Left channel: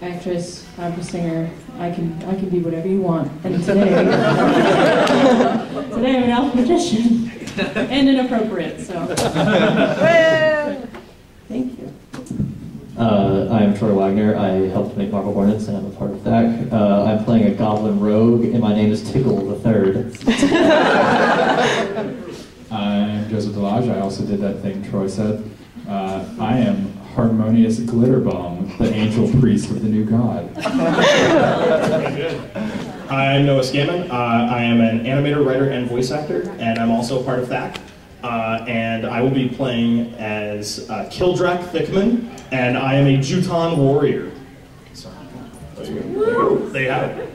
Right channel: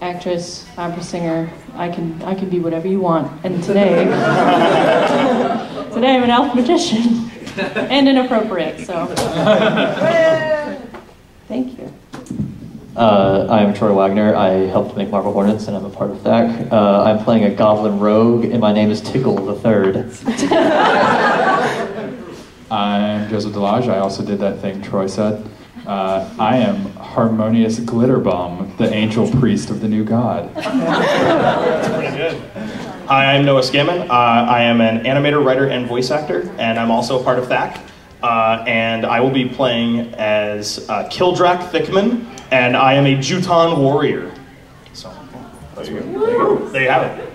actress, opera singer. I can be whatever you want. And today, today I'm an elf magician and inappropriate. So, thank you. I'm Troy Wagner. I helped make Marble Hornets, and I'm a part of that. I'm playing a goblin rogue, and my name is Tickle the Third. I'm Joseph Delage. I also did that thing Troy said. I am Harmonious Glitterbomb, the angel priest of the new god. Pretty good. Hi, I'm Noah Scammon. I am an animator, writer, and voice actor, and I'm also a part of THAC. And I will be playing as Kildrak Thickman, and I am a Juton warrior. So, there you have it.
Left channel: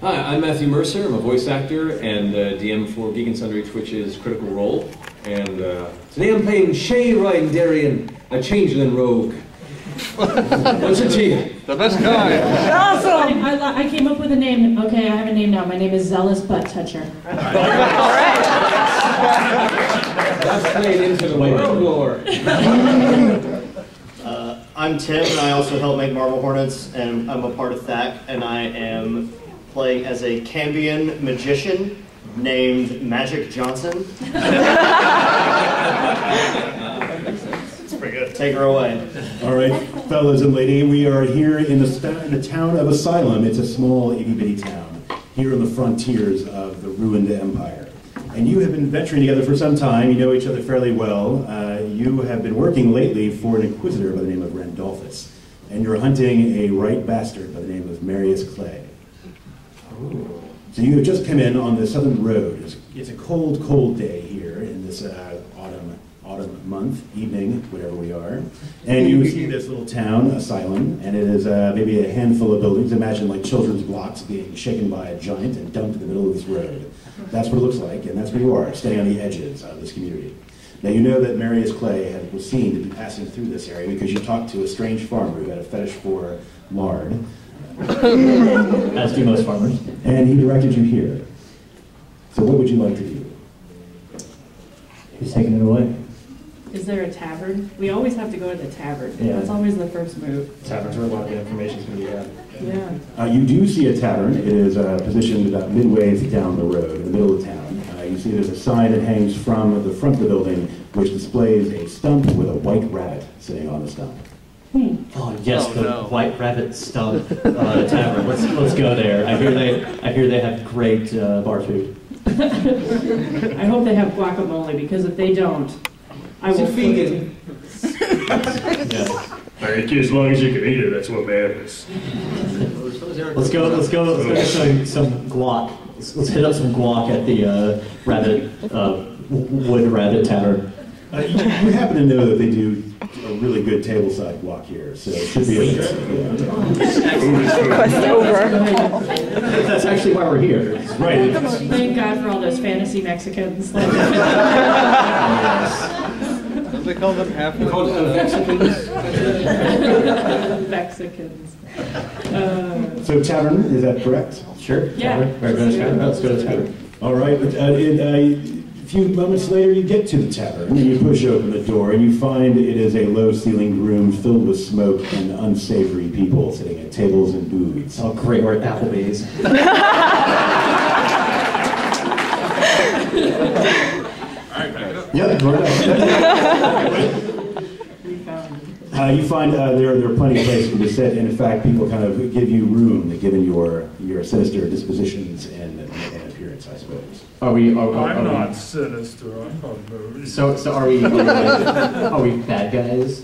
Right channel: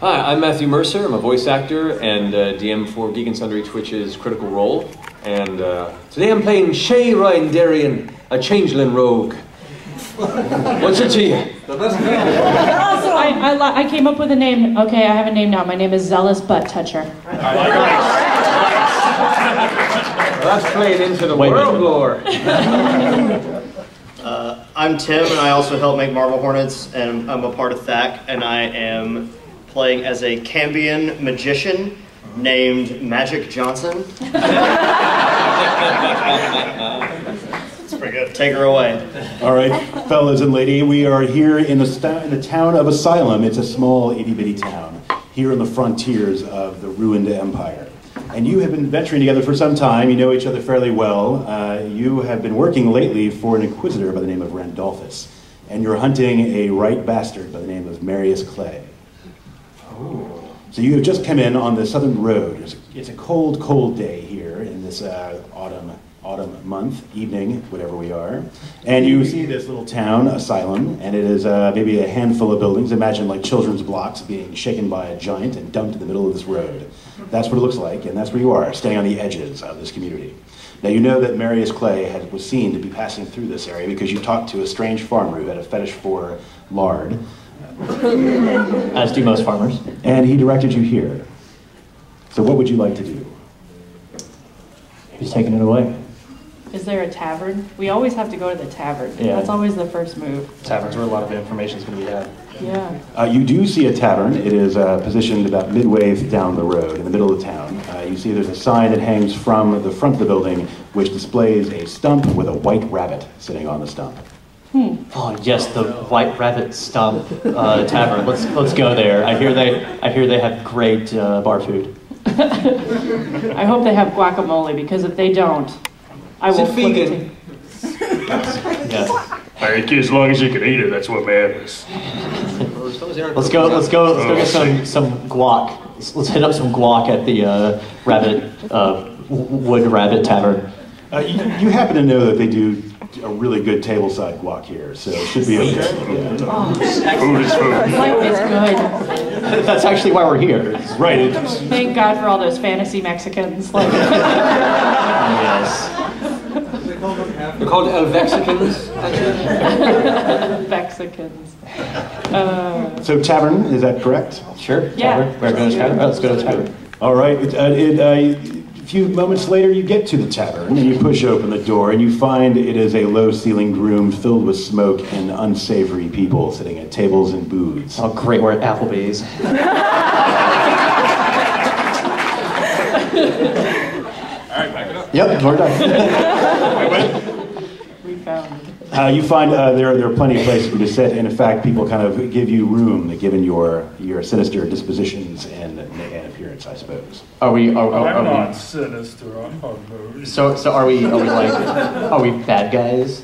Hi, I'm Matthew Mercer. I'm a voice actor and DM for Geek and Sundry Twitch's Critical Role. And today I'm playing Shay Ryan Darien, a changeling rogue. What's your tea? The best guy. Awesome! I came up with a name. Okay, I have a name now. My name is Zealous Butt Toucher. All right. That's playing into the world lore. I'm Tim, and I also help make Marble Hornets, and I'm a part of THAC, and I am playing as a Cambion magician named Magic Johnson. It's pretty good. Take her away. All right, fellas and lady, we are here in the town of Asylum. It's a small, itty-bitty town here on the frontiers of the ruined empire. And you have been venturing together for some time. You know each other fairly well. You have been working lately for an inquisitor by the name of Randolphus. And you're hunting a right bastard by the name of Marius Clay. Oh. So you have just come in on the southern road. It's a cold, cold day here in this autumn month, evening, whatever we are. And you see this little town, Asylum, and it is maybe a handful of buildings. Imagine like children's blocks being shaken by a giant and dumped in the middle of this road. That's what it looks like, and that's where you are, standing on the edges of this community. Now you know that Marius Clay was seen to be passing through this area because you talked to a strange farmer who had a fetish for lard. As do most farmers. And he directed you here. So what would you like to do? He's taking it away. Is there a tavern? We always have to go to the tavern. Yeah. That's always the first move. Taverns where a lot of the information is going to be had. Yeah. You do see a tavern. It is positioned about midway down the road, in the middle of the town. You see there's a sign that hangs from the front of the building, which displays a stump with a white rabbit sitting on the stump. Oh yes, the White Rabbit Stump Tavern. Let's go there. I hear they have great bar food. I hope they have guacamole, because if they don't, I will. Is it vegan? Yes. As long as you can eat it, that's what matters. Let's go get some guac. Let's hit up some guac at the Wood Rabbit Tavern. You happen to know that they do a really good tableside guac here, so it should be okay. That's actually why we're here. Right. Thank God for all those fantasy Mexicans. Like, Yes. They call them half. You called it Vexicans? Mexicans. So tavern, is that correct? Sure. Yeah. Tavern. We're going to tavern. Let's go to the tavern. All right. A few moments later, you get to the tavern, and you push open the door, and you find it is a low-ceilinged room filled with smoke and unsavory people sitting at tables and booths. Oh, great. We're at Applebee's. All right, back it up. Yep, we're done. we found it. You find there are plenty of places to sit, and in fact, people kind of give you room, given your sinister dispositions and appearance, I suppose. I'm not sinister. I'm not. So are we bad guys?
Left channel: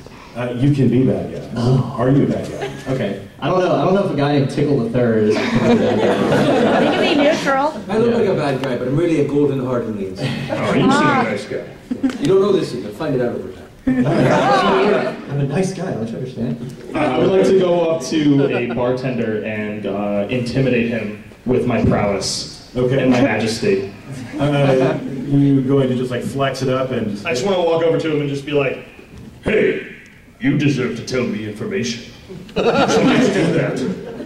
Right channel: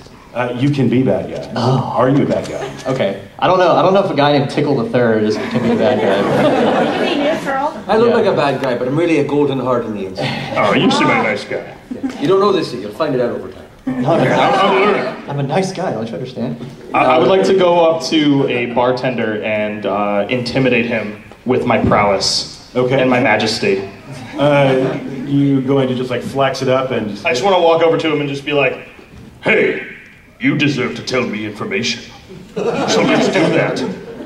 You can be bad guys. Oh. Are you a bad guy? Okay. I don't know if a guy named Tickle the Third is a bad guy. You can be neutral. I look like a bad guy, but I'm really a golden heart in the inside. Oh, you seem a nice guy. You don't know this yet. You'll find it out over time. I'm a nice guy, don't you understand? I would like to go up to a bartender and intimidate him with my prowess and my majesty. You going to just like flex it up and... I just want to walk over to him and just be like, Hey, you deserve to tell me information. So let's do that.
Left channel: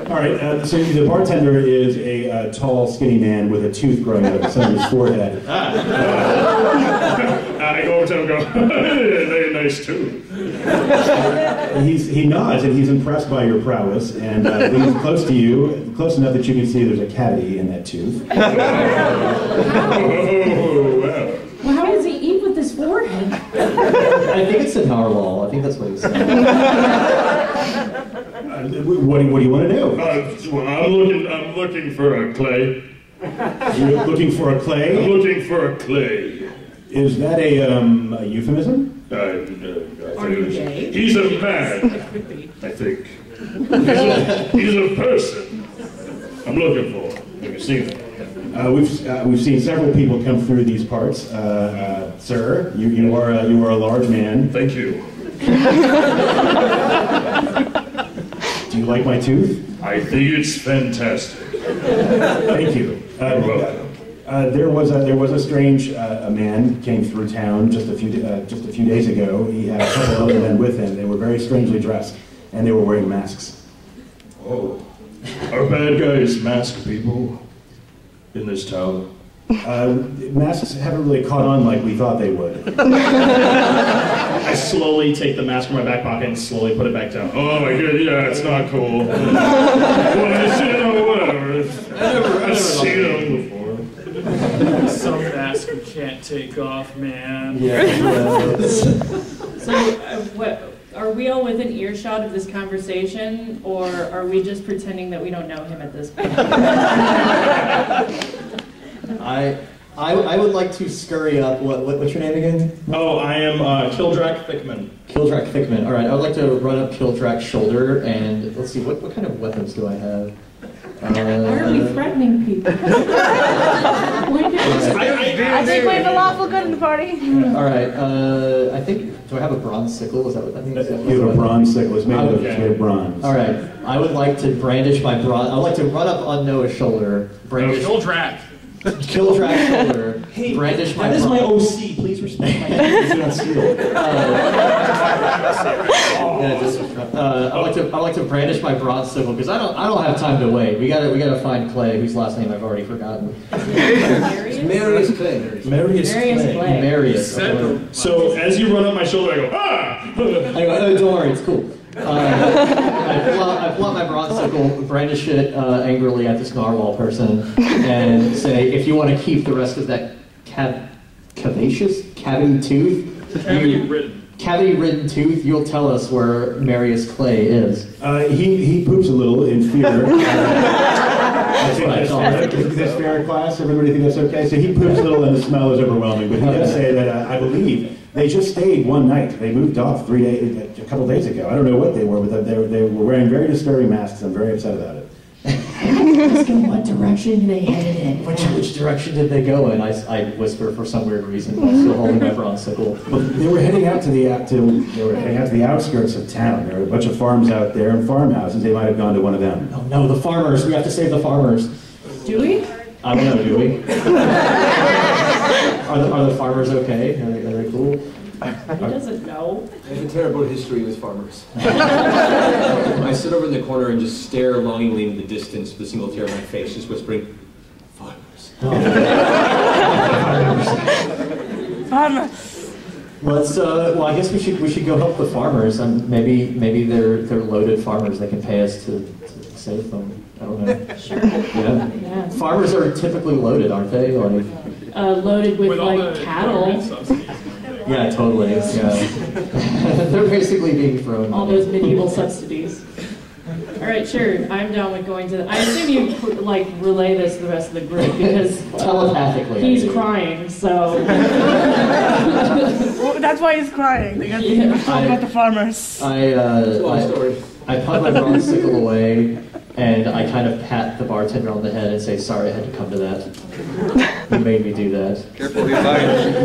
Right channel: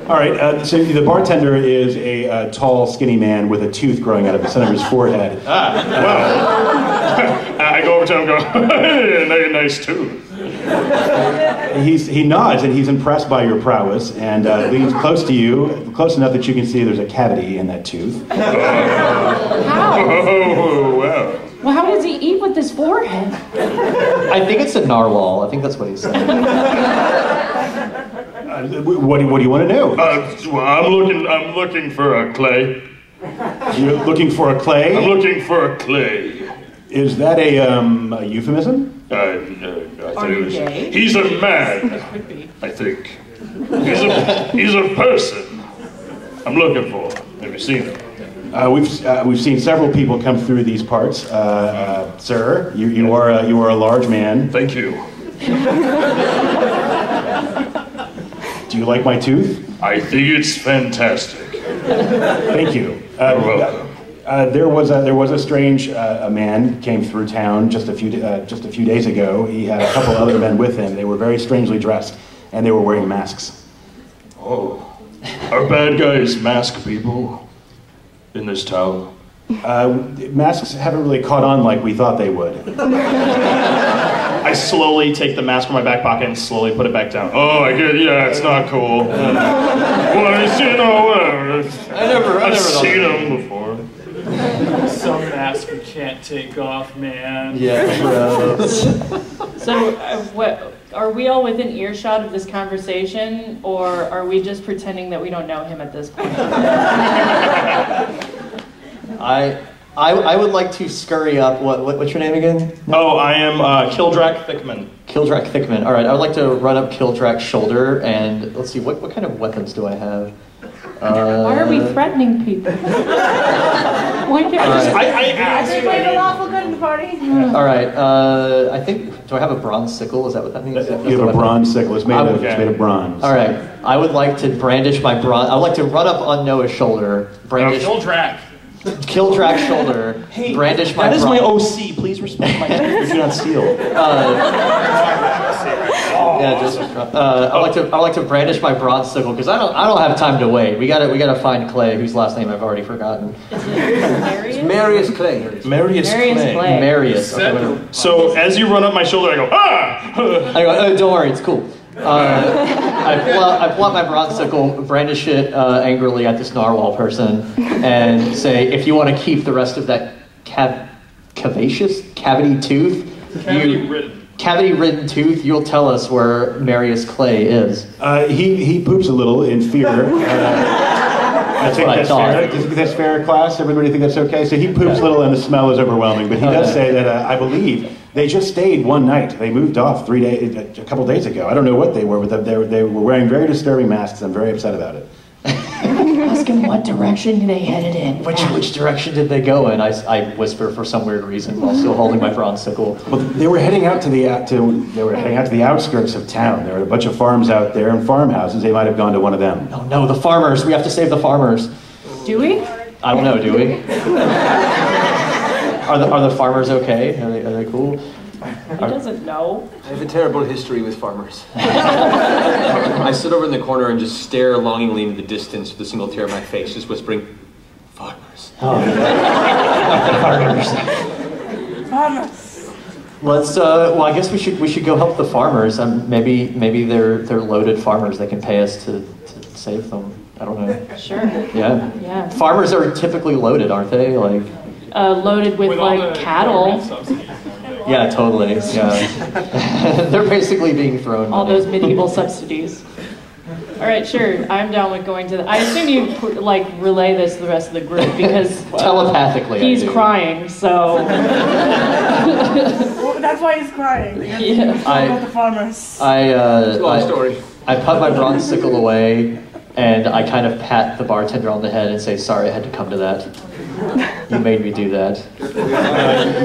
All right, so the bartender is a tall, skinny man with a tooth growing out of the center of his forehead. I go over to him and go, hey, nice tooth. He nods and he's impressed by your prowess and leans close to you, close enough that you can see there's a cavity in that tooth. Oh, well. Well, how does he eat with his forehead? I think it's a narwhal. I think that's what he's saying. What do you want to know? Well, I'm looking for a clay. You're looking for a clay? I'm looking for a clay. Is that a euphemism? Are you gay? He's a man, I think. He's a person. I'm looking for. Have you seen him? We've seen several people come through these parts. Sir, you are a large man. Thank you. Do you like my tooth? I think it's fantastic. Thank you. You're welcome. There was a strange a man came through town just a few days ago. He had a couple other men with him. They were very strangely dressed, and they were wearing masks. Oh, are bad guys mask people in this town? Masks haven't really caught on like we thought they would. I slowly take the mask from my back pocket and slowly put it back down. Oh, I get. Yeah, it's not cool. Well, whatever. I've seen them before. Some mask you can't take off, man. Yeah. So, what? Are we all within earshot of this conversation, or are we just pretending that we don't know him at this point? I would like to scurry up. What's your name again? Oh, I am Kildrak Thickman. Kildrak Thickman. All right, I would like to run up Kildrak's shoulder and let's see what kind of weapons do I have? Why are we threatening people? Why do I think we're the lawful good in the party. All right. I think. Do I have a bronze sickle? Is that what that means? You have a bronze sickle. It's made of bronze. All right. I would like to brandish my bronze. I would like to run up on Noah's shoulder. Brandish. Kildrak. Kildrak's shoulder. Hey, brandish my. That is bronze. my OC. Please respect my. It's not steel. I like to brandish my bronze sickle because I don't have time to wait. We gotta find Clay, whose last name I've already forgotten. Marius Clay. Marius Clay. Marius. Okay, So as you run up my shoulder, I go, ah! I go, oh, don't worry, it's cool. I pull out my bronze sickle, brandish it angrily at this narwhal person, and say, if you want to keep the rest of that cavity tooth, cavity-ridden tooth, you'll tell us where Marius Clay is. He poops a little in fear. I think what I thought. that's fair, class. Everybody think that's okay? So he poops a little and the smell is overwhelming. But he does say that I believe they just stayed one night. They moved off a couple days ago. I don't know what they were, but they were wearing very disturbing masks. I'm very upset about it. Ask him what direction they headed in. Which direction did they go in? I whisper for some weird reason while still holding my bronze sickle. Well, they were heading out to the outskirts of town. There were a bunch of farms out there and farmhouses. They might have gone to one of them. Oh no, the farmers! We have to save the farmers. Do we? I don't know. Do we? Are the farmers okay? Are they cool? He doesn't know. I have a terrible history with farmers. I sit over in the corner and just stare longingly into the distance with a single tear on my face, just whispering, farmers. Oh. Farmers. Let's. Well, I guess we should go help the farmers. Maybe they're loaded farmers. They can pay us to save them. I don't know. Sure. Yeah. Yeah. Farmers are typically loaded, aren't they? Like. Loaded with like cattle. Yeah, totally. Yeah. They're basically being thrown. All those medieval subsidies. All right, sure. I'm down with going to. I assume you like relay this to the rest of the group because telepathically he's crying. So Well, that's why he's crying. Because he's about the farmers. It's a long story. I put my bronze sickle away, and I kind of pat the bartender on the head and say, "Sorry, I had to come to that. You made me do that."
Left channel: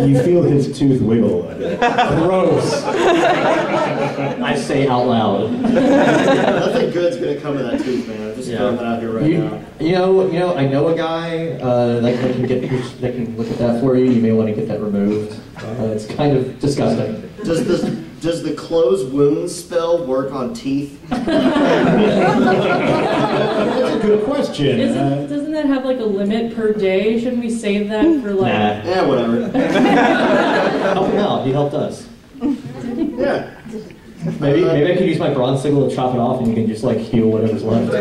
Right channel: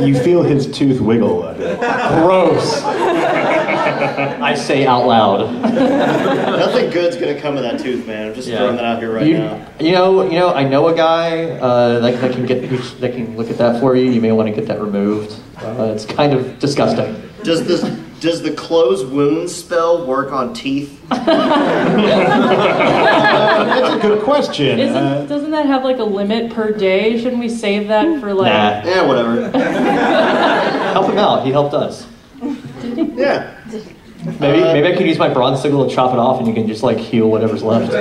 You feel his tooth wiggle. Gross. I say out loud. Nothing good's gonna come of that tooth, man. I'm just throwing that out here right now. You know, I know a guy that can look at that for you. You may want to get that removed. It's kind of disgusting. Does the close wounds spell work on teeth? That's a good question. Doesn't that have like a limit per day? Shouldn't we save that for like? Nah. Yeah, whatever. Help him out. He helped us. Yeah. Maybe I could use my bronze sickle to chop it off, and you can just like heal whatever's left.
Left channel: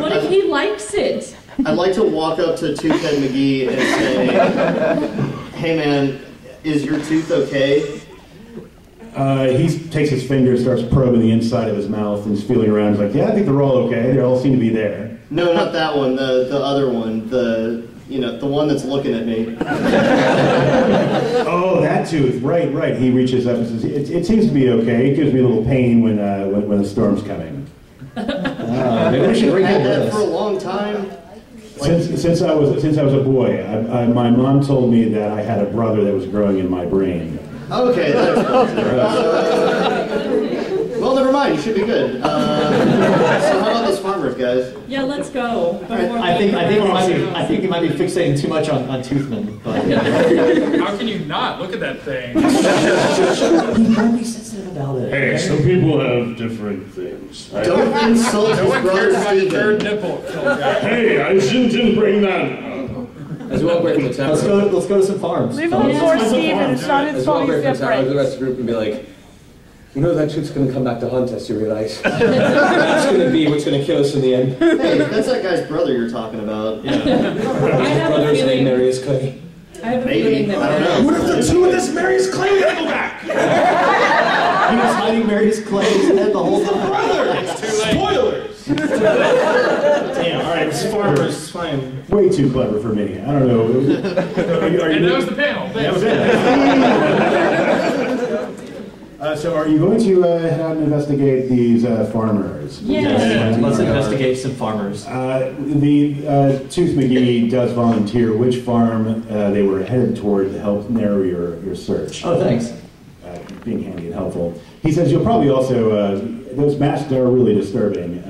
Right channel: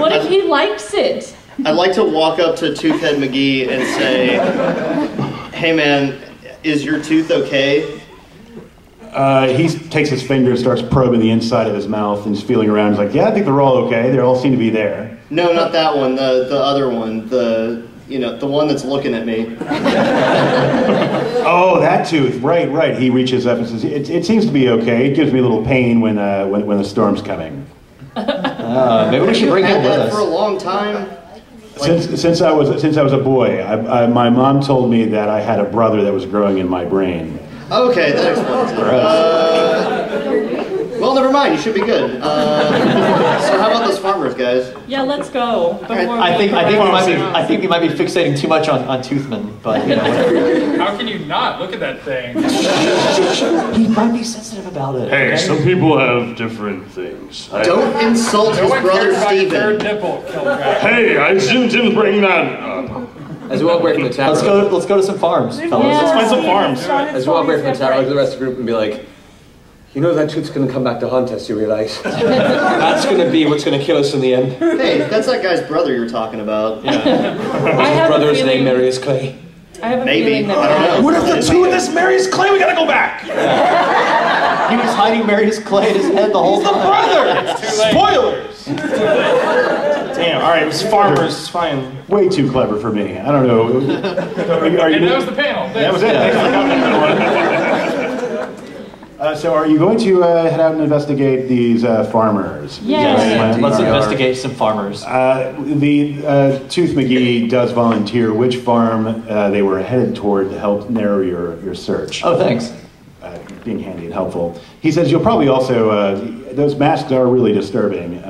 What if he likes it? I'd like to walk up to Toothhead McGee and say, "Hey man, is your tooth okay?" He takes his finger, starts probing the inside of his mouth, and he's feeling around. He's like, "Yeah, I think they're all okay. They all seem to be there." No, not that one. The other one. The one that's looking at me. Oh, that tooth. Right. He reaches up and says, "It seems to be okay. It gives me a little pain when the storm's coming." Maybe we should bring him with us. For a long time. Since I was a boy, my mom told me that I had a brother that was growing in my brain. Okay, that explains it. Well, never mind. You should be good. So how about those farmers, guys? Yeah, let's go. I think you might be fixating too much on Toothman, but How can you not? Look at that thing. he might be sensitive about it. Hey, okay? some people have different things. Don't insult No his one brother cares about your third Steven. nipple, kill guy. Hey, I didn't bring that up. As we walk away from the tower, Let's go to some farms. Leave fellas. him find some Steven, farms. Sean, it's as we walk away fine, from the tower, separate. the rest of the group and be like, you know that tooth's gonna come back to haunt us, you realize? That's gonna be what's gonna kill us in the end. Hey, that's that guy's brother you're talking about. I have a Brother's name, feeling. Marius Clay. I have a Maybe. feeling that I don't know. What if the two of this Marius Clay? We gotta go back. He was hiding Marius Clay's head the whole time. It's too late. Spoilers! Damn, alright, it's farmers, it's fine. Way too clever for me. I don't know. Are you And that was the panel. That was it. So are you going to head out and investigate these farmers? Yes. Let's investigate some farmers. The Tooth McGee does volunteer which farm they were headed toward to help narrow your search. Oh, thanks. Being handy and helpful. He says you'll probably also, those masks are really disturbing.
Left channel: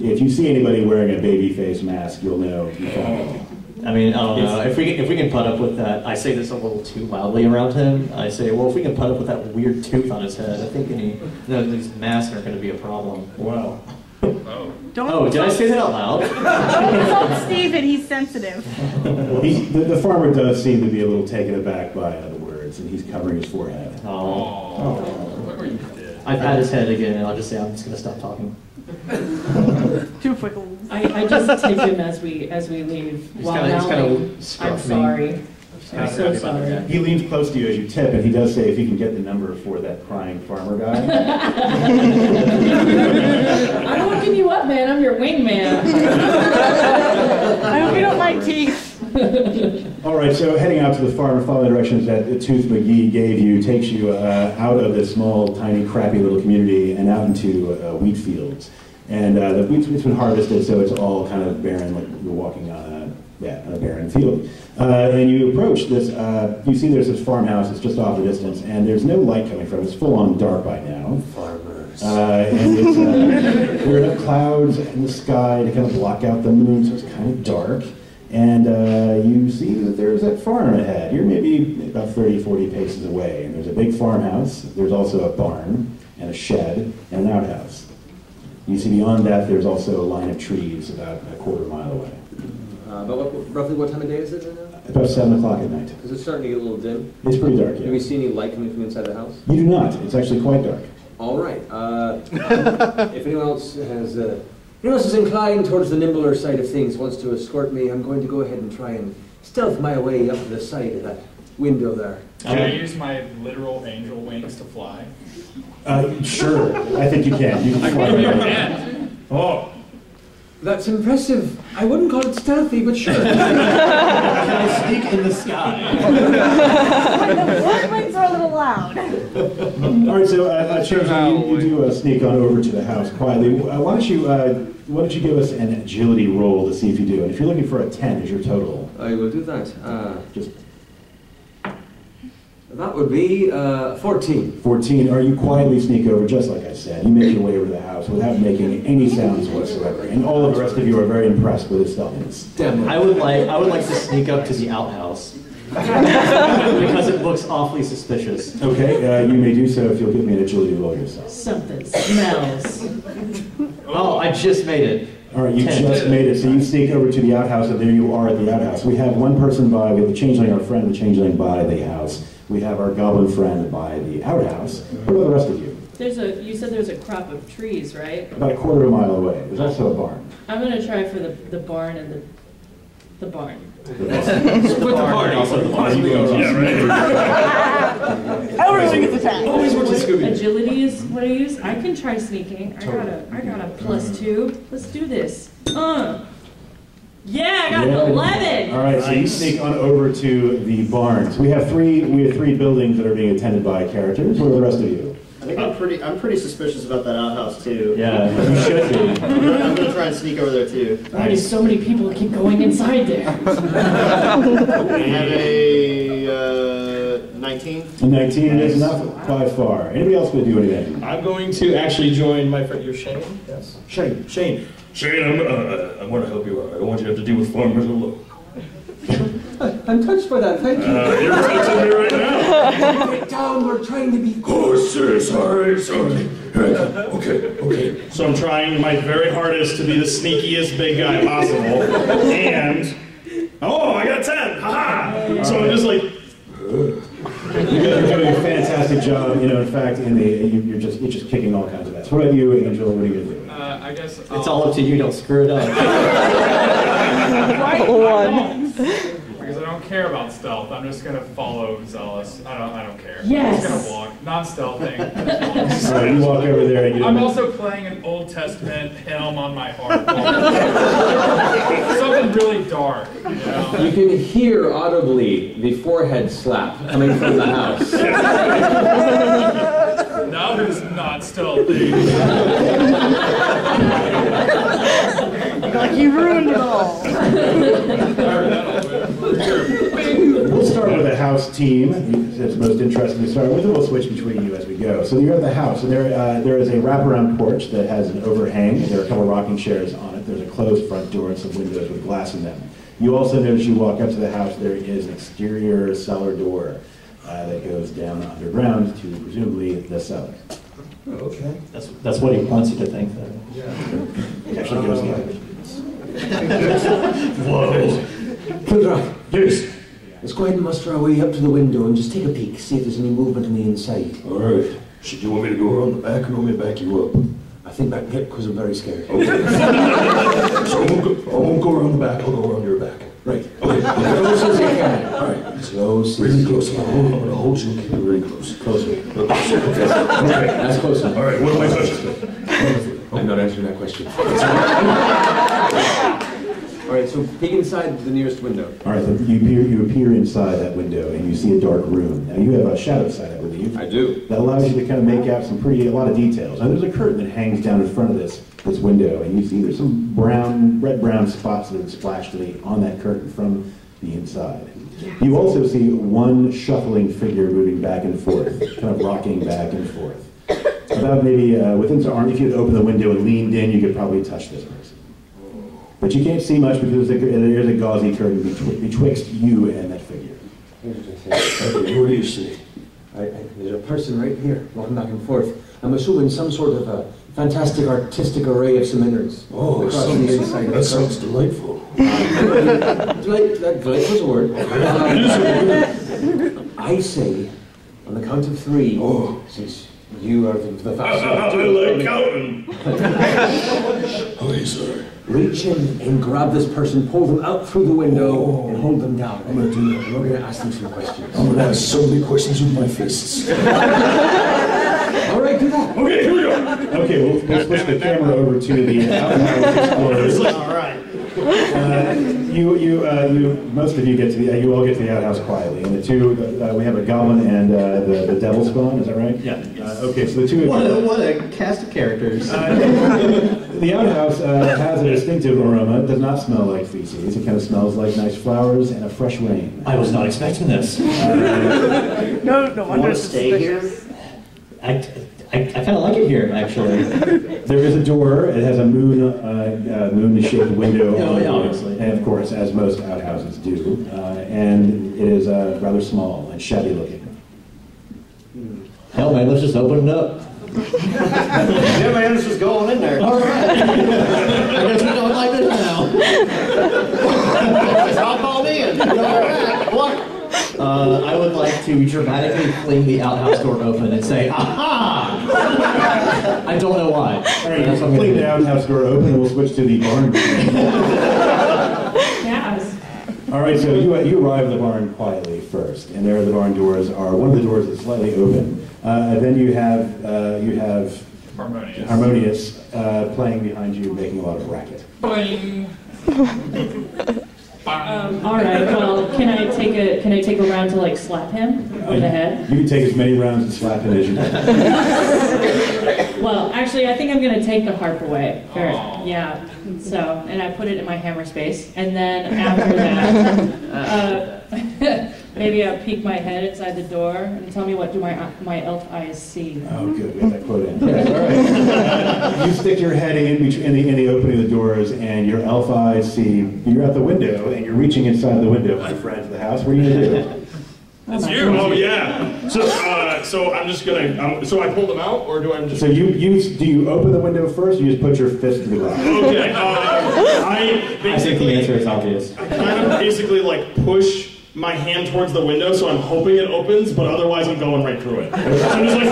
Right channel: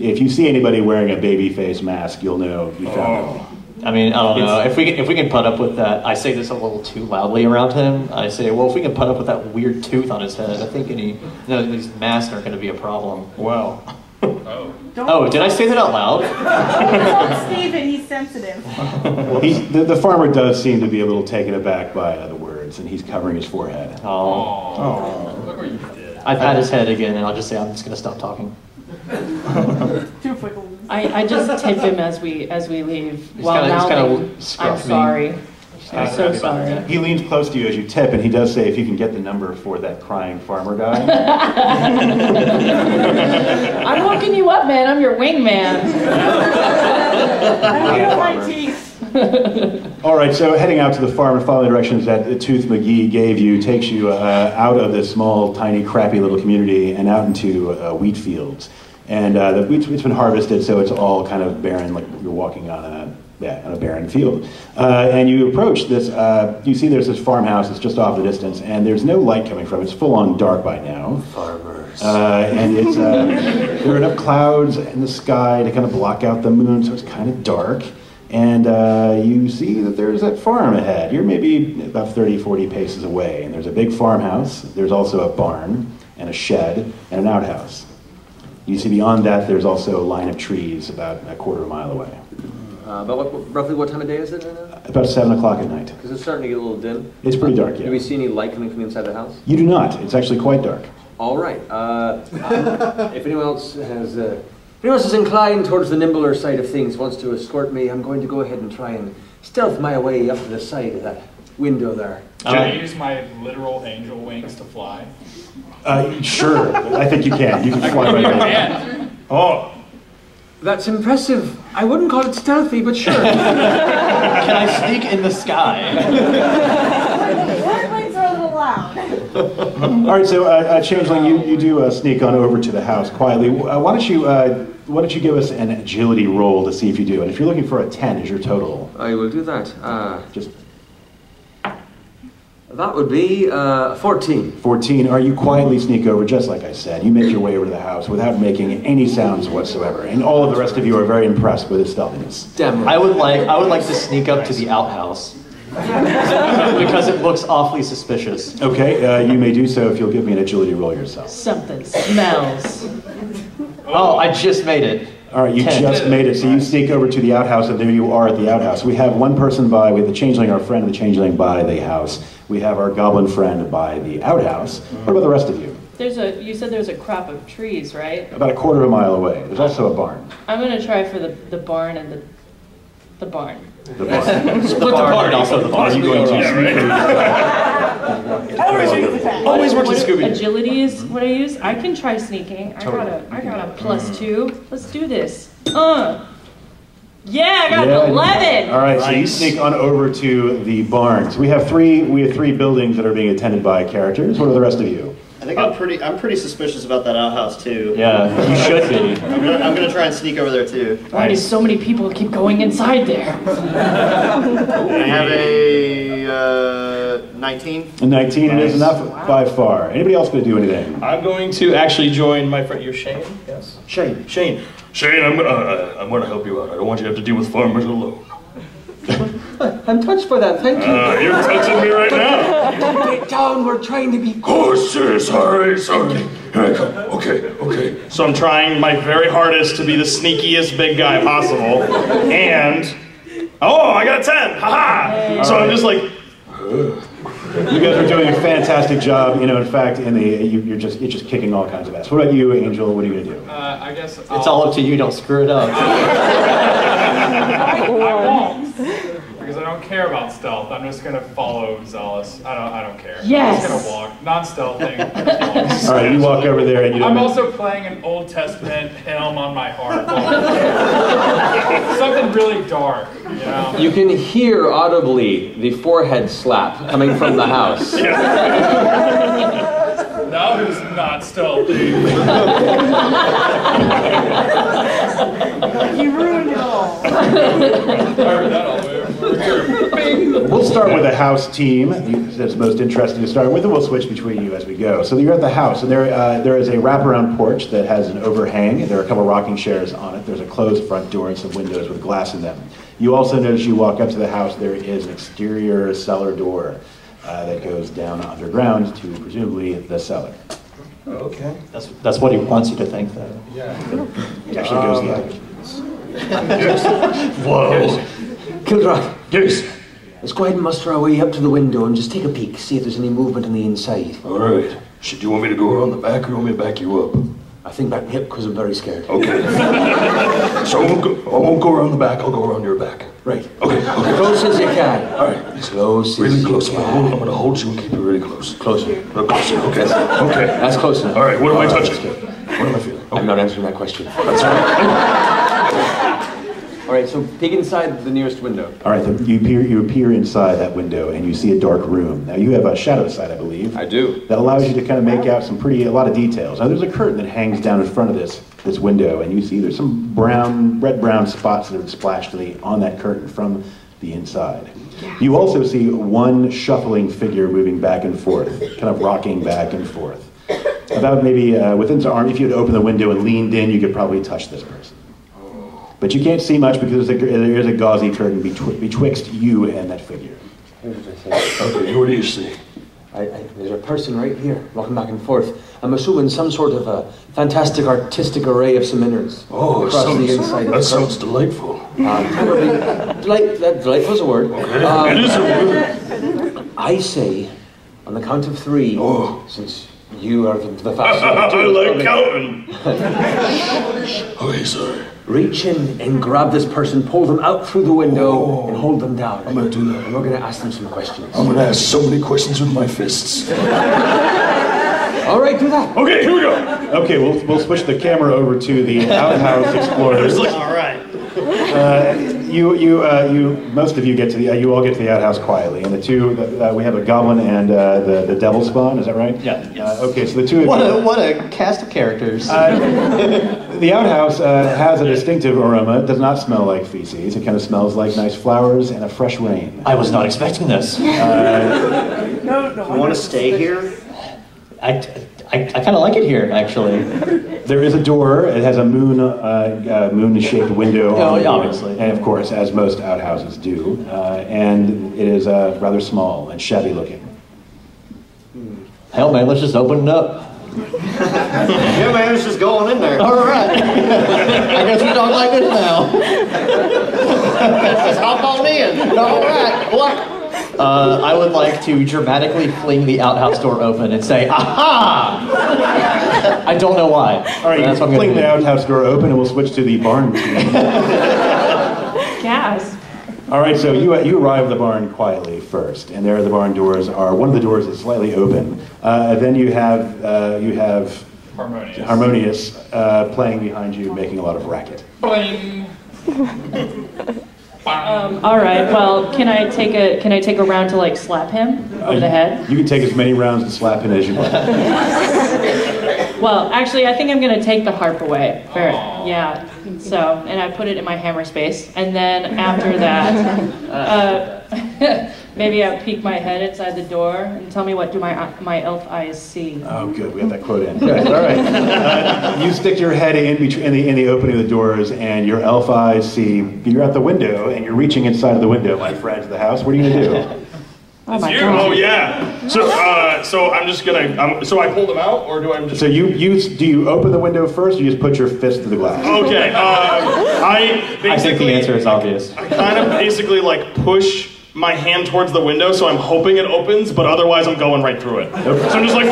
If you see anybody wearing a baby face mask, you'll know you found them. I mean, I don't know. If we can put up with that, I say this a little too loudly around him. I say, well, if we can put up with that weird tooth on his head, I think these masks aren't going to be a problem. Wow. Oh, did I say that out loud? Don't insult Steven, he's sensitive. The farmer does seem to be a little taken aback by the words, and he's covering his forehead. Look what you did. I pat his head again, and I'll just say, I'm just going to stop talking. Too fickle. I just tip him as we leave. While mouthing, I'm sorry. I'm so sorry. He leans close to you as you tip, and he does say, if you can get the number for that crying farmer guy. I'm hooking you up, man. I'm your wingman. I hope you don't like teeth. All right, so heading out to the farm and following the directions that Tooth McGee gave you takes you out of this small, tiny, crappy little community and out into wheat fields. And the wheat's been harvested, so it's all kind of barren, like you're walking on a barren field. And you approach this, you see there's this farmhouse that's just off the distance, and there's no light coming from it. It's full on dark by now. Farmers. And it's, there are enough clouds in the sky to kind of block out the moon, so it's kind of dark. And you see that there's that farm ahead. You're maybe about 30, 40 paces away, and there's a big farmhouse. There's also a barn and a shed and an outhouse. You see beyond that, there's also a line of trees about a quarter of a mile away. Roughly what time of day is it right now? About 7 o'clock at night. Because it's starting to get a little dim. It's pretty dark, yeah. Do we see any light coming from inside the house? You do not. It's actually quite dark. All right. If anyone else is inclined towards the nimbler side of things, wants to escort me, I'm going to go ahead and try and stealth my way up to the side of that window there. Can I use my literal angel wings to fly? Sure. I think you can. You can fly right now. Oh. That's impressive. I wouldn't call it stealthy, but sure. Can I sneak in the sky? The front wings are a little loud. All right, so Changeling, you do sneak on over to the house quietly. Why don't you give us an agility roll to see if you do? And if you're looking for a 10 as your total. I will do that. Just that would be 14. 14. Are you quietly sneak over, just like I said? You make your way over to the house without making any sounds whatsoever, and all of the rest of you are very impressed with his stealthiness. Damn. I would like to sneak up to the outhouse because it looks awfully suspicious. Okay, you may do so if you'll give me an agility roll yourself. Something smells. Oh, I just made it. All right, you 10. just made it. So you sneak over to the outhouse, and there you are at the outhouse. We have one person by, we have the Changeling, our friend, the Changeling by the house. We have our Goblin friend by the outhouse. What about the rest of you? You said there's a crop of trees, right? About a quarter of a mile away. There's also a barn. I'm gonna try for the barn and the barn. The barn. Split the barn, also the barn. Are you going to? Everything is attacked. Always watching Scooby. Agility is what I use. I can try sneaking. I got a +2. Let's do this. Yeah, I got an 11. All right, so you sneak on over to the barns. We have three buildings that are being attended by characters. What are the rest of you? I think I'm pretty suspicious about that outhouse too. Yeah, you should be. I'm gonna try and sneak over there too. Why do so many people keep going inside there? I have a 19. A 19 it is enough by far. Anybody else going to do anything? I'm going to actually join my friend. You're Shane? Yes. Shane. Shane, I'm gonna help you out. I don't want you to have to deal with farmers alone. I'm touched by that, thank you. You're touching me right now. Get down, we're trying to be... Oh, sorry. Here I come. Okay. So I'm trying my very hardest to be the sneakiest big guy possible. And, I got a 10. Haha! So I'm just like... You guys are doing a fantastic job. In fact, you're just kicking all kinds of ass. What about you, Angel? What are you going to do? I guess It's all up to you. Don't screw it up. I won't, because I don't care about stealth. I'm just gonna follow Zealous. I don't care. Yes. I'm just gonna walk, non-stealthing. All right, you walk over there and you. I'm also playing an Old Testament hymn on my harp. Something really dark, you know. You can hear audibly the forehead slap coming from the house. Now who's not stealthy? Like you ruined it all. We'll start with the house team. That's most interesting to start with, and we'll switch between you as we go. So you're at the house, and there is a wraparound porch that has an overhang. There are a couple rocking chairs on it. There's a closed front door and some windows with glass in them. You also notice you walk up to the house, there is an exterior cellar door that goes down underground to presumably the cellar. Okay. That's what he wants you to think, though. Yeah. It actually goes the other way. Whoa. Kildrock, Yes. let's go ahead and muster our way up to the window and just take a peek, see if there's any movement on the inside. All right. Should you want me to go around the back or you want me to back you up? I think back hip because I'm very scared. Okay. So I won't go around the back. I'll go around your back. Right. Okay. Close as you can. All right. Close. Really close. I'm gonna hold you and keep you really close. Closer. Closer. Okay. Okay. That's close enough. All right. What am I touching? What am I feeling? I'm not answering that question. All right, so peek inside the nearest window. All right, you appear inside that window and you see a dark room. Now you have a shadow sight, I believe. I do. That allows you to kind of make out a lot of details. Now there's a curtain that hangs down in front of this window, and you see there's some red-brown spots that have splashed on that curtain from the inside. You also see one shuffling figure moving back and forth, kind of rocking back and forth. About maybe within his arm, if you had opened the window and leaned in, you could probably touch this person. But you can't see much because there is a gauzy curtain betwixt you and that figure. Okay, what do you see? There's a person right here, walking back and forth. I'm assuming some sort of a fantastic artistic array of some innards. Oh, across the inside. that sounds delightful. Delightful is a word. It is a word. I say, on the count of 3, since you are the fastest. I like counting. Okay, sorry. Reach in and grab this person, pull them out through the window, and hold them down. I'm going to do that. And we're going to ask them some questions. I'm going to ask so many questions with my fists. All right, do that. Okay, here we go. Okay, we'll switch the camera over to the outhouse explorers. All right. Most of you get to you all get to the outhouse quietly, and the two we have a goblin and the devil spawn. Is that right? Yeah. Yes. Okay, so the two of you. What a cast of characters. The outhouse has a distinctive aroma. It does not smell like feces. It kind of smells like nice flowers and a fresh rain. I was not expecting this. No, You want to stay here? I kind of like it here, actually. There is a door. It has a moon-shaped window. Oh, yeah, obviously. And of course, as most outhouses do, and it is rather small and shabby looking. Hell, man, let's just open it up. Yeah, man, it's just going in there. All right. I guess we don't like it now. Just hop on in. All right. What? I would like to dramatically fling the outhouse door open and say, aha! I don't know why. All right, you fling the outhouse door open and we'll switch to the barn. Yes. All right, so you arrive at the barn quietly first, and there the barn doors are. One of the doors is slightly open. Then you have Harmonious playing behind you, making a lot of racket. Boing. All right. Well, can I take a round to like slap him over the head? You can take as many rounds to slap him as you want. Well, actually, I think I'm gonna take the harp away. Yeah. So, and I put it in my hammer space, and then after that, maybe I'll peek my head inside the door and tell me what do my elf eyes see. Oh, good. We have that quote in. Good. All right. You stick your head in the opening of the doors, and your elf eyes see. You're at the window, and you're reaching inside of the window, my friend, to the house. What are you gonna do? It's you. Oh yeah. So I'm just gonna. So I pull them out, or do I just? So do you open the window first, or you just put your fist to the glass? Okay. I think the answer is obvious. I kind of basically like push my hand towards the window, so I'm hoping it opens, but otherwise I'm going right through it. So I'm just like.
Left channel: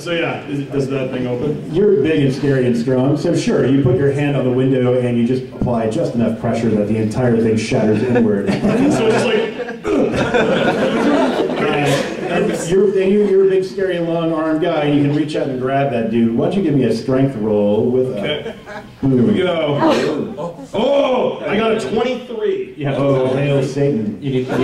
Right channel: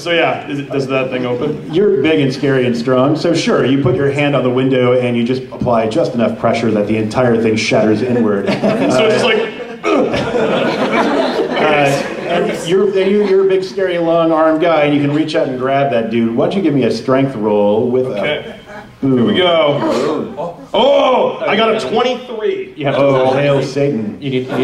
So yeah, does that thing open? You're big and scary and strong, so sure, you put your hand on the window and you just apply just enough pressure that the entire thing shatters inward. So it's just like. You're a big, scary, long-armed guy, and you can reach out and grab that dude. Why don't you give me a strength roll with? Okay. Here we go. Oh, I got a 23. You have to roll. Hail Satan! You need to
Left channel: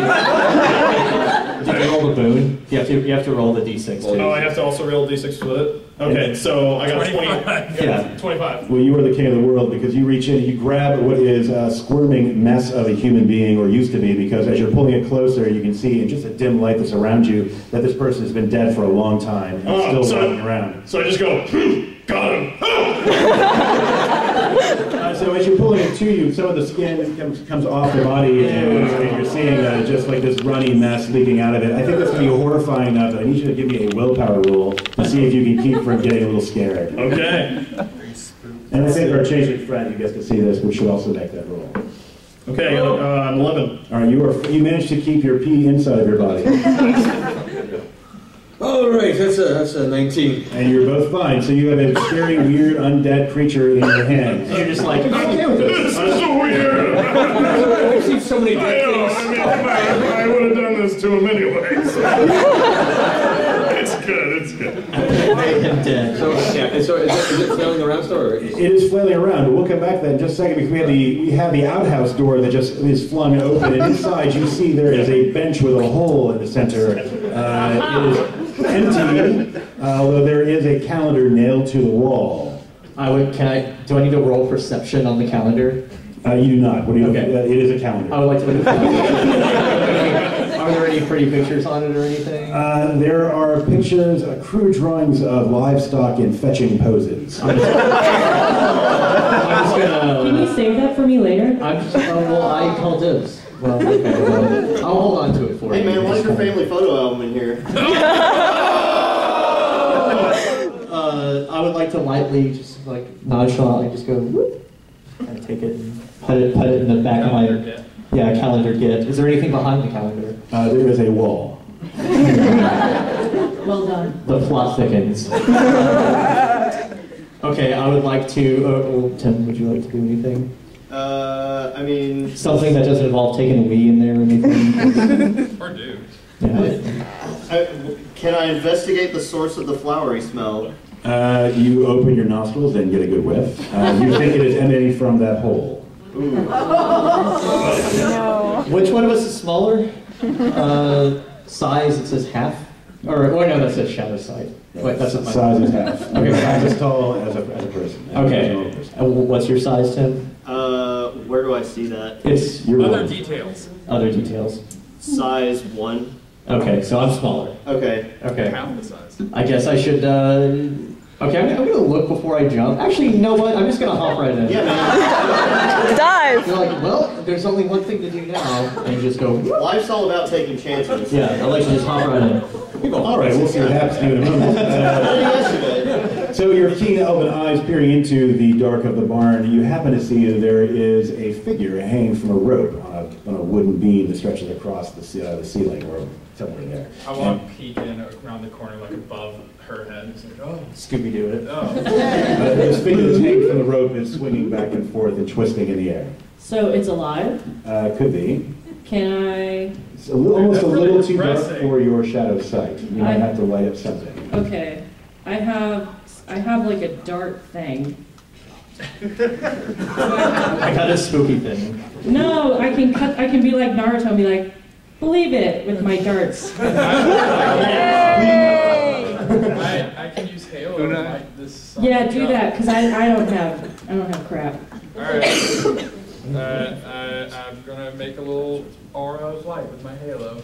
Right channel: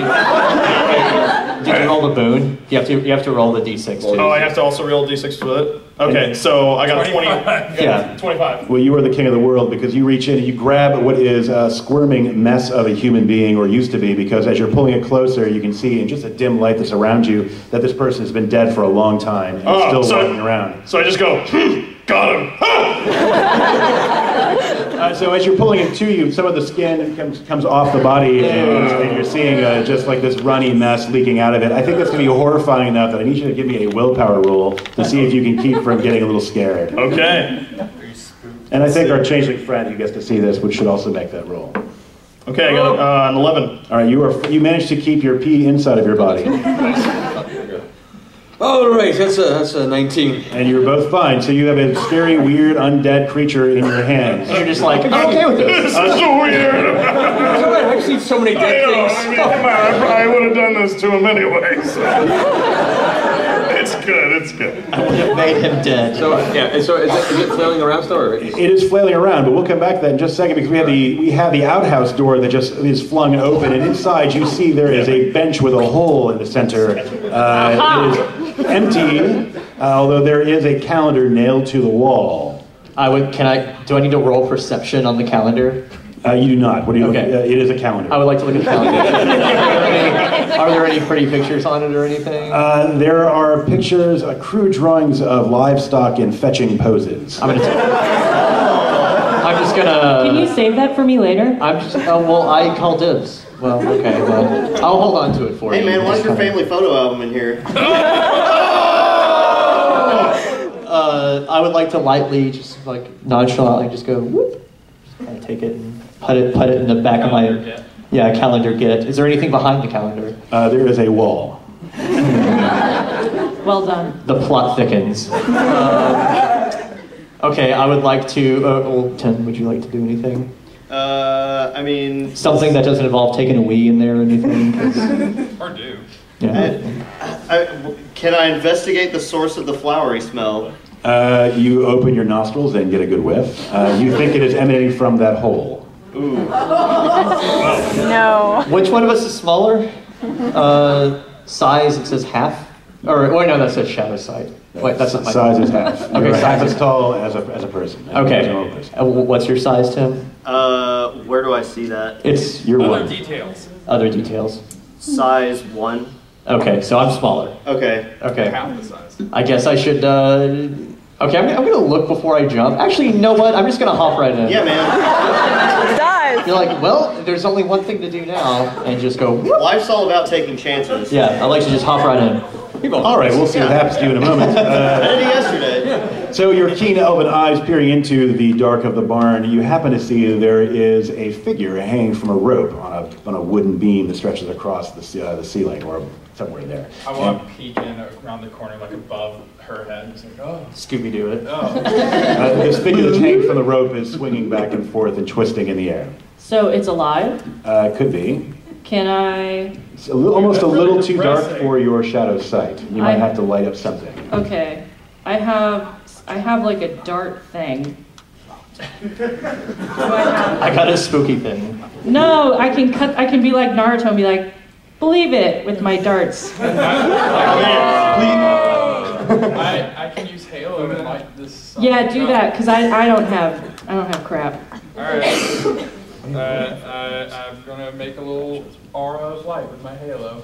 roll the boon. You have to roll the d6 too. Oh, I have to also roll d6 with it. Okay, so I got 25. 20. Yeah, 25. Well, you are the king of the world because you reach in and you grab what is a squirming mess of a human being, or used to be, because as you're pulling it closer, you can see in just a dim light that's around you that this person has been dead for a long time and still walking around. So I just go, got him. So as you're pulling it to you, some of the skin comes off the body, and you're seeing just like this runny mess leaking out of it. I think that's going to be horrifying enough that I need you to give me a willpower roll to see if you can keep from getting a little scared. Okay. And I think our changeling friend who gets to see this should also make that roll. Okay, I got an 11. All right, you managed to keep your pee inside of your body. All right, that's a 19. And you were both fine. So you have a scary, weird, undead creature in your hands. And you're just like, I'm okay with this. That's so weird. I've seen so many dead things. I would have done this to him anyways. It's good. It's good. Made him dead. So is it flailing around still? Or? It is flailing around, but we'll come back to that in just a second because we have the outhouse door that just is flung open, and inside you see there is a bench with a hole in the center. It is empty, although there is a calendar nailed to the wall. Do I need to roll perception on the calendar? You do not. What do you? Okay. It is a calendar. I would like to look at the calendar. Are there any pretty pictures on it or anything? There are pictures, crude drawings of livestock in fetching poses. I'm just gonna. Can you save that for me later? I call dibs. Well, okay. Well, I'll hold on to it for you. Hey man, what's your family photo album in here? I would like to lightly, just like nonchalantly, just go whoop, and take it and put it in the back of my calendar get. Is there anything behind the calendar? There is a wall. Well done. The plot thickens. Okay, I would like to. Tim, would you like to do anything? I mean... Something that doesn't involve taking a wee in there or anything? Or do. Yeah. Can I investigate the source of the flowery smell? You open your nostrils and get a good whiff. You think it is emanating from that hole. Ooh. No. Which one of us is smaller? Size, it says half? Wait, no, that says shadow sight. Wait, that's not my size is half. Okay, you're half as tall as a person. Okay. What's your size, Tim? Where do I see that? It's your Other one. details. Other details. Size 1. Okay, so I'm smaller. Okay. Half the size. I guess I should, okay, I'm gonna look before I jump. Actually, you know what? I'm just gonna hop right in. Yeah, man. Dive! You're like, well, there's only one thing to do now, and just go, whoop. Life's all about taking chances. Yeah, I like to just hop right in. All right, we'll see what happens to you in a moment. I did it yesterday. So your keen elven eyes peering into the dark of the barn, you happen to see there is a figure hanging from a rope on a wooden beam that stretches across the ceiling or somewhere there. I want to peek in around the corner, like above her head. It's like, oh. Scooby-Doo it. Oh. This figure that's hanging from the rope is swinging back and forth and twisting in the air. So it's alive? Could be. Can I? It's almost a little really too dark depressing. for your shadow sight. You might have to light up something. Okay. I have like a dart thing. I got a spooky thing. No, I can be like Naruto and be like, believe it with my darts. I can use Halo to light this. Yeah, do that because I don't have crap. All right. I'm gonna make a little aura of light with my Halo.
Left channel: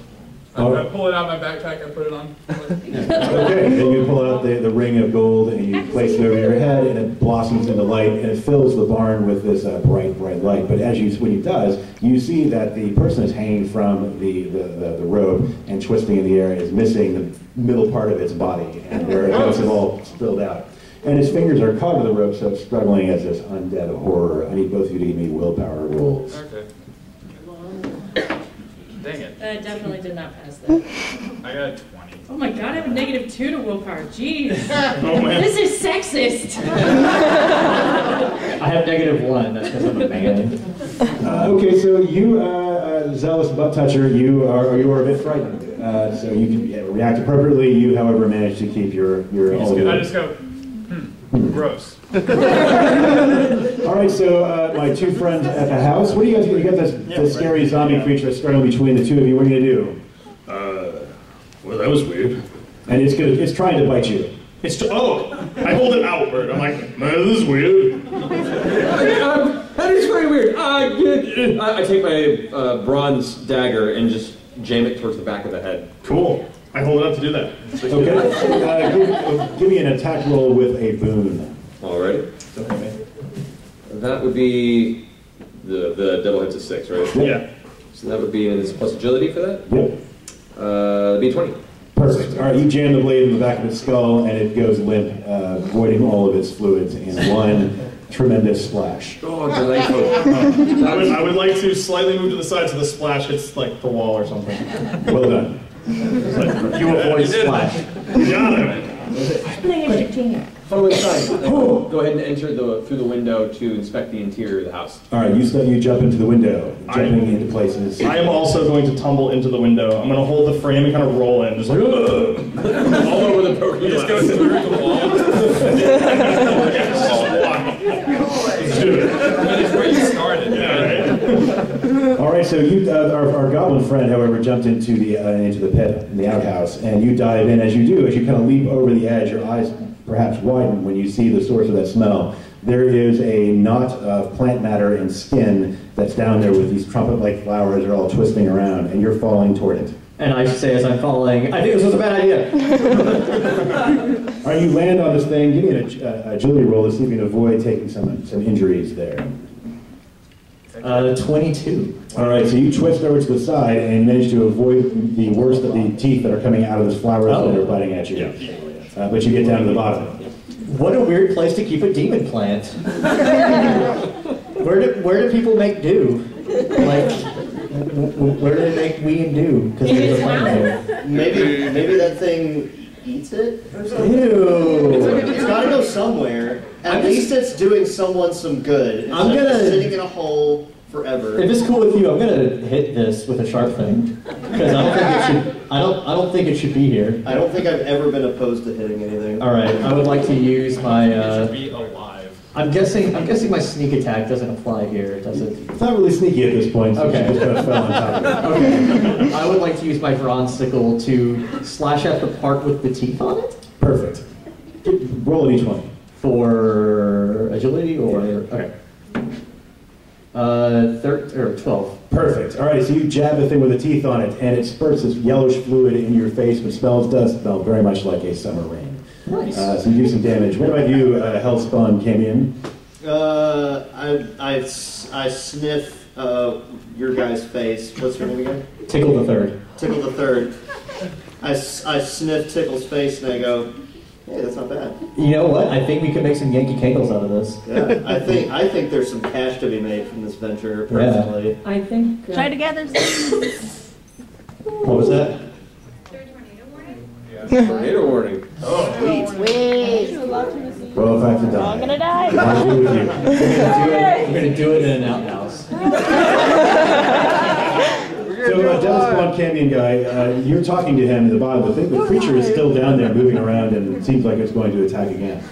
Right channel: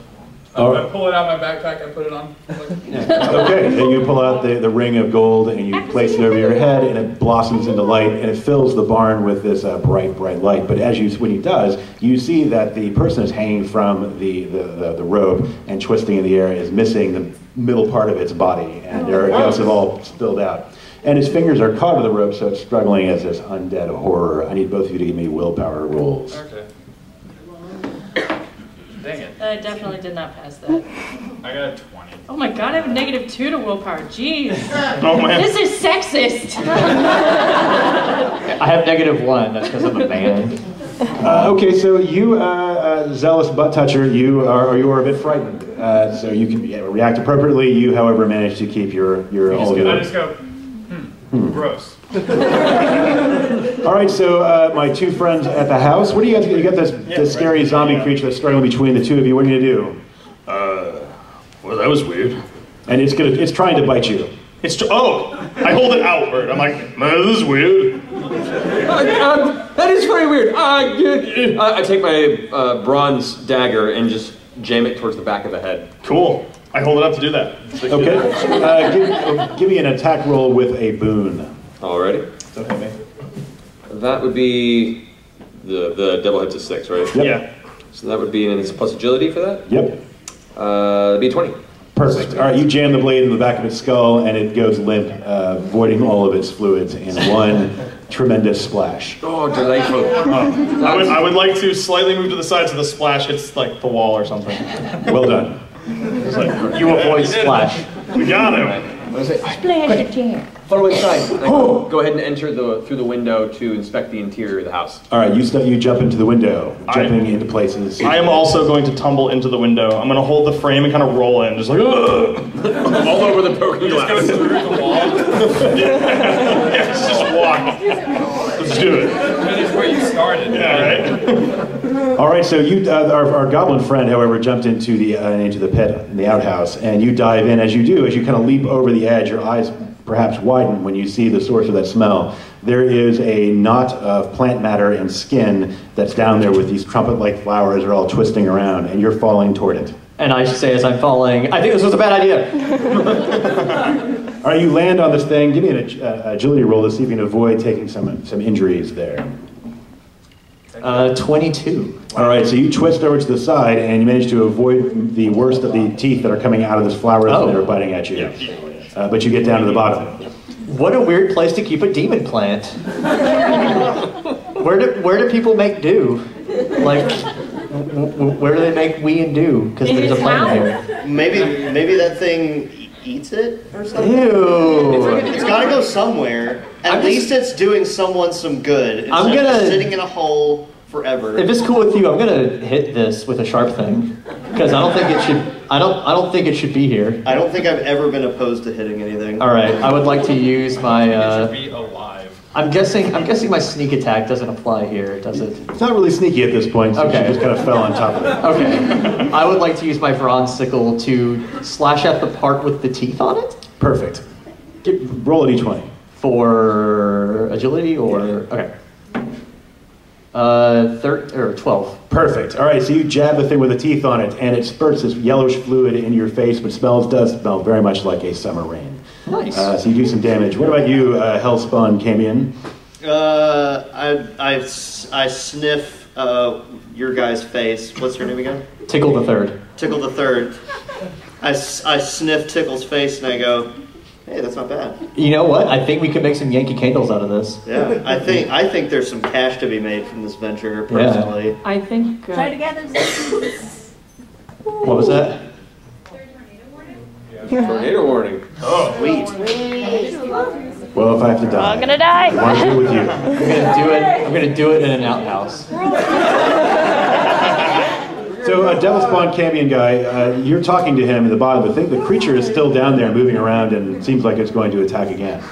I'm gonna pull it out of my backpack and put it on. Okay, and you pull out the ring of gold and you place it over your head, and it blossoms into light, and it fills the barn with this bright light. But when he does, you see that the person is hanging from the rope and twisting in the air is missing the middle part of its body, and their guts have all spilled out. And his fingers are caught to the rope, so it's struggling as this undead horror. I need both of you to give me willpower rolls. Okay. Dang it. I definitely did not pass that. I got a 20. Oh my god, I have a -2 to willpower. Jeez. Oh, man. This is sexist. I have -1. That's because I'm a man. Okay, so you, zealous butt toucher, you are a bit frightened. So you can react appropriately. You, however, manage to keep your all of your. I just go, gross. All right, so my two friends at the house. What do you guys? You got this scary zombie creature that's struggling between the two of you. What are you gonna do? Well, that was weird. And it's trying to bite you. I hold it outward. I'm like, man, this is weird. That is very weird. I take my bronze dagger and just jam it towards the back of the head. Cool. I hold it up to do that. Okay. Give me an attack roll with a boon. Alrighty. Okay, man. That would be the double hits of 6, right? Yep. Yeah. So that would be, and it's plus agility for that? Yep. It'd be 20. Perfect. All right, you jam the blade in the back of its skull, and it goes limp, voiding all of its fluids in one tremendous splash. Oh, delightful. I would like to slightly move to the side so the splash hits like the wall or something. Well done. You avoid splash. We got him. Follow inside. Go ahead and enter through the window to inspect the interior of the house. All right, you jump into the window, jumping into place in the seat. I am also going to tumble into the window. I'm going to hold the frame and kind of roll in, just like, ugh! All over the broken glass. Just go through the wall. Yes, just walk. Let's do it. I mean, it's where you started. Yeah, right? All right, so you, our goblin friend, however, jumped into the pit in the outhouse, and you dive in. As you kind of leap over the edge, your eyes perhaps widen when you see the source of that smell. There is a knot of plant matter and skin that's down there with these trumpet-like flowers that are all twisting around, and you're falling toward it. And I say as I'm falling, I think this was a bad idea. All right, you land on this thing. Give me an agility roll to see if you can avoid taking some injuries there. 22. All right, so you twist over to the side, and you manage to avoid the worst of the teeth that are coming out of this flower that are biting at you. But you get down to the bottom. What a weird place to keep a demon plant. Where do people make do? Like, where do they make wee and do? Because there's a plant here. Maybe that thing eats it or something? Ew. It's gotta go somewhere. At least it's doing someone some good. It's I'm gonna sitting in a hole forever. If it's cool with you, I'm gonna hit this with a sharp thing because I don't think it should. I don't think it should be here. I don't think I've ever been opposed to hitting anything. All right, I would like to use my. It should be alive. I'm guessing my sneak attack doesn't apply here, does it? It's not really sneaky at this point, so Okay. she just kind of fell on top of it. Okay. I would like to use my bronze sickle to slash at the part with the teeth on it. Perfect. Roll a d20. For agility or okay. 12. Perfect. All right, so you jab the thing with the teeth on it, and it spurts this yellowish fluid in your face, but does smell very much like a summer rain. Nice. So you do some damage. What about you, Hellspawn Camion? I sniff your guy's face. What's your name again? Tickle the Third. Tickle the Third. I sniff Tickle's face and I go, Hey, that's not bad. You know what? I think we could make some Yankee Candles out of this. Yeah, I think there's some cash to be made from this venture, personally. Yeah. I think... Try together. What was that? Tornado warning. Oh, sweet. Well, if I have to die. I'm gonna die. What do I do with you? I'm gonna do it in an outhouse. So, Devil Spawn Cambion guy, you're talking to him at the bottom, but the creature is still down there moving around and it seems like it's going to attack again.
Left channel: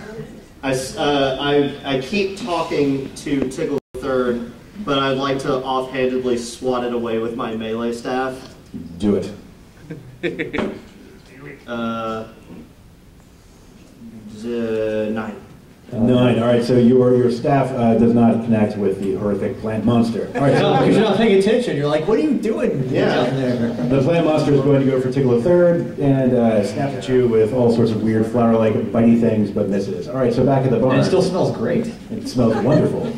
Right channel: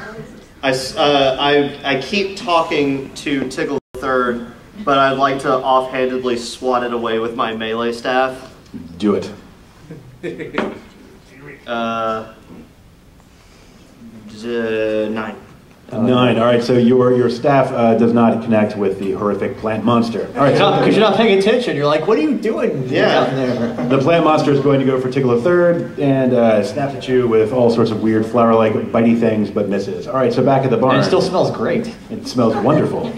I keep talking to Tickle III, but I'd like to offhandedly swat it away with my melee staff. Do it. 9. 9. All right, so your staff does not connect with the horrific plant monster. All right, because you're not paying attention. You're like, what are you doing down there? The plant monster is going to go for Tickle III and snaps at you with all sorts of weird flower-like bitey things, but misses. All right, so back at the barn. And it still smells great. It smells wonderful.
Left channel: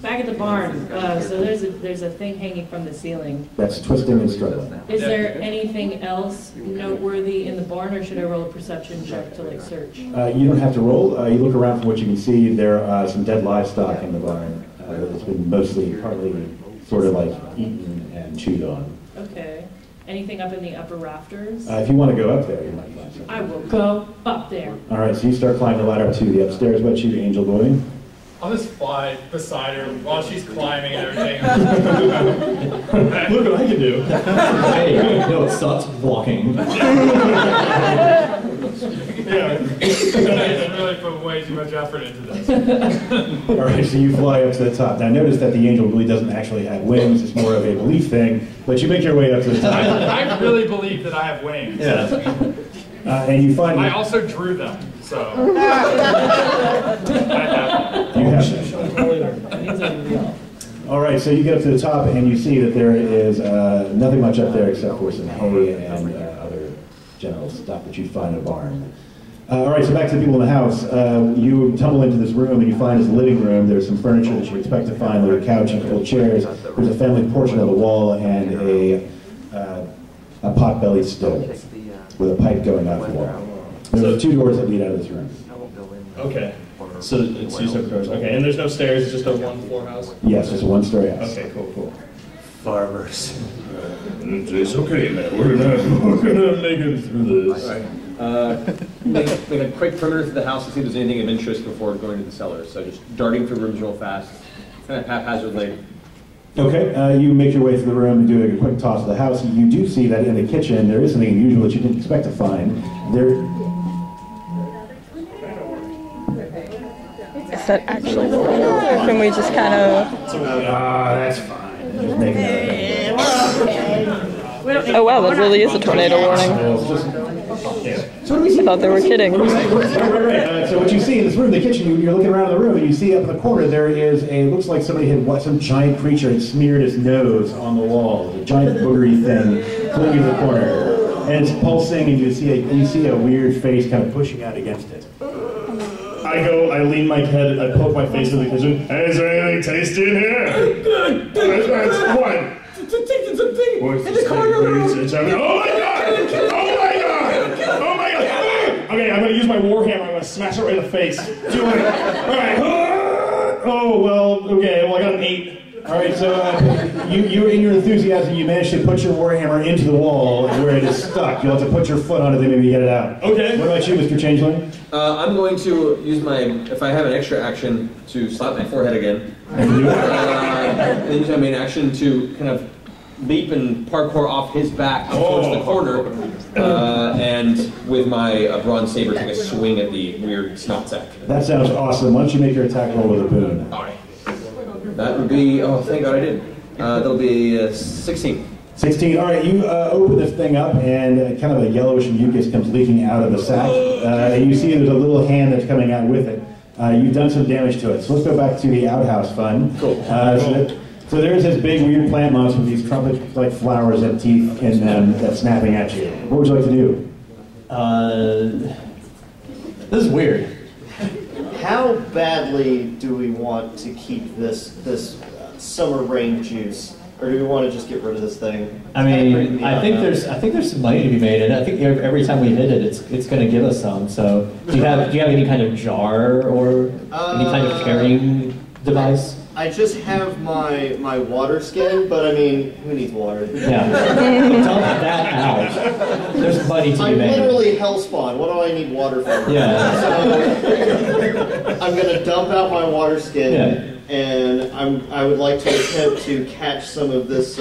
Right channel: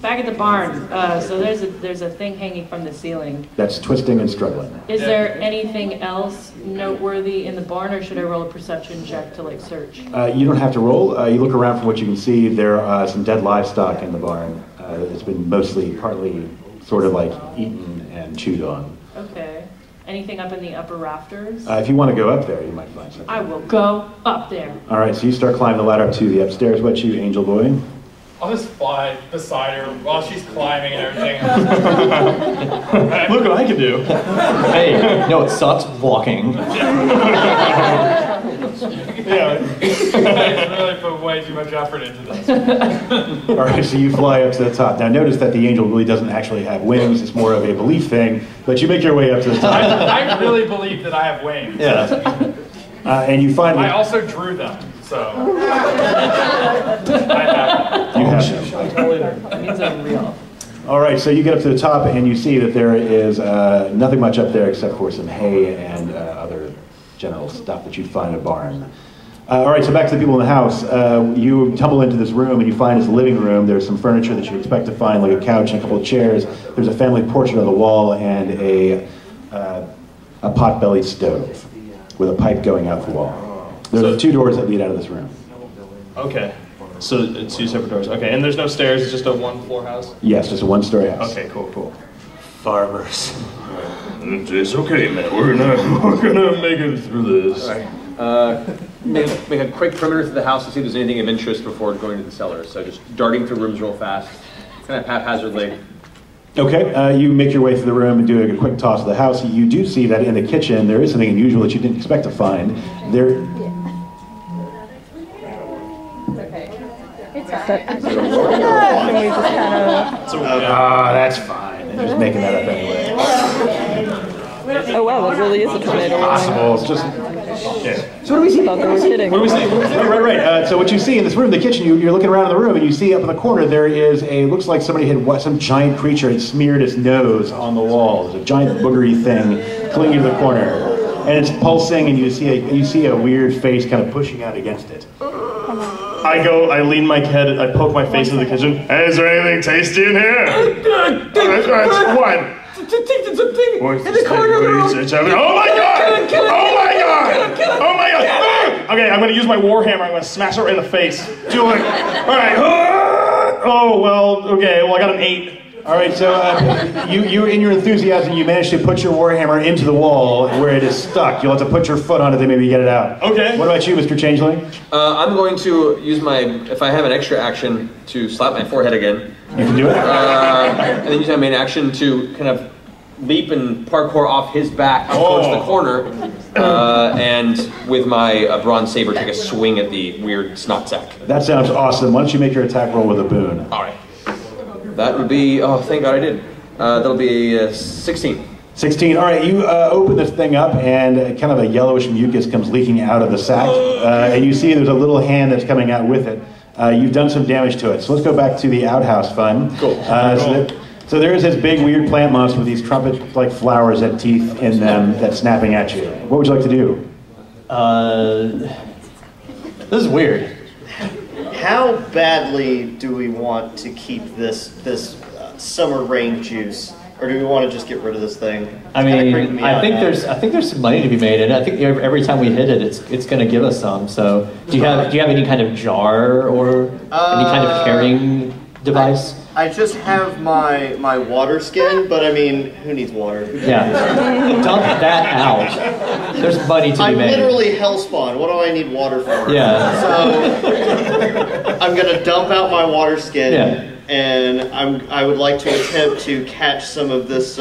Back at the barn, so there's a thing hanging from the ceiling. That's twisting and struggling. Is there anything else noteworthy in the barn, or should I roll a perception check to like search? You don't have to roll. You look around from what you can see. There are some dead livestock in the barn. It's been partly sort of like eaten and chewed on. Okay. Anything up in the upper rafters? If you want to go up there, you might find something. I will go up there. All right, so you start climbing the ladder to the upstairs. What you, Angel Boy? I'll just fly beside her while she's climbing and everything. Look what I can do. Hey, no, it sucks walking. Yeah, I really put way too much effort into this. All right, so you fly up to the top. Now notice that the angel really doesn't actually have wings. It's more of a belief thing, but you make your way up to the top. I really believe that I have wings. Yeah. And you find... I also drew them, so... You have them. All right, so you get up to the top and you see that there is nothing much up there except for some hay and other general stuff that you'd find in a barn. All right, so back to the people in the house. You tumble into this room and you find this living room. There's some furniture that you expect to find, like a couch and a couple of chairs. There's a family portrait on the wall and a pot-bellied stove with a pipe going out the wall. There's 2 doors that lead out of this room. Okay. So it's 2 separate doors. Okay, and there's no stairs, it's just a 1-floor house? Yes, it's a 1-story house. Okay, cool. Farmers. It's okay, man. We're gonna make it through this. All right. Make a quick perimeter through the house to see if there's anything of interest before going to the cellar. So just darting through rooms real fast, kind of haphazardly. Okay, you make your way through the room and do a quick toss of the house. You do see that in the kitchen there is something unusual that you didn't expect to find. Is that actually? Can we just kind of... that's fine. I'm just making that up anyway. Oh wow, that really is a tornado warning. So what do we see? I thought they were kidding. What do we see? Right. So what you see in this room, the kitchen, you're looking around the room and you see up in the corner there is looks like somebody had some giant creature had smeared its nose on the wall. There's a giant boogery thing clinging to the corner. And it's pulsing and you see a weird face kind of pushing out against it. I lean my head, I poke my face into the kitchen. Hey, is there anything tasty in here? What? What's this thing? Oh my god! Okay, I'm gonna use my warhammer. I'm gonna smash it right in the face. Do it. Alright. Oh, well, okay. Well, I got an 8. All right, so you in your enthusiasm, you managed to put your warhammer into the wall where it is stuck. You'll have to put your foot on it to maybe get it out. Okay. What about you, Mr. Changeling? I'm going to use if I have an extra action, to slap my forehead again. You can do it. And then use my main action to kind of leap and parkour off his back towards the corner, and with my bronze saber take a swing at the weird snot sack. That sounds awesome. Why don't you make your attack roll with a boon? All right. That would be, oh, thank God I did. That'll be 16. 16. All right, you open this thing up, and kind of a yellowish mucus comes leaking out of the sack. And you see there's a little hand that's coming out with it. You've done some damage to it. So let's go back to the outhouse fun. Cool. So there's this big weird plant monster with these trumpet-like flowers and teeth in them that's snapping at you. What would you like to do? This is weird. How badly do we want to keep this summer rain juice Or do we want to just get rid of this thing? I mean, I think there's some money to be made, and I think every time we hit it, it's going to give us some. So, do you have any kind of jar or any kind of carrying device? I just have my water skin, but I mean, who needs water? Yeah, dump that out. There's money to be made. I'm literally hellspawn. What do I need water for? Yeah. So I'm gonna dump out my water skin, and I would like to attempt to catch some of this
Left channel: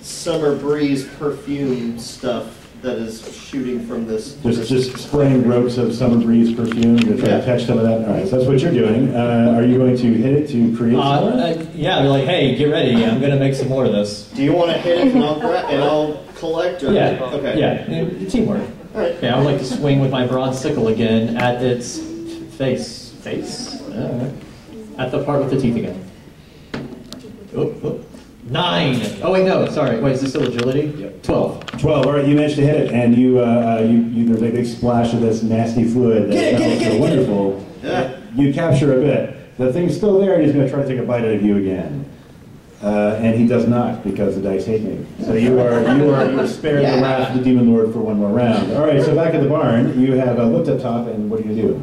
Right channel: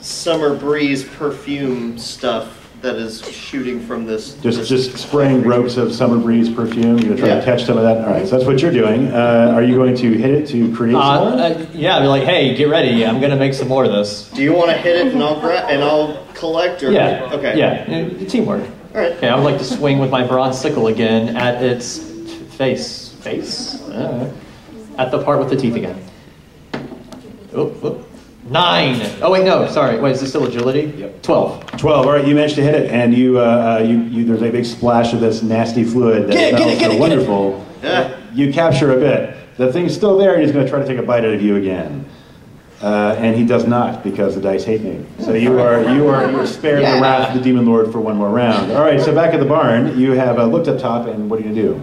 summer breeze perfume stuff that is shooting from this. Just spraying ropes of summer breeze perfume. You're gonna try to catch some of that. All right, so that's what you're doing. Are you going to hit it to create some more? Yeah, I'll be like, hey, get ready. I'm gonna make some more of this. Do you want to hit it and I'll collect? Or? Yeah. Okay. Yeah. Teamwork. All right. Okay, I would like to swing with my bronze sickle again at its face. At the part with the teeth again. Oh. 9. Oh wait, no. Sorry. Wait, is this still agility? Yep. 12. 12. All right, you managed to hit it, and you there's a big splash of this nasty fluid that smells so wonderful. Yeah. You capture a bit. The thing's still there, and he's going to try to take a bite out of you again. And he does not, because the dice hate me. So you are spared the wrath of the Demon Lord for one more round. All right, so back at the barn, you have looked up top, and what are you going to do?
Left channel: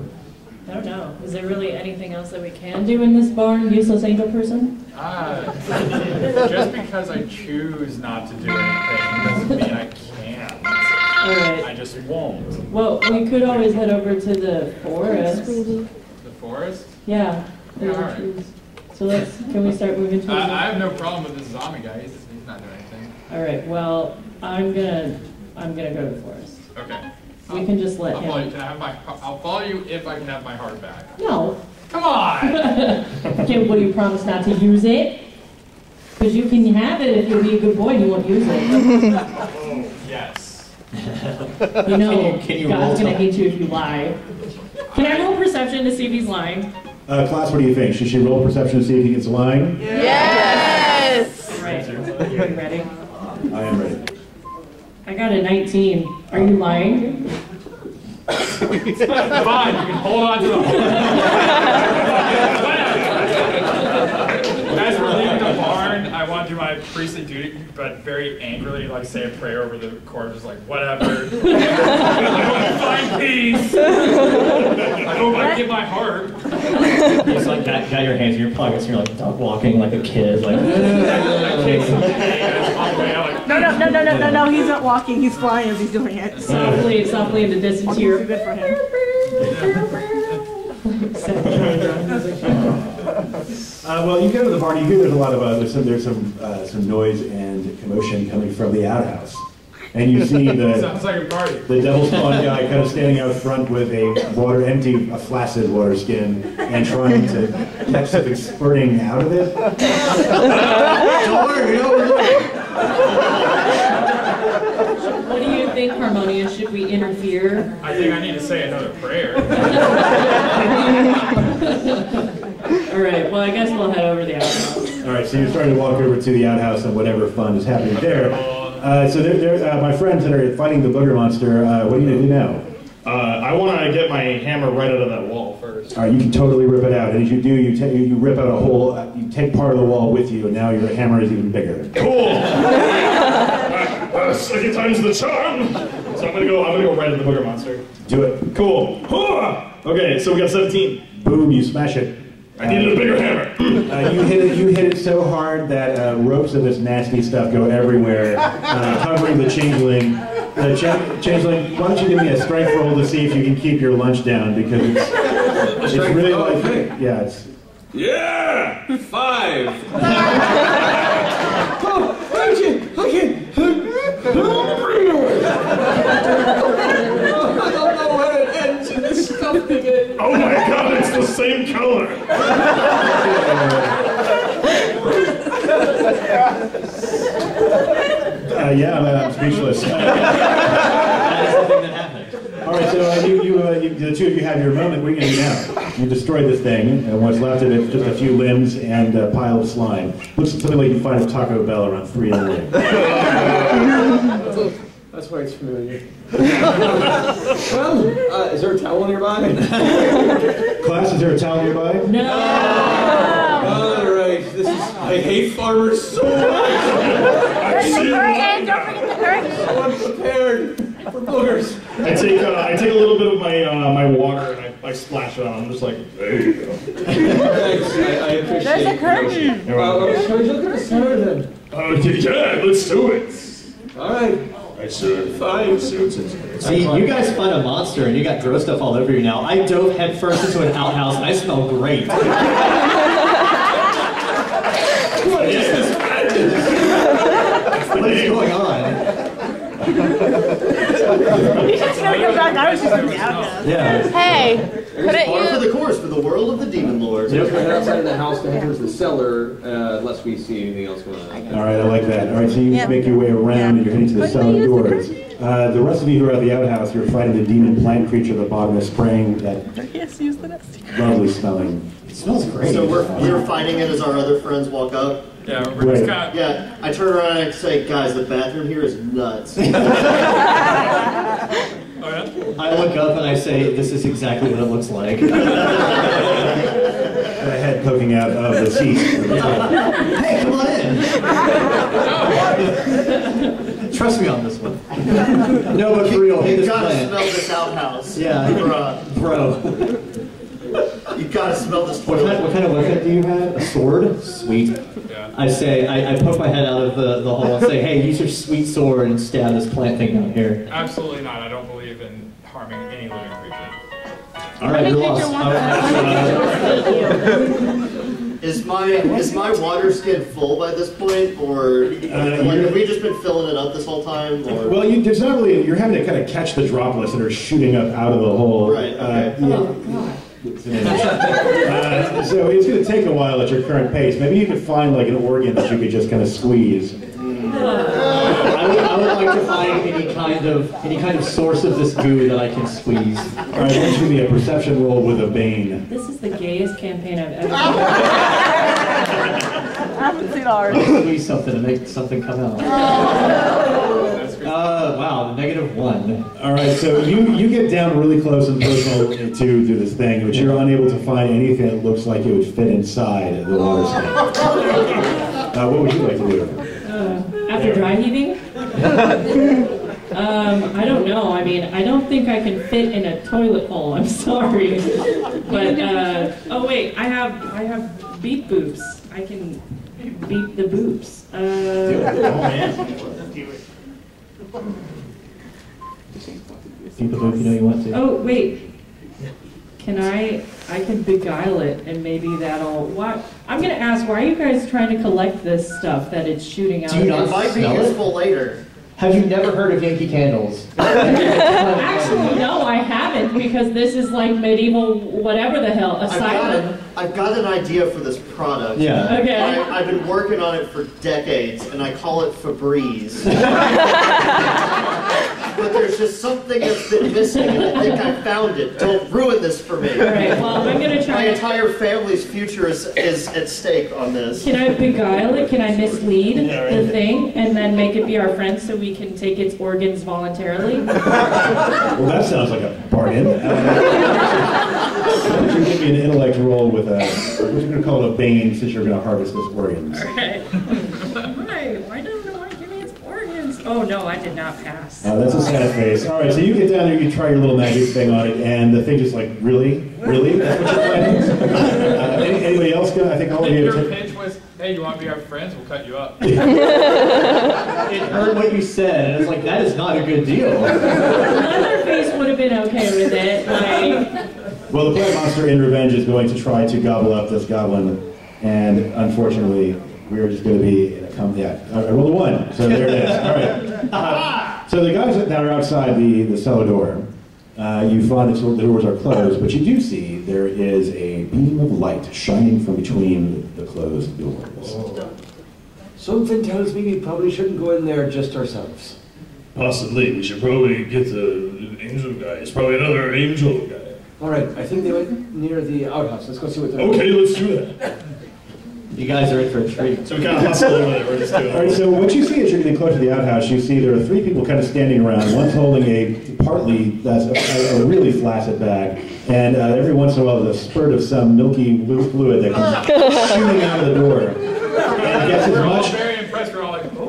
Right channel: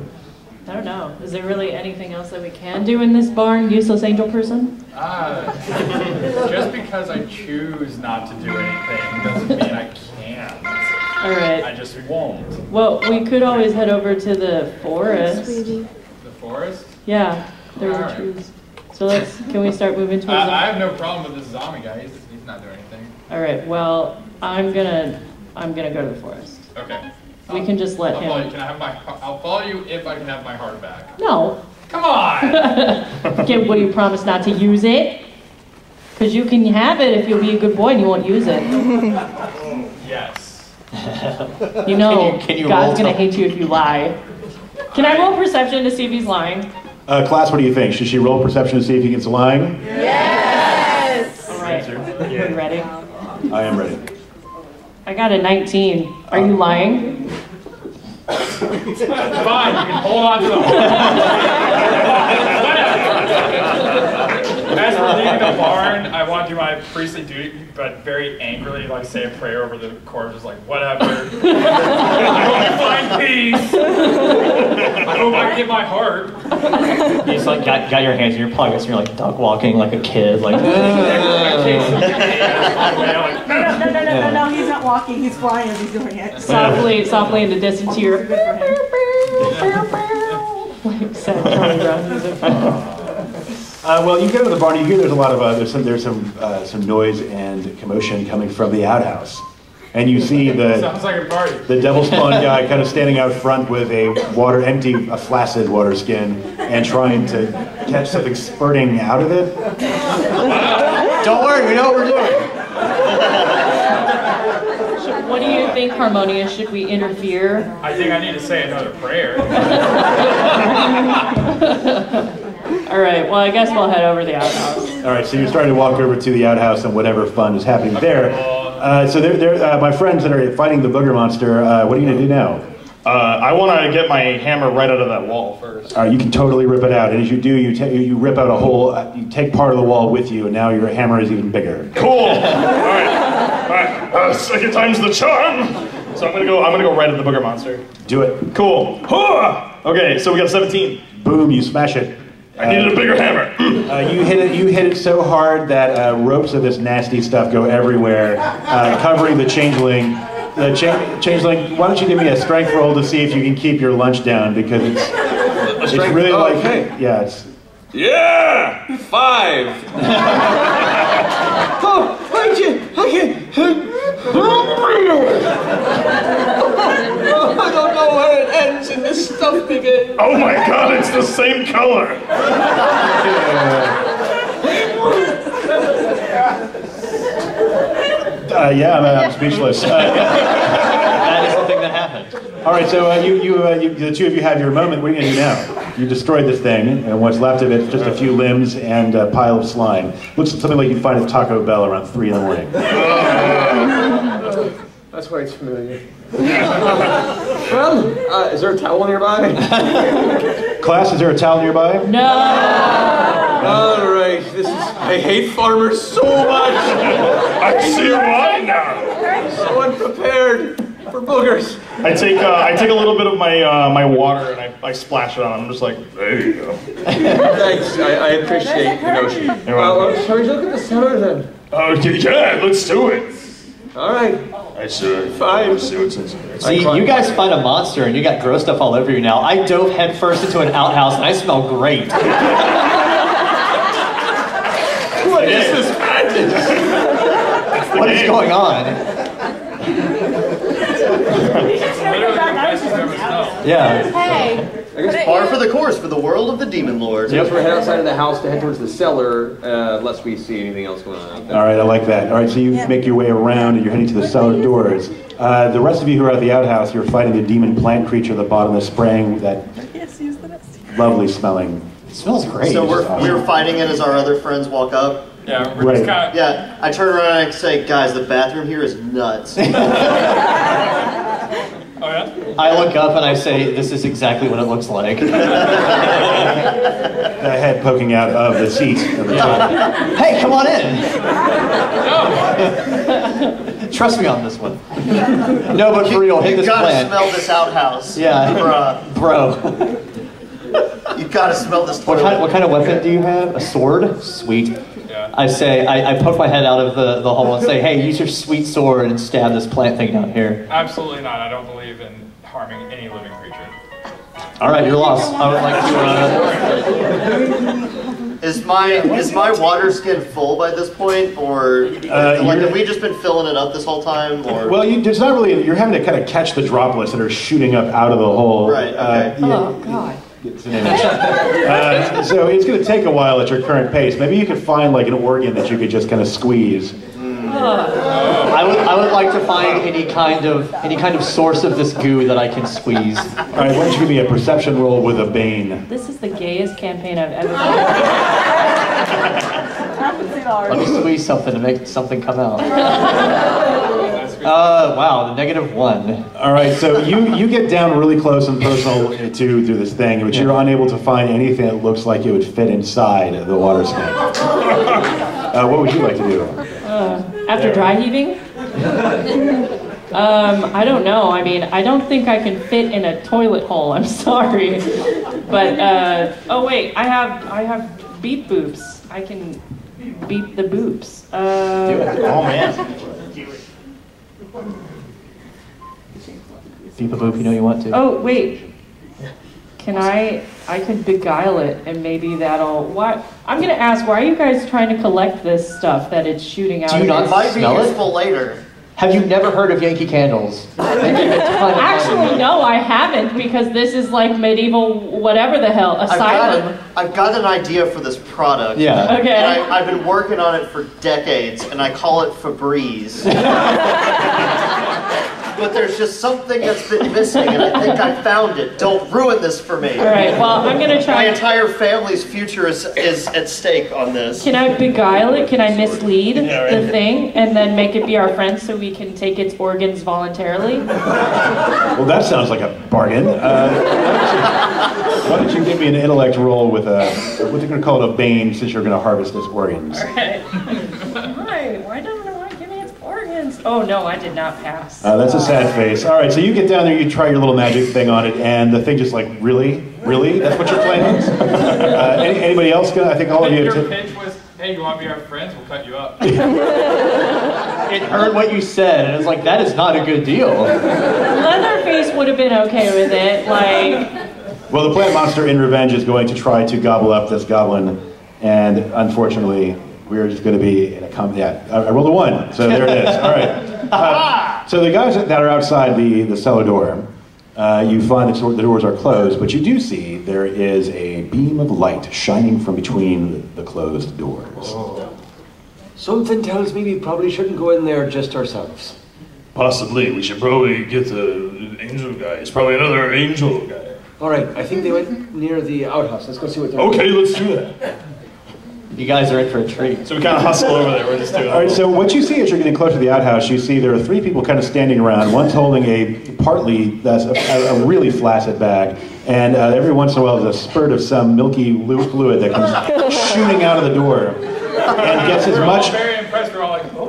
I don't know. Is there really anything else that we can do in this barn, useless angel person? Just because I choose not to do anything doesn't mean I can't. All right. I just won't. Well, we could always head over to the forest. The forest? Yeah, there's All right. trees. So can we start moving towards I have no problem with this zombie guy. He's not doing anything. All right. Well, I'm gonna go to the forest. Okay. We can just let I'll him. follow you. I'll follow you if I can have my heart back. No. Come on! Okay, will you promise not to use it? Because you can have it if you'll be a good boy and you won't use it. Yes. You know, can you God's going to hate you if you lie. Can I roll perception to see if he's lying? Class, what do you think? Should she roll perception to see if he gets lying? Yes! All right. Are you ready? I am ready. I got a 19. Are you lying? Fine, you can hold on to the horn. As we're leaving the barn, I want to do my priestly duty, but very angrily, like, say a prayer over the corpse, just like, whatever. I hope you find peace. I hope I get my heart. You just like got your hands in your pockets and you're like duck walking like a kid, like. No, he's not walking, he's flying as he's doing it. Softly in the distance here. Good for him. Well, you get to the barn. You hear there's a lot of there's some noise and commotion coming from the outhouse, and you see Sounds like a party. the devil spawn guy kind of standing out front with a flaccid water skin, and trying to catch something spurting out of it. Don't worry, we know what we're doing. What do you think, Harmonious? Should we interfere? I think I need to say another prayer. All right, well, I guess we'll head over to the outhouse. All right, so you're starting to walk over to the outhouse, and whatever fun is happening there. So my friends that are fighting the booger monster. What are you gonna do now? I want to get my hammer right out of that wall first. You can totally rip it out, and as you do, you rip out a hole. You take part of the wall with you, and now your hammer is even bigger. Cool. All right. Second time's the charm. So I'm gonna go right at the booger monster. Do it. Cool. Okay, so we got a 17. Boom! You smash it. I needed a bigger hammer. You hit it so hard that ropes of this nasty stuff go everywhere, covering the changeling. Changeling, why don't you give me a strength roll to see if you can keep your lunch down, because it's really it's. Yeah! 5! I don't know where it ends in this stuff begins. Oh my god, it's the same color. I'm speechless. That is the thing that happened. All right, so the two of you have your moment. What are you going to do now? You destroyed this thing, and what's left of it, just a few limbs and a pile of slime. Looks something like you'd find at Taco Bell around 3 in the morning. That's why it's familiar. Well, is there a towel nearby? Class, is there a towel nearby? No! All right, I hate farmers so much. I see why now. So unprepared for boogers. I take a little bit of my water and I splash it on. I'm just like, there you go. Thanks, I appreciate the notion. Well, shall we look at the cellar then? Oh, yeah, let's do it. All right. I should. Fine. See what's in there. See, you guys find a monster and you got gross stuff all over you now. I dove headfirst into an outhouse and I smell great. What is this madness? What is going on? Yeah. Hey. Par for the course for the world of the Demon Lord. So we're heading outside of the house to head towards the cellar, unless we see anything else going on. All right, I like that. All right, so you make your way around and you're heading to the cellar doors. The rest of you who are at the outhouse, you're fighting the demon plant creature at the bottom of spraying that lovely smelling. It smells great. So we're fighting it as our other friends walk up. Yeah, we're just kind of... Yeah, I turn around and I say, guys, the bathroom here is nuts. Oh, yeah? I look up and I say, this is exactly what it looks like. The head poking out of the seat. Hey, come on in. Trust me on this one. No, but for real, hit this gotta plant. smell this outhouse. Yeah. Bro. You gotta smell this toilet. What kind of weapon do you have? A sword? Sweet. Yeah. I say, I poke my head out of the hole and say, hey, use your sweet sword and stab this plant thing down here. Absolutely not. I don't believe in harming any living creature. All right, you're lost. Is my water skin full by this point, or have we just been filling it up this whole time? Or? Well, it's not really. You're having to kind of catch the droplets that are shooting up out of the hole. Right. Okay. Oh, God. So it's going to take a while at your current pace. Maybe you could find like an organ that you could just kind of squeeze. I would like to find any kind of source of this goo that I can squeeze. All right, why don't you give me a perception roll with a bane? This is the gayest campaign I've ever done. I haven't seen ours. Let me squeeze something to make something come out. Wow, -1. All right, so you get down really close and personal to this thing, but you're unable to find anything that looks like it would fit inside the water snake. What would you like to do? After dry heaving? I don't know. I mean, I don't think I can fit in a toilet hole. I'm sorry. But, oh wait, I have beep boobs. I can beep the boobs. Oh man. Beep the boob, you know you want to. Oh, wait. Can I could beguile it and maybe that'll, what? I'm gonna ask, why are you guys trying to collect this stuff that it's shooting out? Do you not It might be smell useful later. Have you never heard of Yankee Candles? Actually, no, I haven't, because this is like medieval whatever the hell, asylum. I've got an idea for this product. Yeah. Okay. I've been working on it for decades, and I call it Febreze. But there's just something that's been missing, and I think I found it. Don't ruin this for me. All right, well, I'm gonna try. My entire family's future is at stake on this. Can I beguile it? Can I mislead the thing and then make it be our friend so we can take its organs voluntarily? Well, that sounds like a bargain. Why don't you give me an intellect roll with what you're going to call it a bane, since you're going to harvest its organs. Okay. Right, why don't I give me its organs? Oh no, I did not pass. That's a sad face. All right, so you get down there, you try your little magic thing on it, and the thing just like, really? Really? That's what you're planning? Anybody else gonna? I think all of you. Your pitch was, hey, you want to be our friends? We'll cut you up. It heard what you said, and it's like, that is not a good deal. Leatherface would have been okay with it, like... Well, the plant monster in revenge is going to try to gobble up this goblin, and unfortunately, we're just going to be in a I rolled a 1, so there it is. All right. So the guys that are outside the cellar door, you find that the doors are closed, but you do see there is a beam of light shining from between the closed doors. Something tells me we probably shouldn't go in there just ourselves. Possibly. We should probably get the angel guy. It's probably another angel guy. All right, I think they went near the outhouse. Let's go see what they're Okay, let's do that. You guys are in for a treat. So we kind of hustle over there. We're just doing. All right, so what you see as you're getting closer to the outhouse, you see there are 3 people kind of standing around. One's holding a really flaccid bag, and every once in a while there's a spurt of some milky fluid that comes shooting out of the door. And gets as much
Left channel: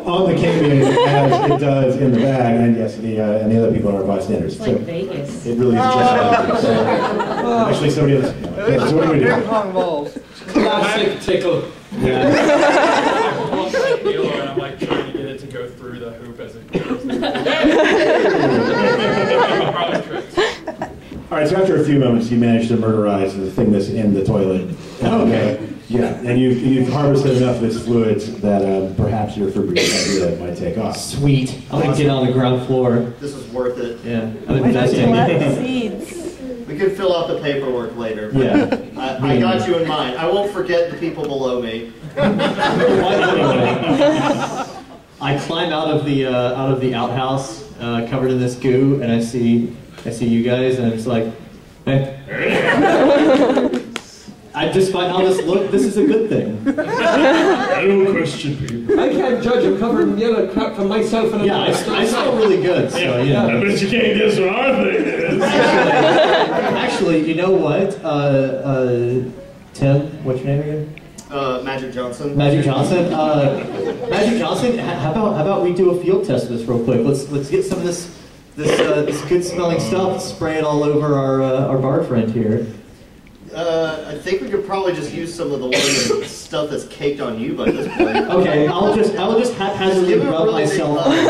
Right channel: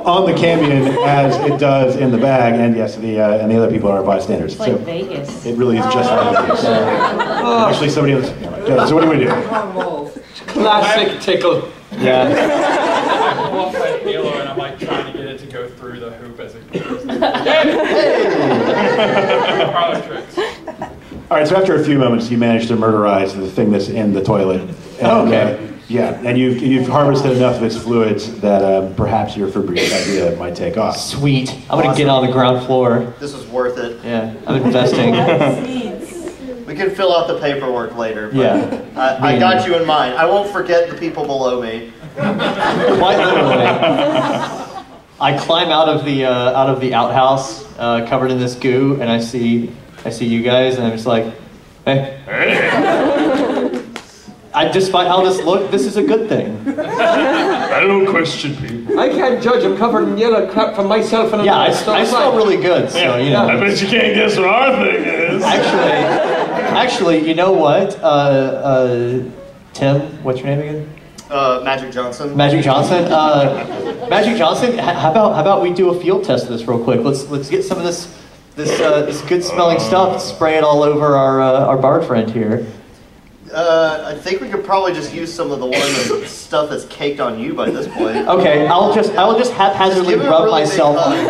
on the Cambion as it does in the bag, and yes, and the other people are bystanders. It's like Vegas. It really is just like Vegas. Actually, somebody else. Yeah, so what do we do? Classic tickle. I pull up my halo and I'm like trying to get it to go through the hoop as it goes. Parlor tricks. All right, so after a few moments, you manage to murderize the thing that's in the toilet. And, yeah, and you've harvested enough of its fluids that perhaps your Febreze idea might take off. Sweet. I'm going to get on the ground floor. This is worth it. Yeah, I'm investing. We can fill out the paperwork later. But Yeah. I got you in mind. I won't forget the people below me. Quite literally. I climb out of the outhouse covered in this goo, and I see you guys, and I'm just like, hey. Despite how this look, this is a good thing. I don't question people. I can't judge. I'm covered in yellow crap from myself and I smell really good, so you know. I bet you can't guess what our thing is. Actually, you know what? Tim, what's your name again? Magic Johnson. Magic Johnson. Magic Johnson. How about we do a field test of this real quick? Let's get some of this good smelling stuff, spray it all over our bard friend here. I think we could probably just use some of the stuff that's caked on you by this point. Okay, I will just haphazardly rub myself. And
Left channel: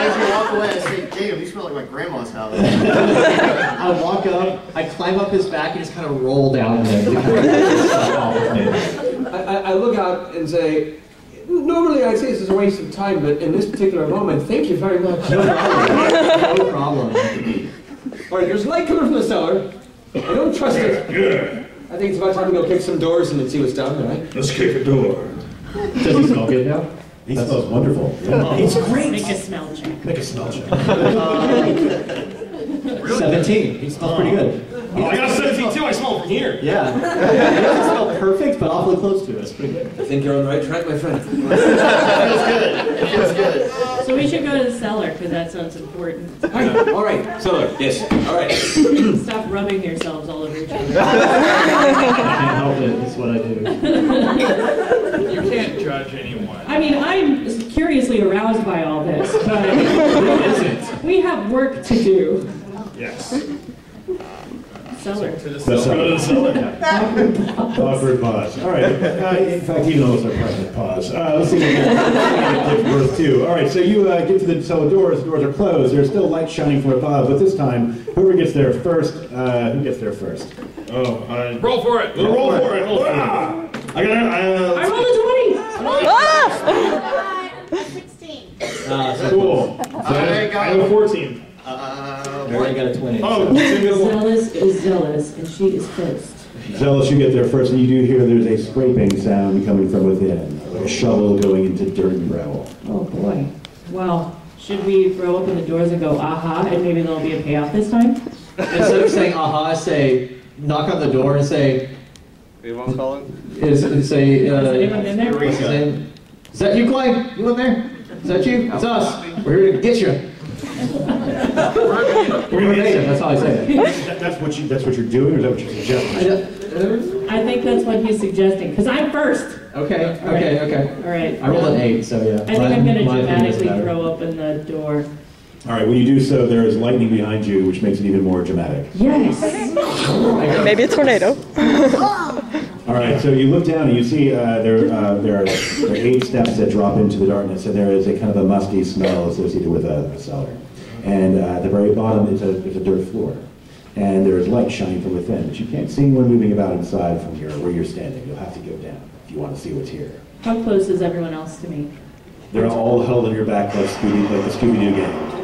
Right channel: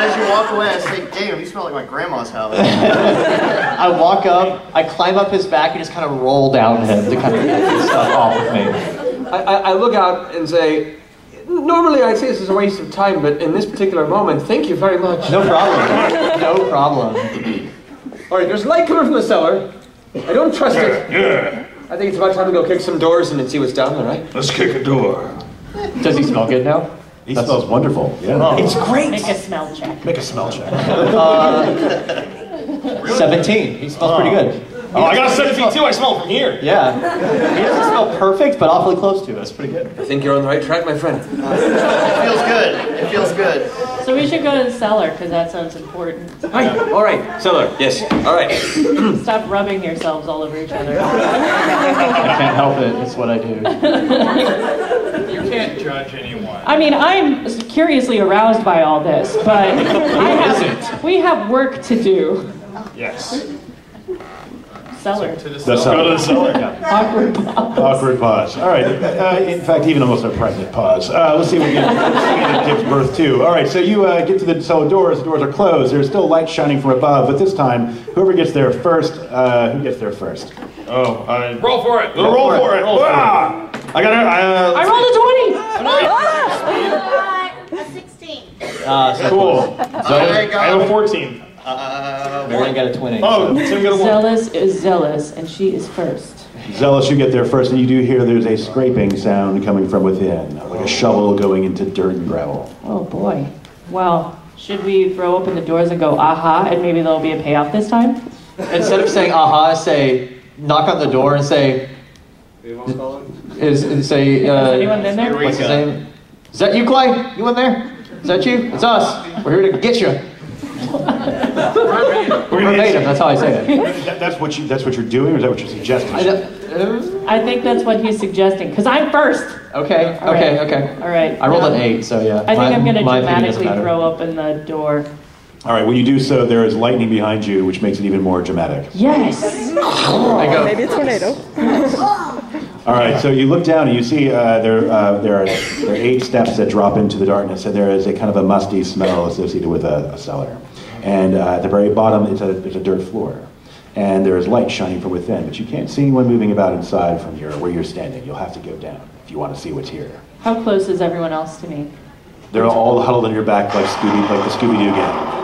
as you walk away, I say, "Damn, you smell like my grandma's house." I walk up, I climb up his back, and just kind of roll down him to kind of get this stuff off of me. I look out and say, normally I'd say this is a waste of time, but in this particular moment, thank you very much. No problem. No problem. All right, there's light coming from the cellar. I don't trust it. Yeah. I think it's about time to go kick some doors and see what's down there, right? Let's kick a door. Does he smell good now? He smells wonderful. Yeah. It's great. Make a smell check. Make a smell check. 17. He smells pretty good. Oh, I got a 17 too. I smell from here. Yeah. He doesn't smell perfect, but awfully close to it. It's pretty good. I think you're on the right track, my friend. It feels good. It feels good. So we should go to the cellar, because that sounds important. Right. All right, cellar. Yes. All right. Stop rubbing yourselves all over each other. I can't help it. It's what I do. You can't judge anyone. I mean, I'm curiously aroused by all this, but we have work to do. Yes. Cellar. To the Go to cellar. the cellar. Awkward pause. All right. In fact, even almost a pregnant pause. Let's see what we can give birth to. All right. So you get to the cellar doors. The doors are closed. There's still light shining from above, but this time, whoever gets there first, who gets there first? Oh, Roll for it. roll for it. Ah! I got it. I rolled a 20! A 16. Cool. I I have a 14. Marianne got a 20. Oh, so you got a 1. Zealous is zealous, and she is first. Zealous, you get there first, and you do hear there's a scraping sound coming from within, like a shovel going into dirt and gravel. Oh boy. Well, should we throw open the doors and go, aha, and maybe there'll be a payoff this time? Instead of saying aha, say, knock on the door and say, Anyone calling? Has anyone been there? What's his name? Is that you, Clay? You in there? Is that you? It's us. We're here to get you. Verbatim, that's how I say it. That's what you're doing, or is that what you're suggesting? I think that's what he's suggesting, because I'm first. Okay. All right. I rolled an 8, so yeah. I think I'm going to my opinion doesn't dramatically matter. throw open the door. All right, when you do so, there is lightning behind you, which makes it even more dramatic. Yes! Maybe a tornado. All right, so you look down and you see there are 8 steps that drop into the darkness, and there is a kind of a musty smell associated with a cellar. And at the very bottom is a dirt floor. And there is light shining from within, but you can't see anyone moving about inside from here where you're standing. You'll have to go down if you want to see what's here. How close is everyone else to me? They're all huddled in your back like the Scooby-Doo gang.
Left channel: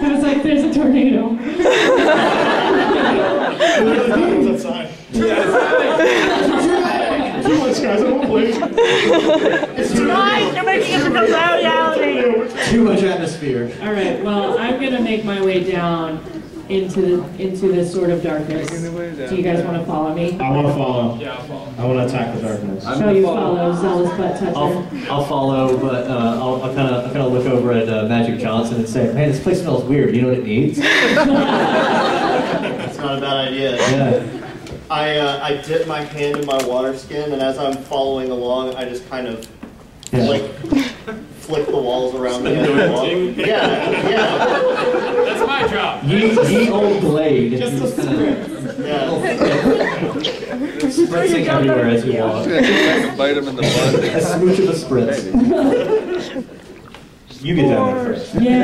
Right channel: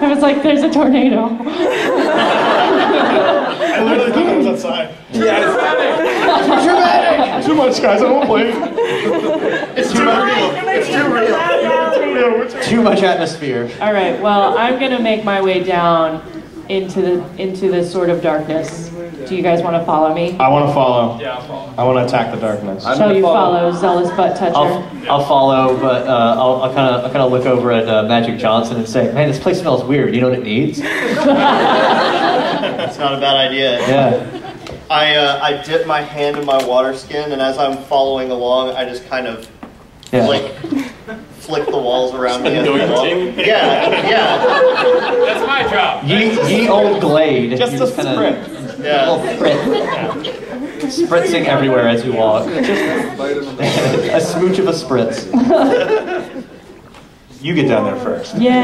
I was like, there's a tornado. I literally think it was outside. Yes. Too much, guys. I won't play. It's too much. You're making it a reality. Too much atmosphere. All right, well, I'm going to make my way down into the sort of darkness. Do you guys want to follow me? I want to follow. Yeah, I'll follow. I want to attack the darkness. Shall you follow, zealous butt toucher? I'll follow, but I'll kind of look over at Magic Johnson and say, "Hey, this place smells weird. You know what it needs?" That's not a bad idea. Yeah. I dip my hand in my water skin, and as I'm following along, I just kind of flick the walls around me. Yeah. That's my job. Ye old glade. Just a sprint. Spritzing everywhere as you walk. A smooch of a spritz. You get down there first. Yeah.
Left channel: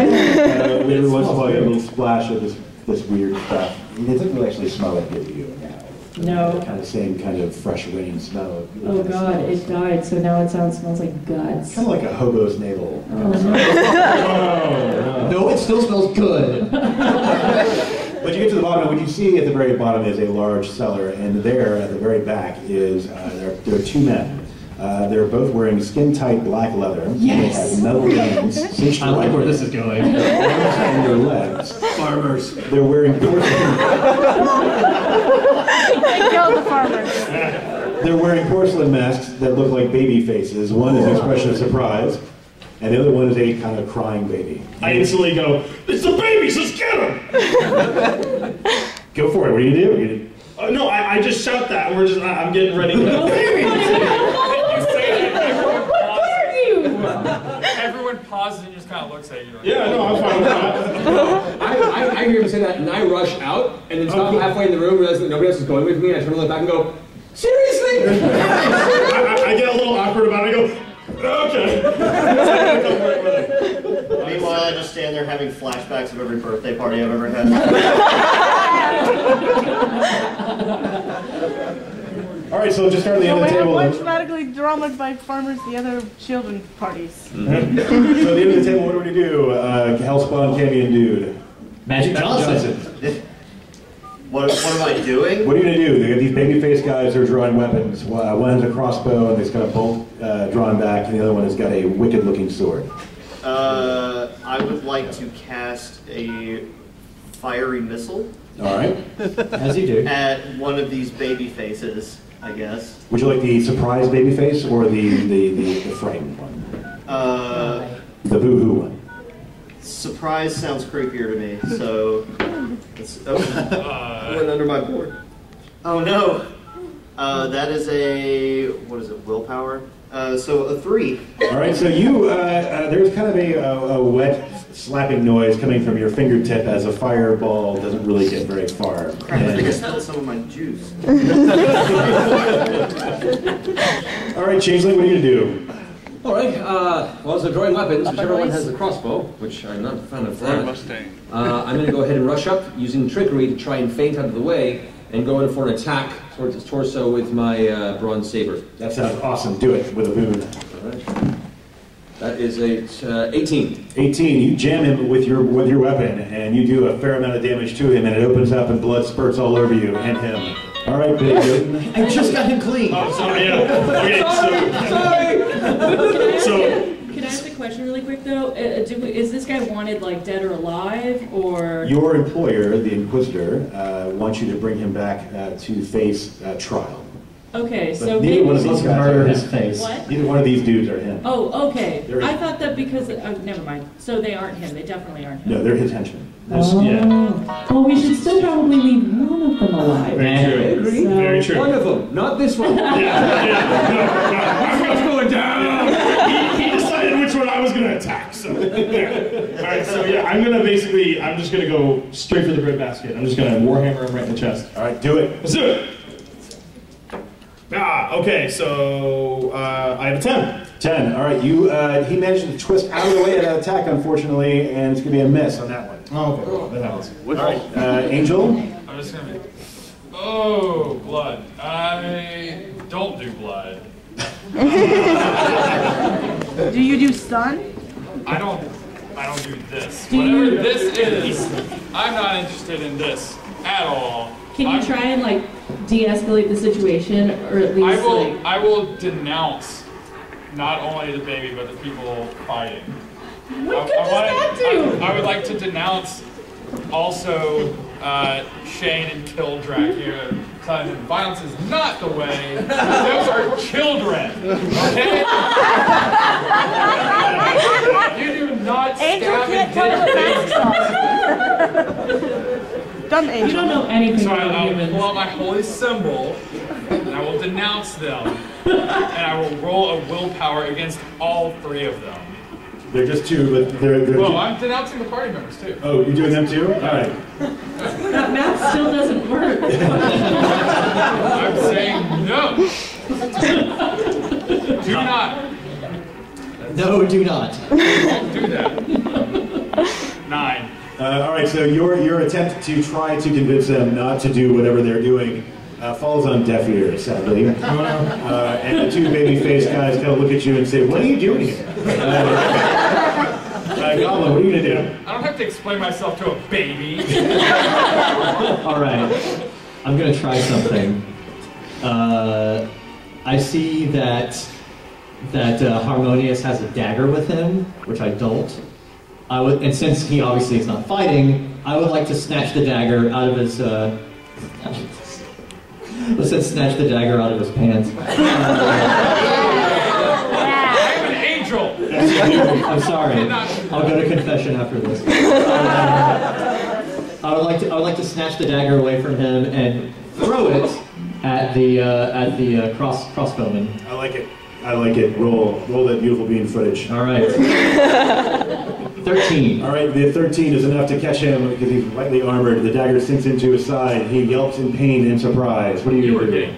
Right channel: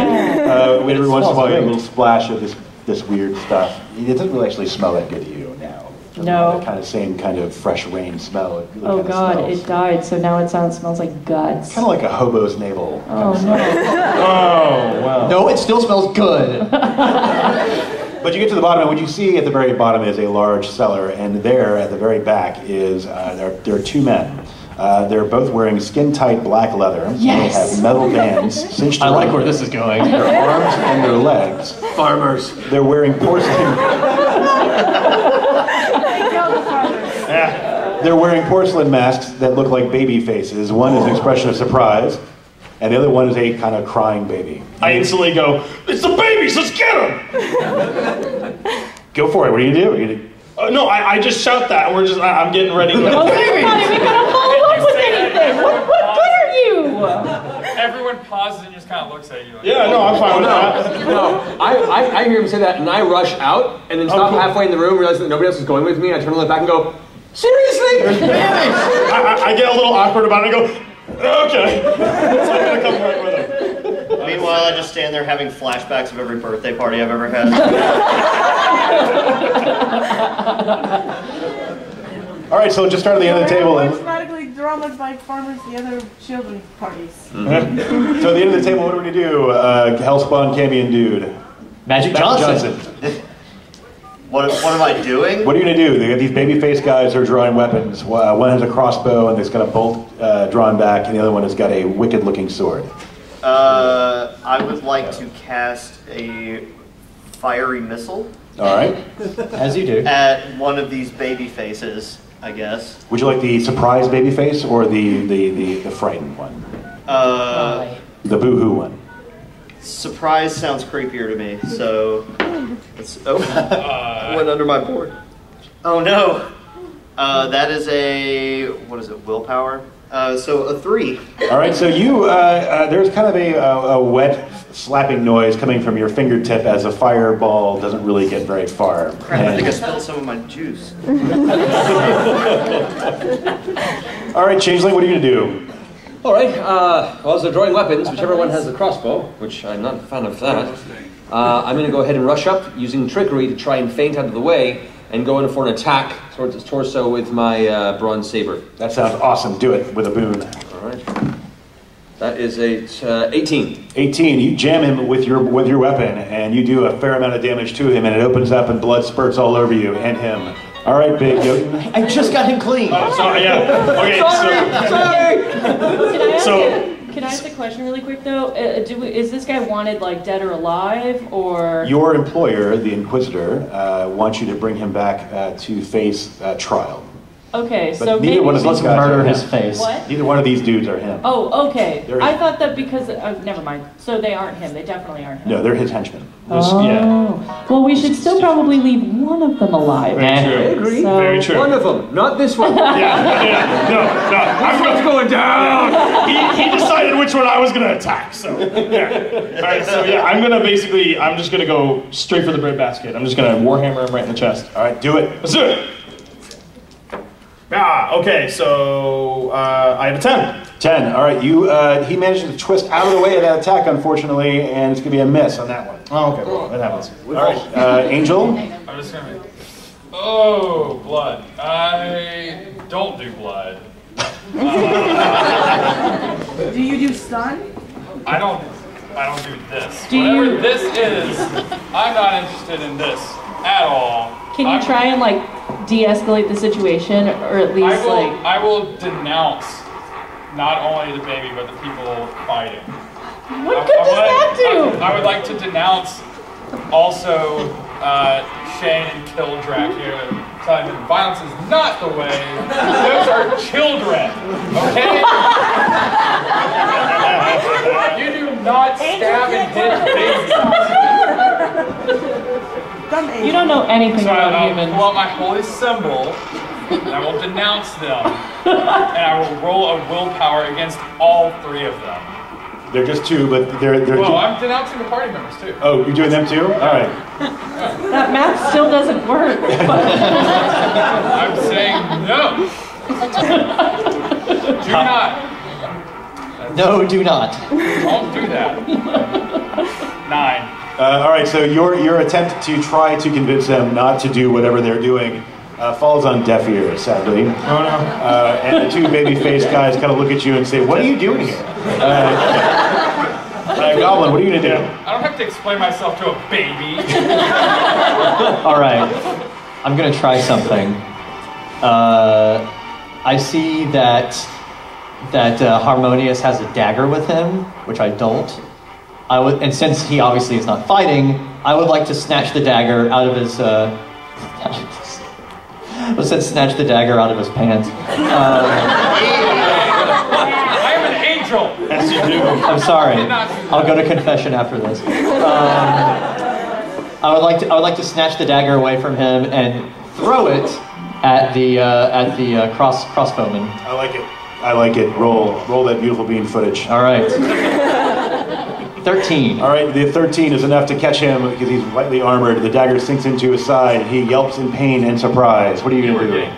Every once in a while, you get a little splash of this weird stuff. It doesn't really actually smell that good to you now. No. The same kind of fresh rain smell. Oh God, it died, so now it smells like guts. Kind of like a hobo's navel. Oh no. Wow. No, it still smells good. But you get to the bottom, and what you see at the very bottom is a large cellar, and there at the very back is there are two men. They're both wearing skin-tight black leather. Yes. They have metal bands cinched I like around where this is going. their arms and their legs. Farmers. They're wearing porcelain. They killed the farmers. They're wearing porcelain masks that look like baby faces. One is an expression of surprise, and the other one is a kind of crying baby. I instantly go, "It's the babies, let's get them!" Go for it. What do you do? No, I just shout that, and I'm getting ready. Oh, you're not even gonna follow up with anything. What good are you? Everyone pauses and just kind of looks at you. Like, Yeah, no, I'm fine with that. No, I hear him say that, and I rush out, and then stop halfway in the room, realize that nobody else is going with me, and I turn around back and go, "Seriously?" I get a little awkward about it. I go, "Okay." So I'm gonna come right with it. Meanwhile, I just stand there having flashbacks of every birthday party I've ever had. All right, so just start at the end of the table. We're automatically drawn by farmers the other children parties. So at the end of the table, what do we do? Hellspawn Cambion dude. Magic Johnson. What am I doing? What are you going to do? They got these baby-faced guys who are drawing weapons. One has a crossbow and it's got a bolt drawn back, and the other one has got a wicked-looking sword. I would like to cast a fiery missile. All right. As you do. At one of these baby faces, I guess. Would you like the surprise baby face or the frightened one? The boo-hoo one. Surprise sounds creepier to me, so... went under my board. Oh no! That is a... what is it, willpower? So a 3. All right, so you, there's kind of a wet slapping noise coming from your fingertip as a fireball doesn't really get very far. Crap, I think I spilled some of my juice. All right, Changeling, what are you going to do? All right, well, as they're drawing weapons, whichever one has the crossbow, which I'm not a fan of that, I'm going to go ahead and rush up using trickery to try and feint out of the way and go in for an attack towards his torso with my bronze saber. That sounds awesome. Do it with a boon. All right. That is a 18. 18. You jam him with your weapon, and you do a fair amount of damage to him, and it opens up, and blood spurts all over you and him. All right, Big Jotun. I just got him clean. Oh, sorry, yeah. Okay, Can I ask a question really quick though? Is this guy wanted like dead or alive, or? Your employer, the Inquisitor, wants you to bring him back to face trial. Okay, But so neither maybe one of these guys murder are his him. face. What? Neither one of these dudes are him. Oh, okay. They're I his. thought that because never mind. So they aren't him. They definitely aren't him. No, they're his henchmen. Oh. Yeah. Well, we should still probably leave one of them alive. Very true. I agree. So- Very true. One of them, not this one. No. This one's going down. He decided which one I was going to attack, so yeah. All right, so yeah, I'm just going to go straight for the breadbasket. I'm just going to warhammer him right in the chest. All right, do it. Let's do it. Okay, so I have a 10. 10. All right, he managed to twist out of the way of that attack, unfortunately, and it's going to be a miss on that one. Oh, okay, well, that happens. All right, Angel. I'm just gonna make. Oh, blood. I don't do blood. Do you do stun? I don't do this. Do Whatever you- this is, I'm not interested in this at all. Can you try and like de-escalate the situation, or at least I will denounce not only the baby but the people fighting. What good does that do? I would like to denounce also Shane and kill Dracula, telling them violence is not the way. Those are children, okay? You do not stab and hit babies. You don't know anything So about I'll humans. pull out my holy symbol, and I will denounce them, and I will roll a willpower against all 3 of them. They're just 2, but they're Well, I'm denouncing the party members too. Oh, you're doing them too? All right. That math still doesn't work. I'm saying no. Do not. No, do not. Don't do that. 9. All right, so your attempt to try to convince them not to do whatever they're doing falls on deaf ears, sadly. And the 2 baby-faced guys kind of look at you and say, "What are you doing here?" Goblin, what are you going to do? I don't have to explain myself to a baby. All right, I'm gonna try something. I see that Harmonious has a dagger with him, which I don't. And since he obviously is not fighting, I would like to snatch the dagger out of his. Let's snatch the dagger out of his pants. I'm an angel. I'm sorry. I'll go to confession after this. I would like to snatch the dagger away from him and throw it at the crossbowman. I like it. I like it. Roll that beautiful bean footage. All right. 13. All right, the 13 is enough to catch him because he's lightly armored. The dagger sinks into his side. He yelps in pain and surprise. What are you going to do?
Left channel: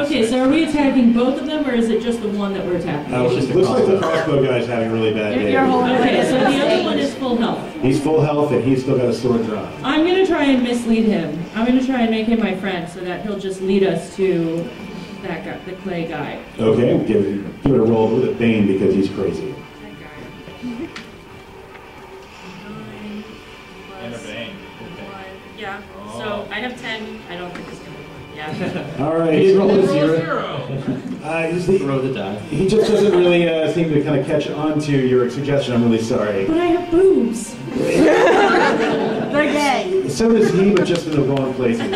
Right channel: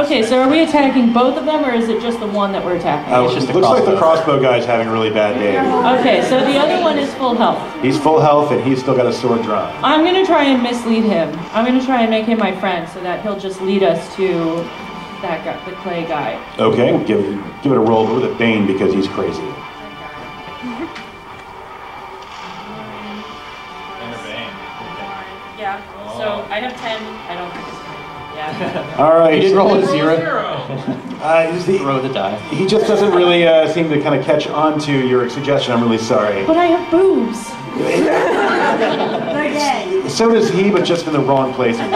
Okay, so are we attacking both of them, or is it just the one that we're attacking? It's just looks like the crossbow guy's having a really bad day. Okay, so the other one is full health. He's full health and he's still got a sword drawn. I'm going to try and mislead him. I'm going to try and make him my friend so that he'll just lead us to that guy, the clay guy. Okay, we'll give it a roll with a Bane because he's crazy. Yeah, so I have 10. I don't think it's good. Yeah. All right. He did roll a 0. Throw the die. He just doesn't really seem to kind of catch on to your suggestion. I'm really sorry. But I have boobs. They're gay. So does he, but just in the wrong places.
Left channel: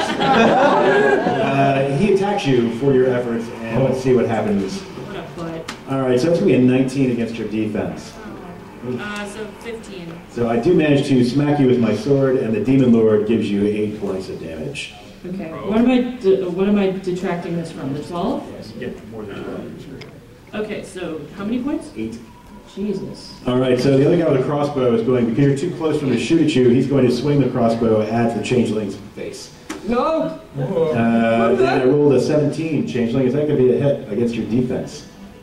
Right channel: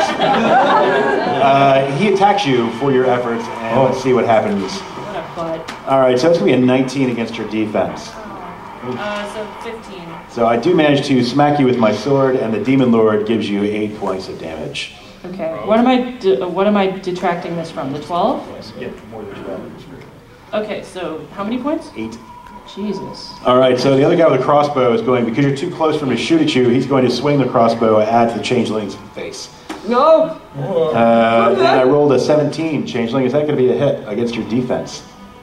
He attacks you for your efforts, and let's see what happens. What a butt. All right, so it's going to be a 19 against your defense. So 15. So I do manage to smack you with my sword, and the Demon Lord gives you 8 points of damage. Okay. What am I detracting this from? The 12? Yes, get more than 12. Okay, so how many points? 8. Jesus. All right, so the other guy with the crossbow is going, because you're too close for him to shoot at you, he's going to swing the crossbow at the changeling's face. No! And I rolled a 17. Changeling, is that going to be a hit against your defense?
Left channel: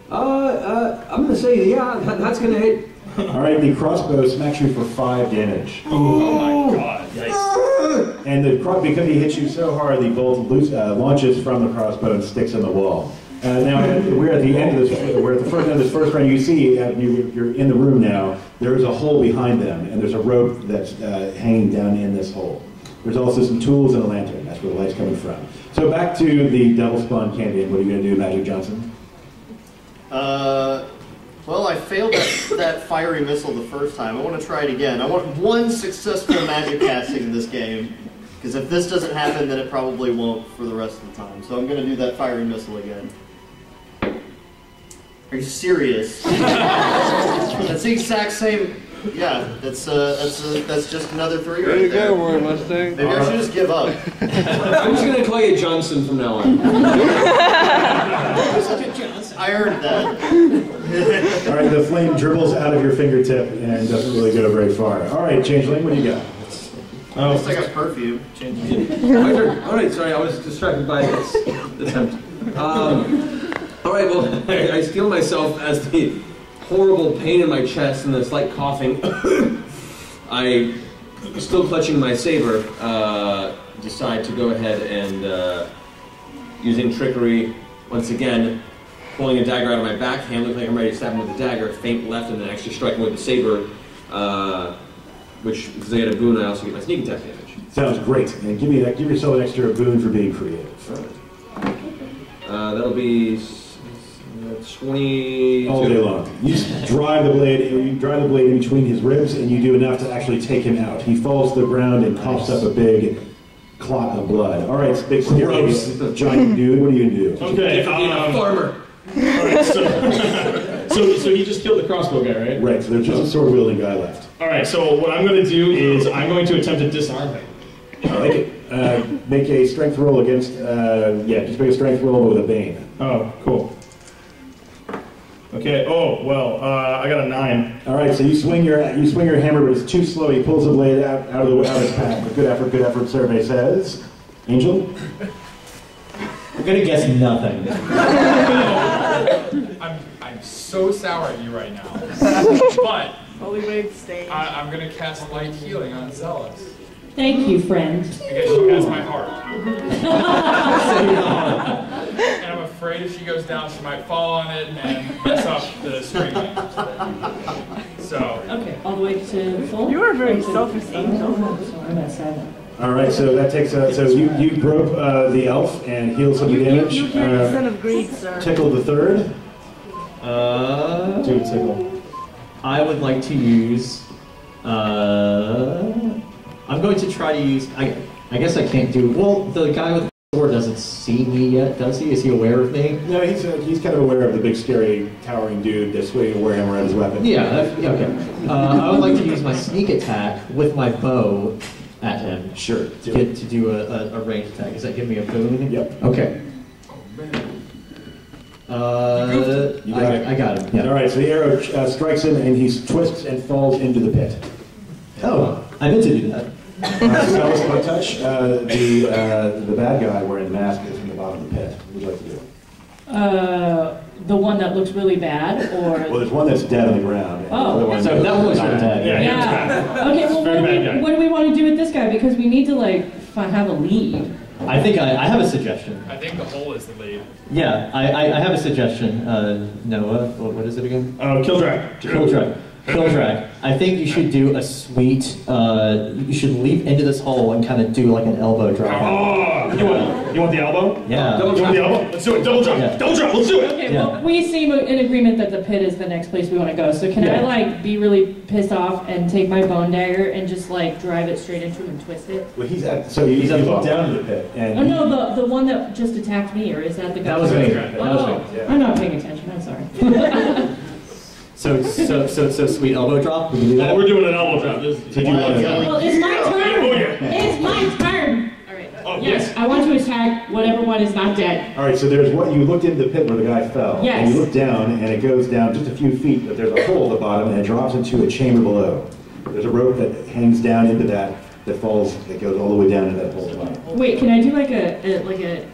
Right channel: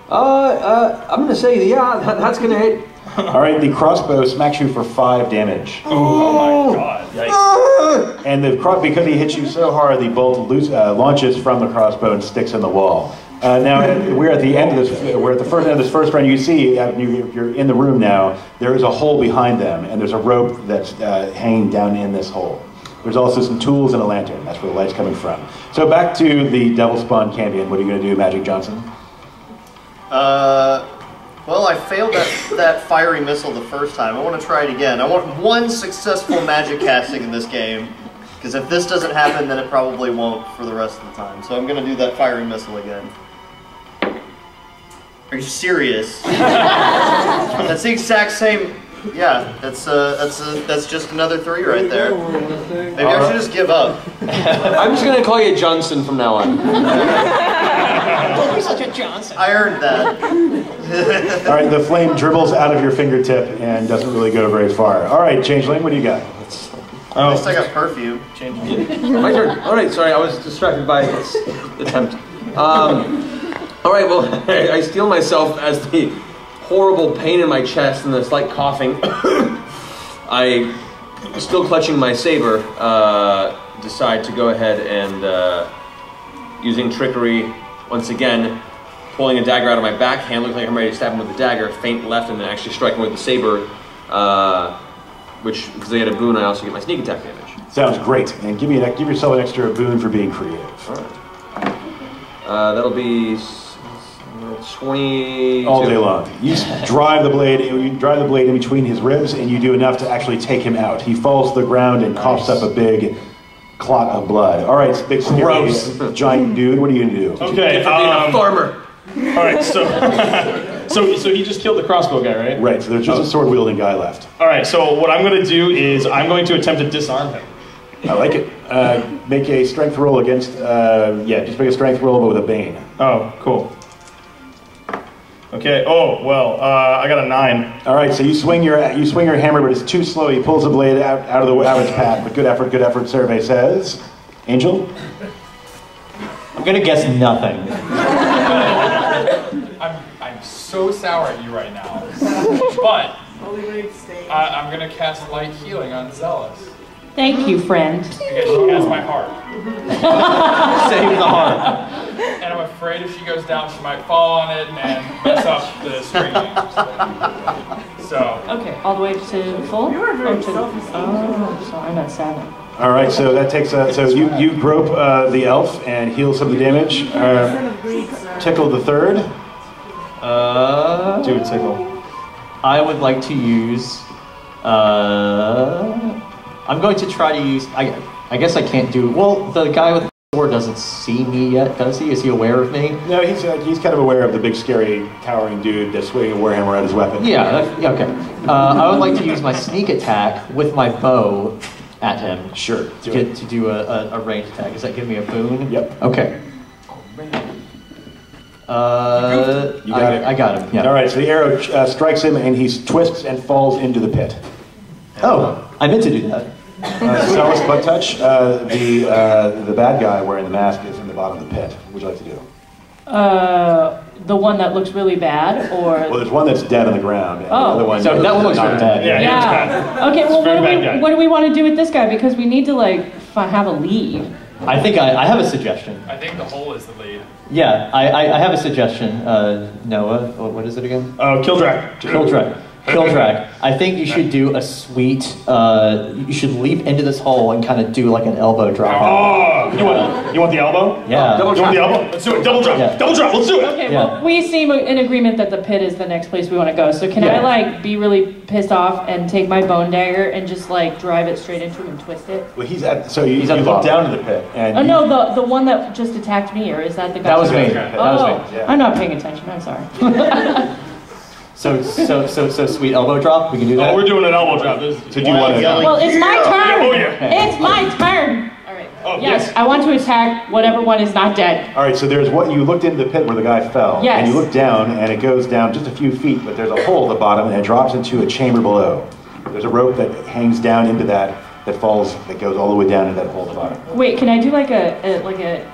I'm going to say, yeah, that's going to hit. All right, the crossbow smacks you for 5 damage. Oh my god. Yikes. And because he hits you so hard, the bolt launches from the crossbow and sticks in the wall. Now, we're at the end of this, we're at the first end of this first round. You see, you're in the room now, there is a hole behind them, and there's a rope that's hanging down in this hole. There's also some tools and a lantern. That's where the light's coming from. So back to the Devil Spawn Cambion. What are you going to do, Magic Johnson? Well, I failed that fiery missile the first time. I want to try it again. I want 1 successful magic casting in this game, because if this doesn't happen, then it probably won't for the rest of the time. So I'm going to do that fiery missile again. Are you serious? That's the exact same. Yeah, that's just another 3 right there. Maybe I should just give up. I'm just going to call you Johnson from now on. You're such a Johnson. I earned that. All right, the flame dribbles out of your fingertip and doesn't really go very far. All right, Changeling, what do you got? At least I got perfume. My turn. All right, sorry, I was distracted by this attempt. All right, well, I steel myself as the horrible pain in my chest and the slight coughing. I, still clutching my saber, decide to go ahead and, using trickery, once again, pulling a dagger out of my backhand, looking like I'm ready to stab him with the dagger, feint left, and then actually strike him with the saber, which, because they had a boon, I also get my sneak attack damage. Sounds great. And give yourself an extra boon for being creative. All right. That'll be 22. All day long. You drive the blade in between his ribs, and you do enough to actually take him out. He falls to the ground and coughs up a big clot of blood. All right, big scary giant dude. What are you gonna do? Okay. Being a farmer. All right. So he just killed the crossbow guy, right? Right. So there's just a sword wielding guy left. All right. So what I'm going to do is I'm going to attempt to disarm him. I like it. Make a strength roll against. Just make a strength roll but with a bane. Oh, cool. Okay. Oh well, I got a 9. All right. So you swing your hammer, but it's too slow. He pulls the blade out of its path. But good effort. Good effort. Survey says. Angel. I'm gonna guess nothing. I'm so sour at you right now. But I'm gonna cast light healing on Zealous. Thank you, friend. Because she has my heart. Save the heart. And I'm afraid if she goes down, she might fall on it and mess up the stringing. So. Okay, all the way to full? You are very selfish. Oh, sorry, I'm at 7. All right. So that takes. So you grope the elf and heal some of the damage. Tickle the third. Do a tickle. I would like to use. I'm going to try to use. I guess I can't do. Well, the guy with the sword doesn't see me yet, does he? Is he aware of me? No, he's kind of aware of the big, scary, towering dude that's swinging a warhammer at his weapon. Yeah. Okay. I would like to use my sneak attack with my bow at him. Sure. To do a ranged attack. Does that give me a boon? Yep. Okay. I got him. Yeah. All right. So the arrow strikes him, and he twists and falls into the pit. Oh, I meant to do that. Zealous butt touch. The bad guy wearing the mask is in the bottom of the pit. What would you like to do? The one that looks really bad, or Well, there's one that's dead on the ground. And the other one So that one looks really bad. yeah. Okay, well, what do we want to do with this guy? Because we need to have a lead. I think I have a suggestion. I think the hole is the lead. Yeah, I have a suggestion. Noah, what is it again? Kildrak. Kildrak. I think you should do a sweet. You should leap into this hole and kind of do like an elbow drop. Oh, you want the elbow? Yeah. You want the elbow? Let's do it. Double drop. Yeah. Double drop. Let's do it. Okay, well, we seem in agreement that the pit is the next place we want to go. So can I be really pissed off and take my bone dagger and just drive it straight into him and twist it? Well, he's at the look down to the pit. And no, the one that just attacked me, or is that the guy? That was me. Oh, I'm not paying attention. I'm sorry. So sweet elbow drop. We can do that. Oh, we're doing an elbow drop. Well, it's my turn. Oh yeah. It's my turn. All right. Oh, yes, I want to attack whatever one is not dead. All right, so there's what you looked into the pit where the guy fell. Yes. And you look down, and it goes down just a few feet, but there's a hole at the bottom, and it drops into a chamber below. There's a rope that hangs down into that falls, that goes all the way down into that hole at the bottom. Wait, can I do like a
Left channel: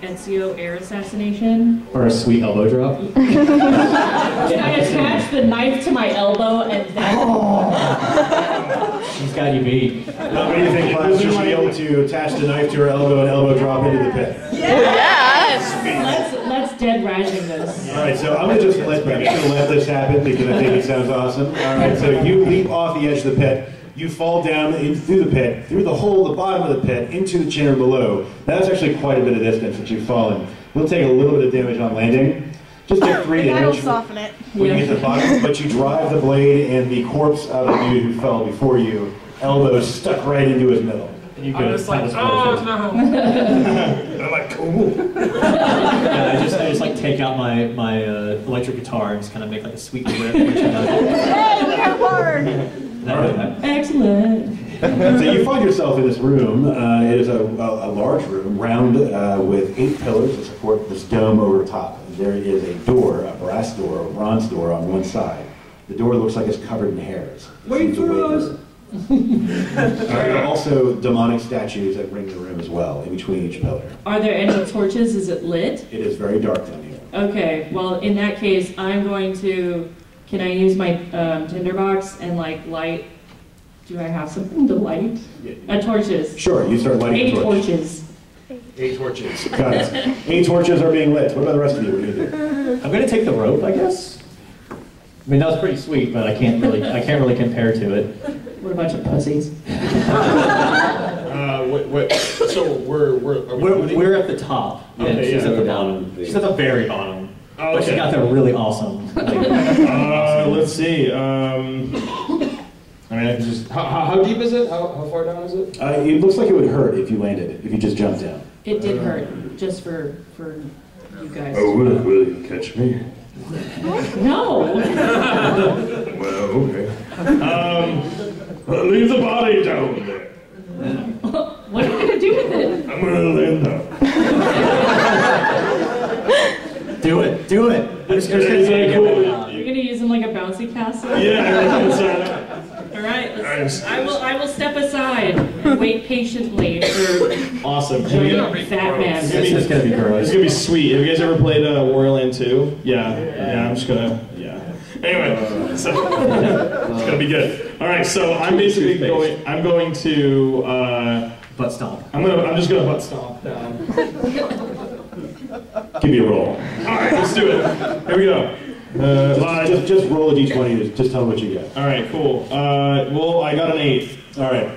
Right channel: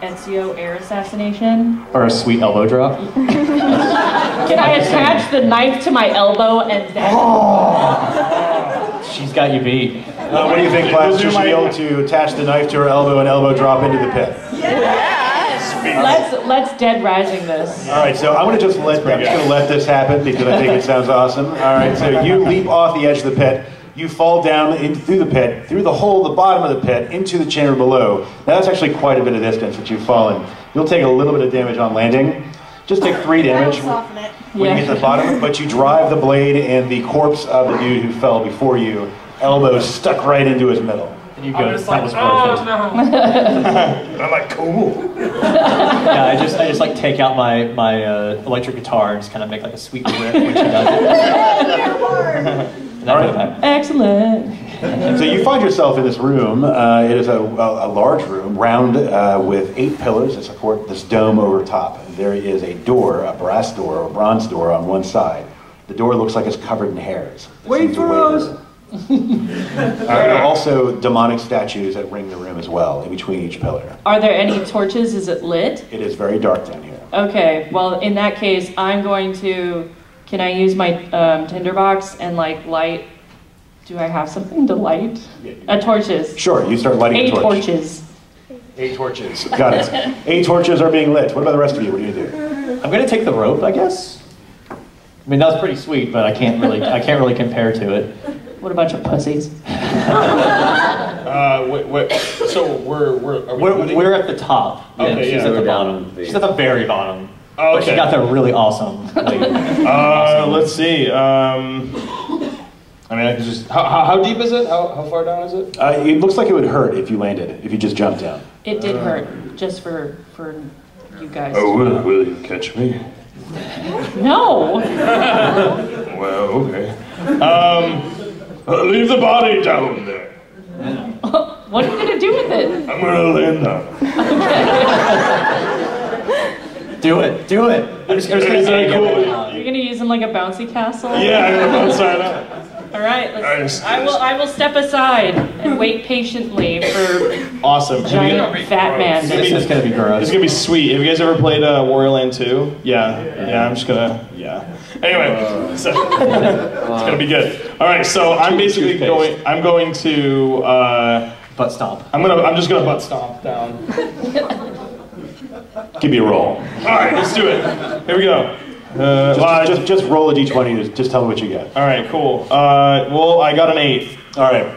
Ezio air assassination? Or a sweet elbow drop. Can I attach the knife to my elbow and then? She's got you beat. What do you think, Klaus? Should she be able to attach the knife to her elbow and elbow drop into the pit? Yes. Let's dead rising this. All right, so I'm going to just let this happen because I think it sounds awesome. All right, so you leap off the edge of the pit. You fall down through the pit, through the hole at the bottom of the pit, into the chamber below. Now that's actually quite a bit of distance that you've fallen. You'll take a little bit of damage on landing. Just take 3 damage Soften it. when you get to the bottom, but you drive the blade and the corpse of the dude who fell before you, elbow stuck right into his middle. And you I'm go, just that like, was oh perfect. no. I'm like, cool. Yeah, I just take out my electric guitar and just kind of make like a sweet riff when she does it. Excellent. So you find yourself in this room. It is a large room, round with 8 pillars to support this dome over top. There is a door, a brass door, or bronze door on one side. The door looks like it's covered in hairs. Wait for us! There are also demonic statues that ring the room as well, in between each pillar. Are there any torches? Is it lit? It is very dark down here. Okay, well, in that case, I'm going to... Can I use my tinderbox and light? Do I have something to light? Torches. Sure, you start lighting 8 a torch. torches. 8 torches. Got it. 8 torches are being lit. What about the rest of you? What are you gonna do? I'm gonna take the rope, I guess. I mean, that was pretty sweet, but I can't really compare to it. What a bunch of pussies. So we're at the top. Okay, she's yeah. at the bottom. She's at the very bottom. Oh, But she okay. got that really awesome. Let's see. I mean, I can just. How deep is it? How far down is it? It looks like it would hurt if you landed, if you just jumped down. It did hurt, just for you guys. Oh, will you catch me? No. Well, okay. Leave the body down there. What are you gonna do with it? I'm gonna land down. Do it. Is that cool? You're gonna use him like a bouncy castle? Yeah, I'm gonna bounce right up. All right. I will step aside and wait patiently for Awesome. giant fat man. This is gonna be gross. It's gonna be sweet. Have you guys ever played Warrior Land 2? Yeah. I'm just gonna. Yeah. Anyway, so it's gonna be good. All right. So I'm basically going. I'm going to butt stomp. I'm just gonna butt stomp down. Give me a roll. All right. Let's do it. Here we go. Just roll a d20. Just tell me what you get. All right. Cool. Well, I got an 8. All right.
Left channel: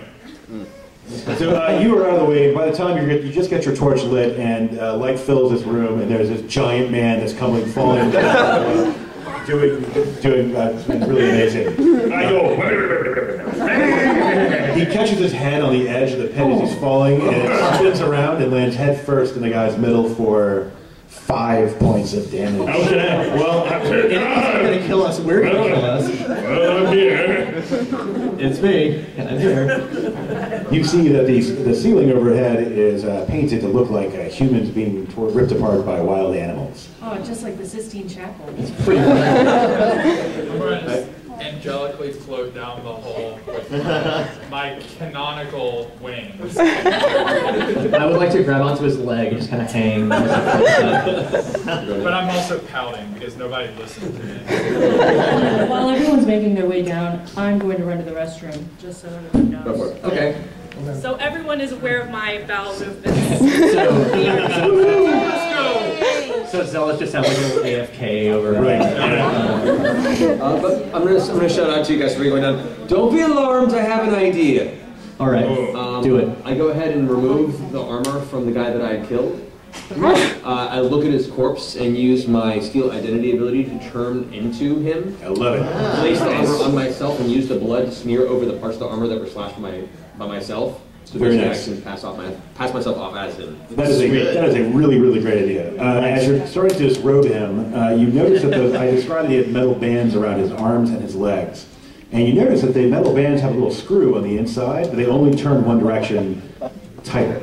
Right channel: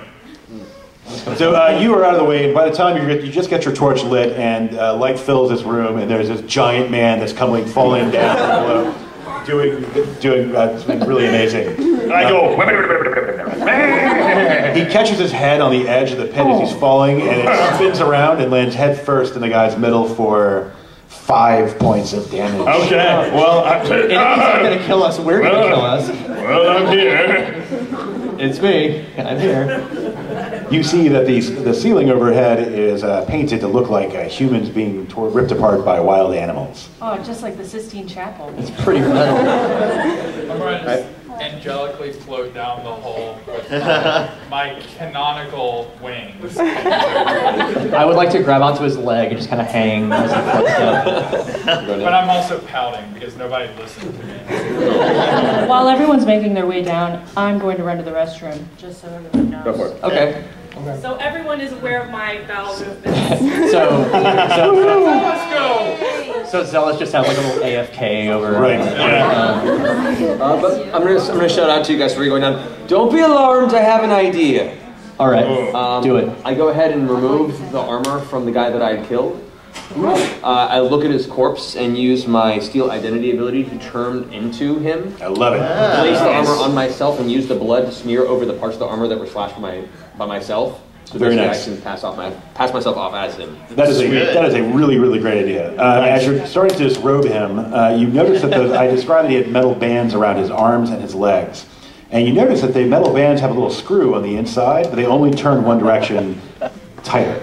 So you are out of the way. By the time you just get your torch lit, and light fills this room, and there's this giant man that's falling down, doing really amazing. I go. He catches his head on the edge of the pit as he's falling, and it spins around and lands head first in the guy's middle for 5 points of damage. Okay. Well, It's not gonna kill us. We're gonna kill us. Well, I'm here. It's me. I'm here. You see that the ceiling overhead is painted to look like humans being ripped apart by wild animals. Oh, just like the Sistine Chapel. It's pretty real. I'm going to just angelically float down the hole with my canonical wings. I would like to grab onto his leg and just kind of hang as he floats up. But I'm also pouting because nobody listened to me. While everyone's making their way down, I'm going to run to the restroom, just so everyone knows. Go for it. Okay. So everyone is aware of my bowel movements. So Zealous just have like a little AFK over. Right. But I'm gonna shout out to you guys before you're going down. Don't be alarmed. I have an idea. All right. Do it. I go ahead and remove the armor from the guy that I killed. I look at his corpse and use my steal identity ability to turn into him. I love it. Place the armor on myself and use the blood to smear over the parts of the armor that were slashed by myself. So Very basically nice. I can pass myself off as him. That is a really, really great idea. As you're starting to disrobe him, you notice that I described that he had metal bands around his arms and his legs. And you notice that the metal bands have a little screw on the inside, but they only turn one direction tighter.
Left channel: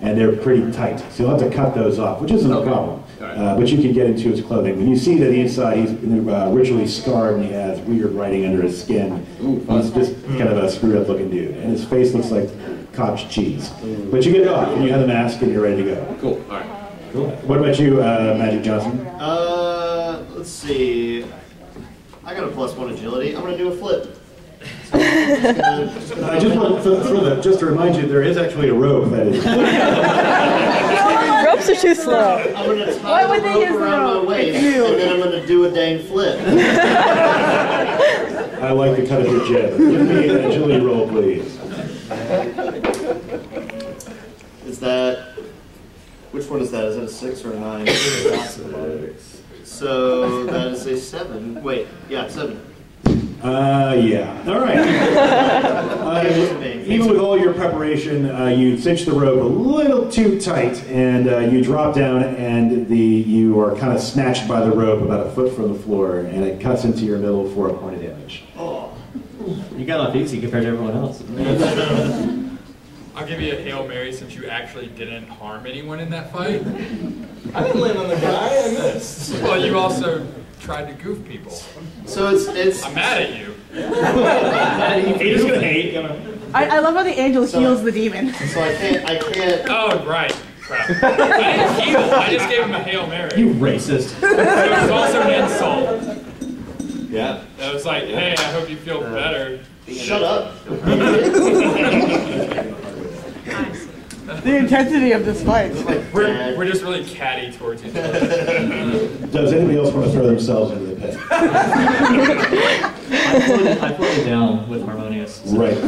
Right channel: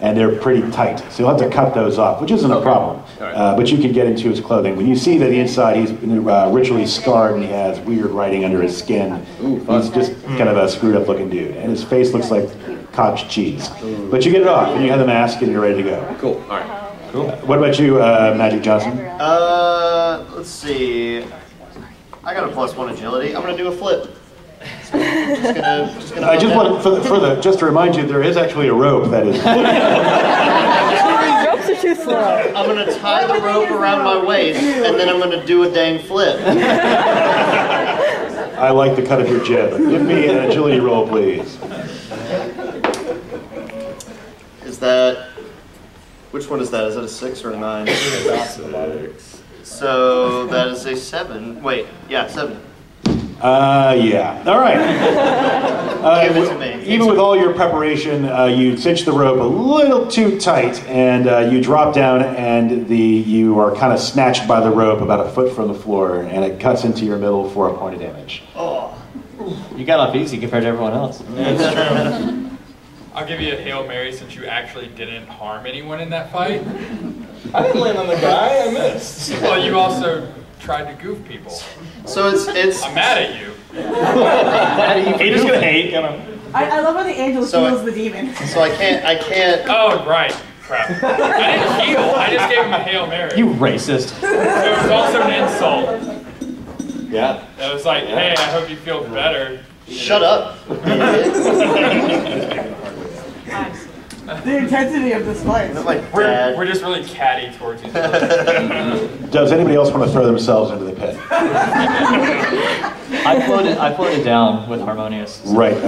And they're pretty tight. So you'll have to cut those off, which isn't a problem. Right. But you can get into his clothing. When you see that the inside he's ritually scarred and he has weird writing under his skin, he's just kind of a screwed up looking dude. And his face looks like cottage cheese. But you get it off and you have the mask and you're ready to go. Cool. All right. Cool. What about you, Magic Johnson? Let's see. I got a +1 agility. I'm gonna do a flip. So I just want just to remind you, there is actually a rope that is. Ropes are too slow. I'm gonna tie the rope around my waist, and then I'm gonna do a dang flip. I like the cut of your jib. Give me an agility roll, please. Is that? Which one is that? Is that a 6 or a 9? So that is a 7. Wait, yeah, 7. Yeah. All right. Even with all your preparation, you cinch the rope a little too tight, and you drop down, and you are kind of snatched by the rope about a foot from the floor, and it cuts into your middle for a point of damage. Oh. You got off easy compared to everyone else. I'll give you a Hail Mary since you actually didn't harm anyone in that fight. I didn't land on the guy. I missed. Well, you also tried to goof people. So it's. I'm mad at you. He just gonna hate, you know. I love how the angel heals the demon. So I can't. Oh, right. Crap. I didn't heal. I just gave him a Hail Mary. You racist. So it was also an insult. Yeah. That was like, hey, I hope you feel better. Shut up. The intensity of this fight. We're just really catty towards each other. Does anybody else want to throw themselves into the pit? I floated down with Harmonious. So. Right.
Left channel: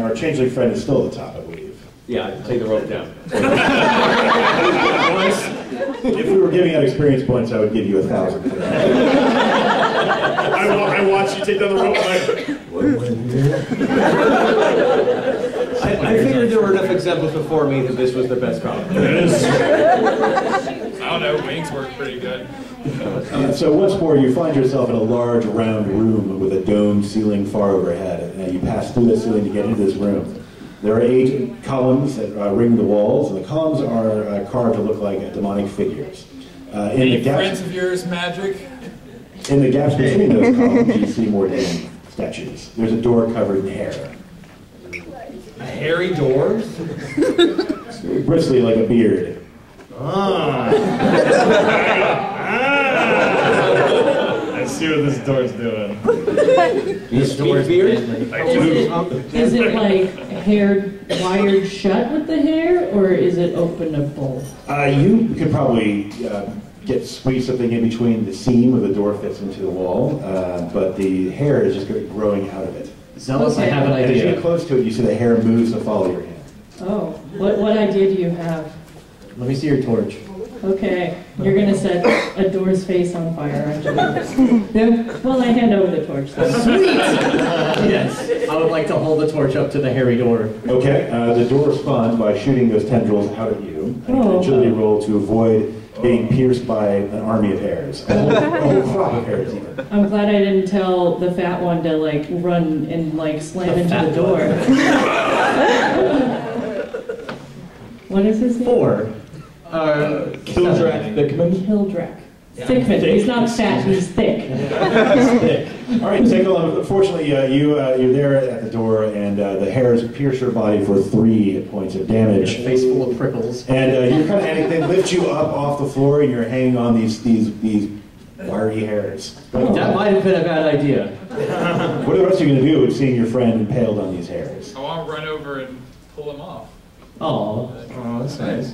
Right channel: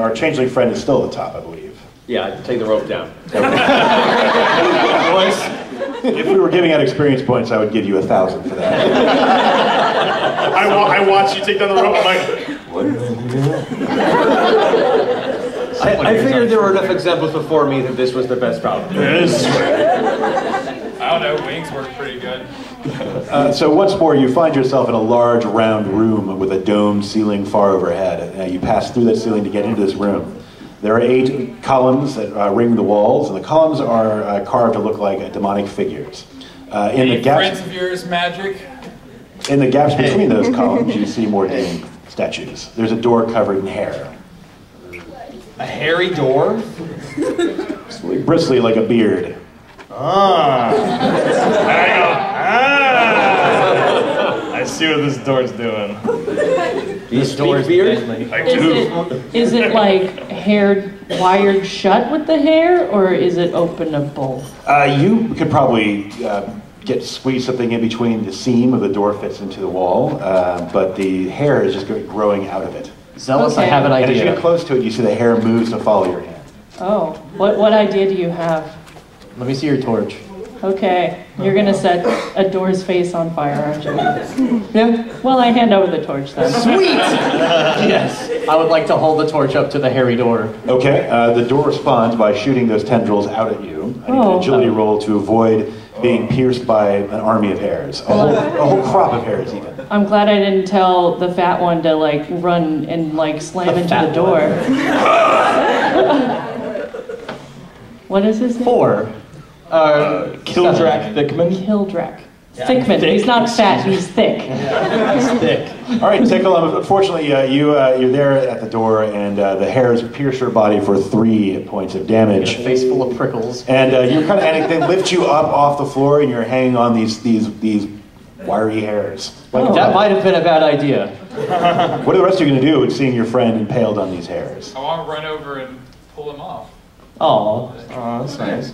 Our changeling friend is still at the top, I believe. Yeah, take the rope down. If we were giving out experience points, I would give you 1,000 for that. I watch you take down the rope. I'm like, I figured there were enough examples before me that this was the best route. I don't know, wings work pretty good. So once more, you find yourself in a large round room with a domed ceiling far overhead. You pass through that ceiling to get into this room. There are 8 columns that ring the walls, and the columns are carved to look like demonic figures. Any friends of yours, magic? In the gaps between those columns, you see more demon statues. There's a door covered in hair. a hairy door? Bristly like a beard. Ah. I see what this door's doing. This door's beard? Is it like hair wired shut with the hair, or is it openable? You could probably squeeze something in between the seam of the door fits into the wall, but the hair is just growing out of it. Zealous, Okay. I have an And as idea. you get close to it, you see the hair moves to follow your hand. Oh, what idea do you have? Let me see your torch. Okay, you're gonna set a door's face on fire, aren't you? Yeah. Well, I hand over the torch then. Sweet! Yes. I would like to hold the torch up to the hairy door. Okay, the door responds by shooting those tendrils out at you. I need an agility roll to avoid being pierced by an army of hairs. A whole crop of hairs, even. I'm glad I didn't tell the fat one to like run and like slam into the door. What is his name? 4. Kildrak Thickman. Kildrak. Yeah. Thickman. Thick. He's not fat, he's thick. Thick. All right, Tickle, unfortunately, you're there at the door, and the hairs pierce your body for 3 points of damage. Your face full of prickles. And you're kind of, and they lift you up off the floor, and you're hanging on these wiry hairs. Like, that might have been a bad idea. What are the rest of you going to do with seeing your friend impaled on these hairs? I want to run over and pull him off. Oh, that's nice.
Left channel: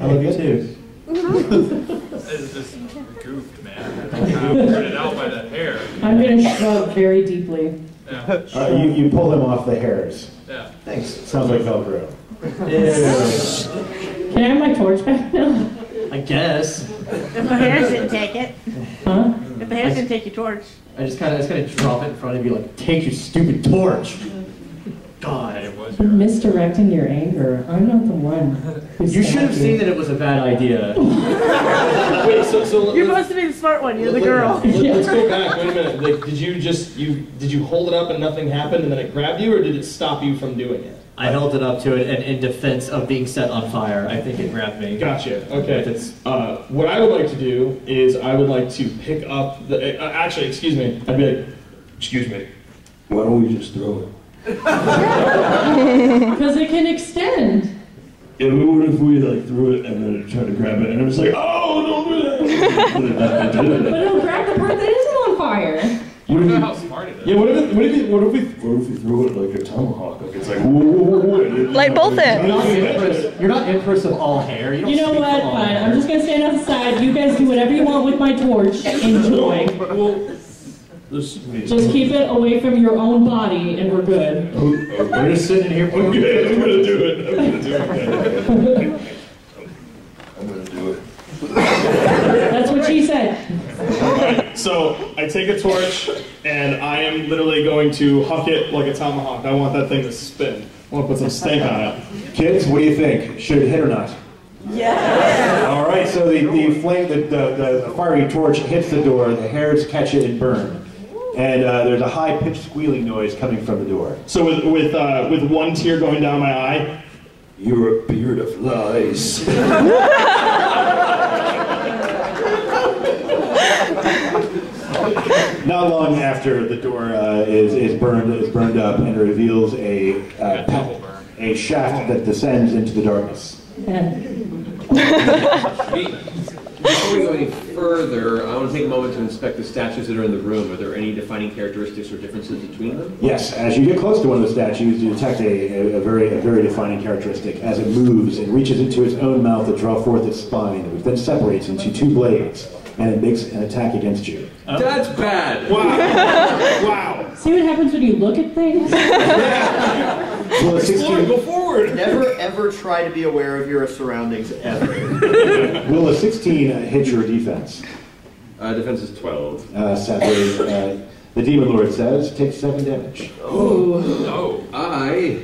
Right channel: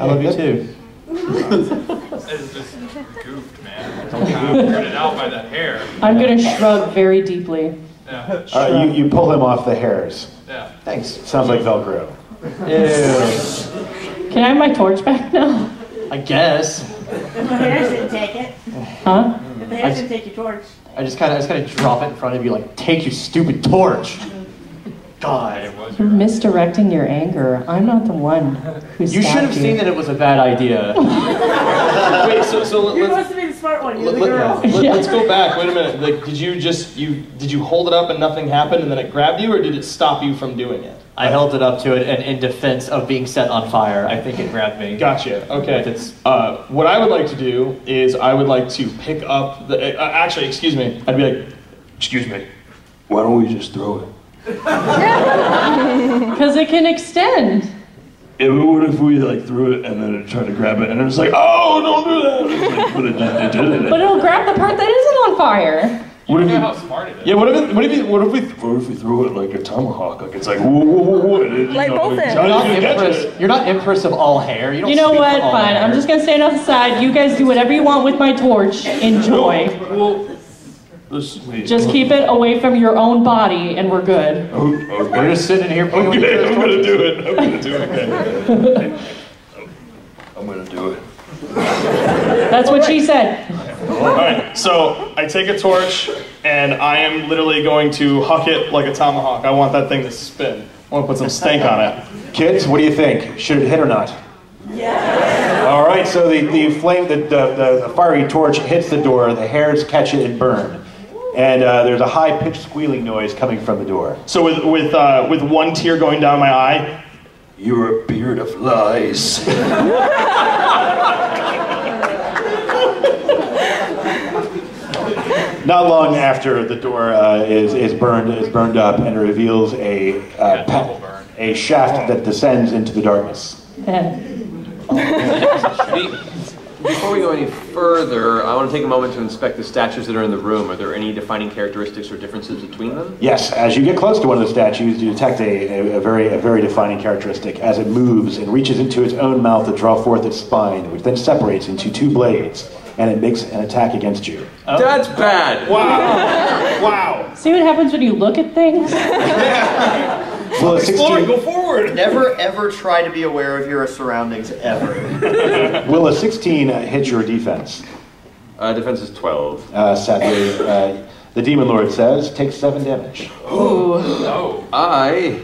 I love you too. It's just goofed, man. I'm kind of weirded out by that hair. I'm gonna shrug very deeply. Yeah. You pull him off the hairs. Yeah. Thanks. Sounds like Velcro. Can I have my torch back now? I guess. If the hairs didn't take it. Huh? If the hairs didn't take your torch. I just kind of drop it in front of you, like, take your stupid torch. God. You're misdirecting your anger. I'm not the one who You should have seen that it was a bad idea. Wait, so You're supposed to be the smart one. You're the girl. Let's go back. Wait a minute. Like, did you hold it up and nothing happened, and then it grabbed you, or did it stop you from doing it? I held it up to it, and in defense of being set on fire, I think it grabbed me. Gotcha. Okay. What I would like to do is I would like to pick up the. Actually, excuse me. I'd be like, excuse me. Why don't we just throw it? Because it can extend. Yeah, but what if we like threw it and then it tried to grab it and it was like, oh, don't do that. But it did. But it'll grab the part that isn't on fire. You don't know how smart it is. Yeah, what if we threw it like a tomahawk? Like it's like whoa. Like both ends. You're not empress of all hair. You know what? Fine. I'm just gonna stand outside. You guys do whatever you want with my torch. Enjoy. Well, Just keep it away from your own body, and we're good. We're just sitting here. Okay, I'm gonna do it. I'm gonna do it. That's what she said. Alright, so I take a torch and I am literally going to huck it like a tomahawk. I want that thing to spin. I want to put some stank on it. Kids, what do you think? Should it hit or not? Yeah. All right, so the flame, the fiery torch hits the door, the hairs catch it and burn. And there's a high-pitched squealing noise coming from the door. So with one tear going down my eye, you're a beard of lies. Not long after the door is burned up and reveals a shaft that descends into the darkness. Before we go any further, I want to take a moment to inspect the statues that are in the room. Are there any defining characteristics or differences between them? Yes, as you get close to one of the statues, you detect a very defining characteristic as it moves and reaches into its own mouth to draw forth its spine, which then separates into 2 blades, and it makes an attack against you. Oh. That's bad. Wow. See what happens when you look at things? Will a Explore, 16 go forward. Never ever try to be aware of your surroundings ever. Will a 16 hit your defense? Defense is 12. Sadly, the Demon Lord says, take 7 damage. Oh. Oh. I...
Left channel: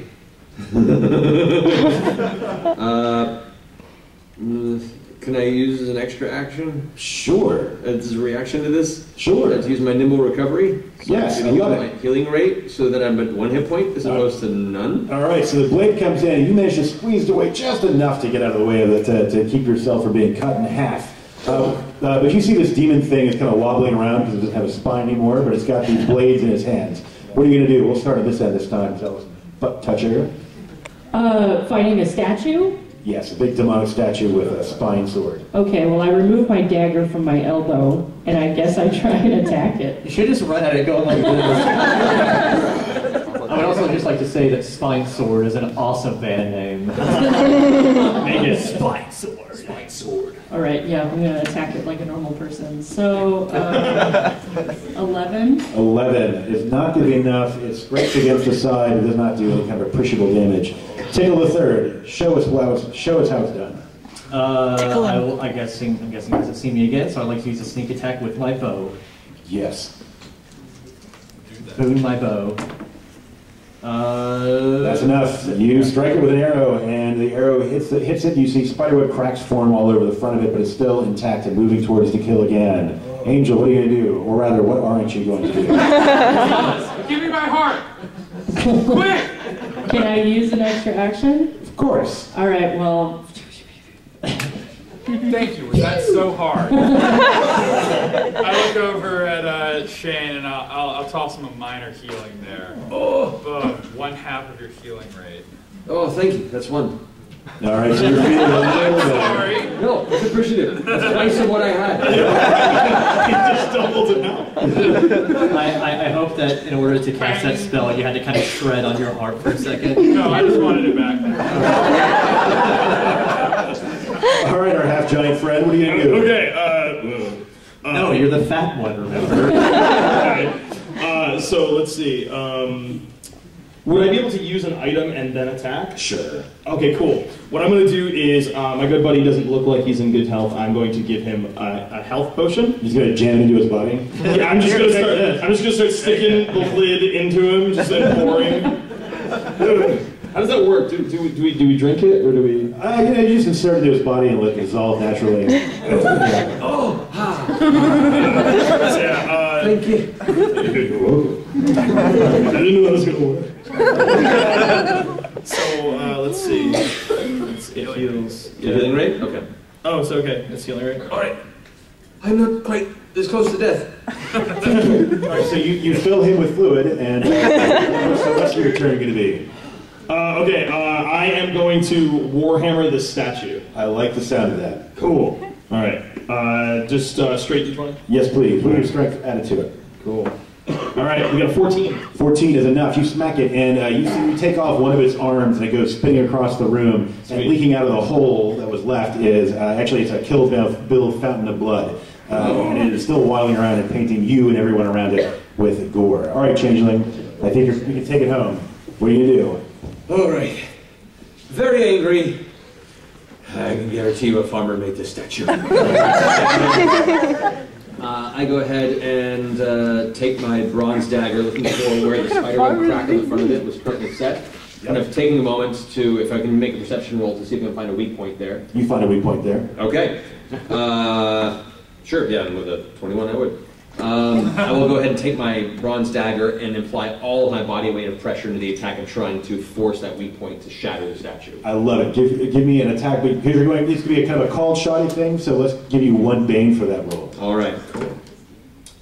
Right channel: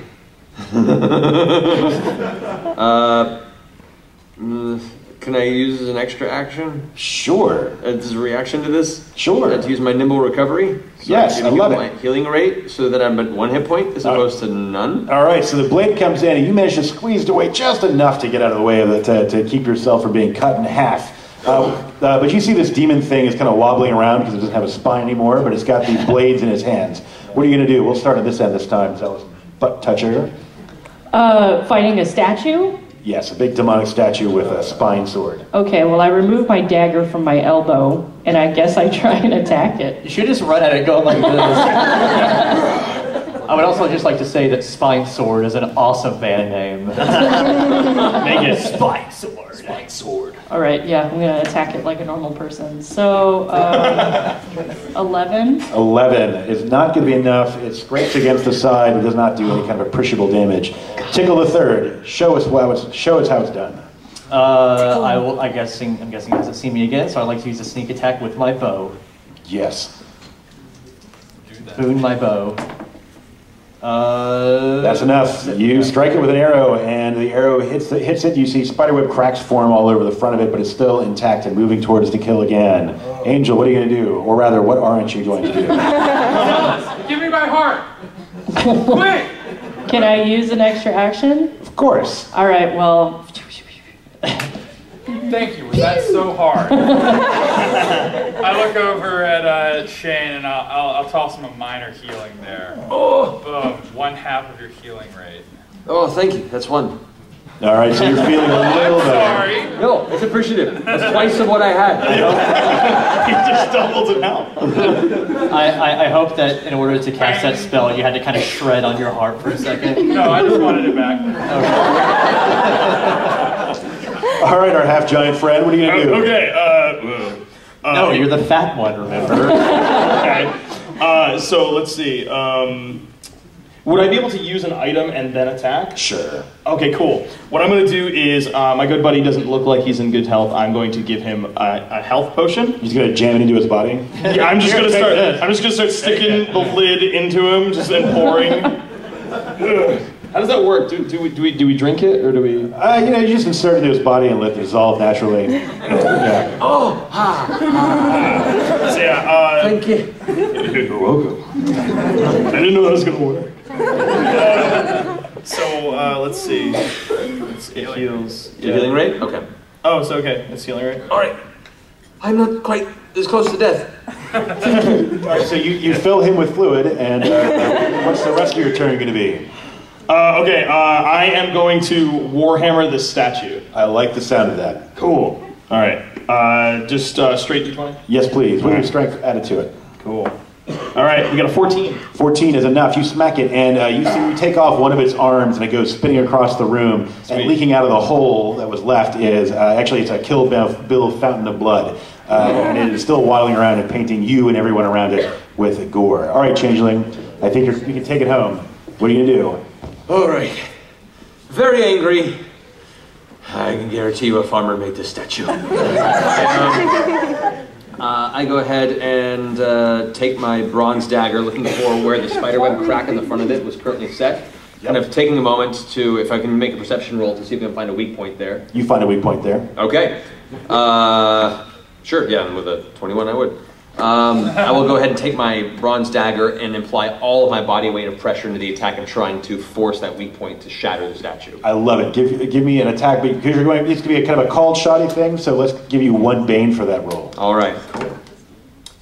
can I use as an extra action? Sure. As a reaction to this? Sure. To use my nimble recovery? So Yes, I love it. My healing rate so that I'm at 1 hit point as opposed to none? All right, so the blade comes in, and you manage to squeeze it away just enough to get out of the way of it to keep yourself from being cut in half. But you see this demon thing is kind of wobbling around because it doesn't have a spine anymore, but it's got these blades in its hands. What are you going to do? We'll start at this end this time. So, butt toucher. Fighting a statue? Yes, a big demonic statue with a spine sword. Okay, well, I remove my dagger from my elbow, and I guess I try and attack it. You should just run at it going like this. I would also just like to say that Spine Sword is an awesome band name. Make it Spine Sword. Spine Sword. All right, yeah, I'm going to attack it like a normal person. So, 11. 11 is not going to be enough. It scrapes against the side and does not do any kind of appreciable damage. Tickle the third. Show us how it's done. I'm guessing he hasn't seen me again, so I'd like to use a sneak attack with my bow. Yes. Boon my bow. That's enough. You strike it with an arrow, and the arrow hits it. You see spiderweb cracks form all over the front of it, but it's still intact and moving towards to kill again. Angel, what are you going to do? Or rather, what aren't you going to do? Give me my heart! Quick! Can I use an extra action? Of course. All right, well... Thank you. Was that so hard? I look over at Shane and I'll toss him a minor healing there. Oh! Boom. 1/2 of your healing rate. Oh, thank you. That's 1. All right, so you're feeling a little better. Sorry. No, it's appreciative. That's twice of what I had. He just doubled it out. I hope that in order to cast that spell, you had to kind of shred on your heart for a second. No, I just wanted it back. All right, our half-giant friend, what are you going to do? Okay, no, you're the fat one, remember? Okay. So let's see. Would I be able to use an item and then attack? Sure. Okay, cool. What I'm going to do is, my good buddy doesn't look like he's in good health. I'm going to give him a health potion. He's going to jam it into his body? Yeah, I'm just going to start sticking the lid into him, just and pouring. How does that work? Do we drink it or do we? You just insert it into his body and let it dissolve naturally. Yeah. Oh! So, yeah, thank you. You're welcome. I didn't know that was going to work. So, let's see. It heals. Your healing rate? Okay. Oh, so okay. It's healing rate? Alright. I'm not quite as close to death. All right, so you fill him with fluid, and what's the rest of your turn going to be? Okay, I am going to Warhammer the statue. I like the sound of that. Cool. All right. Just straight D20? Yes, please. With your strength added to it. Cool. All right, we got a 14. 14 is enough. You smack it, and you see you take off one of its arms, and it goes spinning across the room. Sweet. And leaking out of the hole that was left is actually it's a Kill Bill fountain of blood, and it is still waddling around and painting you and everyone around it with gore. All right, Changeling, I think you can take it home. What are you gonna do? All right. Very angry. I can guarantee you a farmer made this statue. I go ahead and take my bronze dagger, looking for where the spiderweb crack in the front of it was currently set. Kind of taking a moment to, if I can make a perception roll to see if I can find a weak point there. You find a weak point there. Okay. Sure, yeah, and with a 21 I would. I will go ahead and take my bronze dagger and apply all of my body weight and pressure into the attack and trying to force that weak point to shatter the statue. I love it. Give me an attack, because you're going. It's going to be a kind of a called shotty thing. So let's give you 1 bane for that roll. All right. Cool.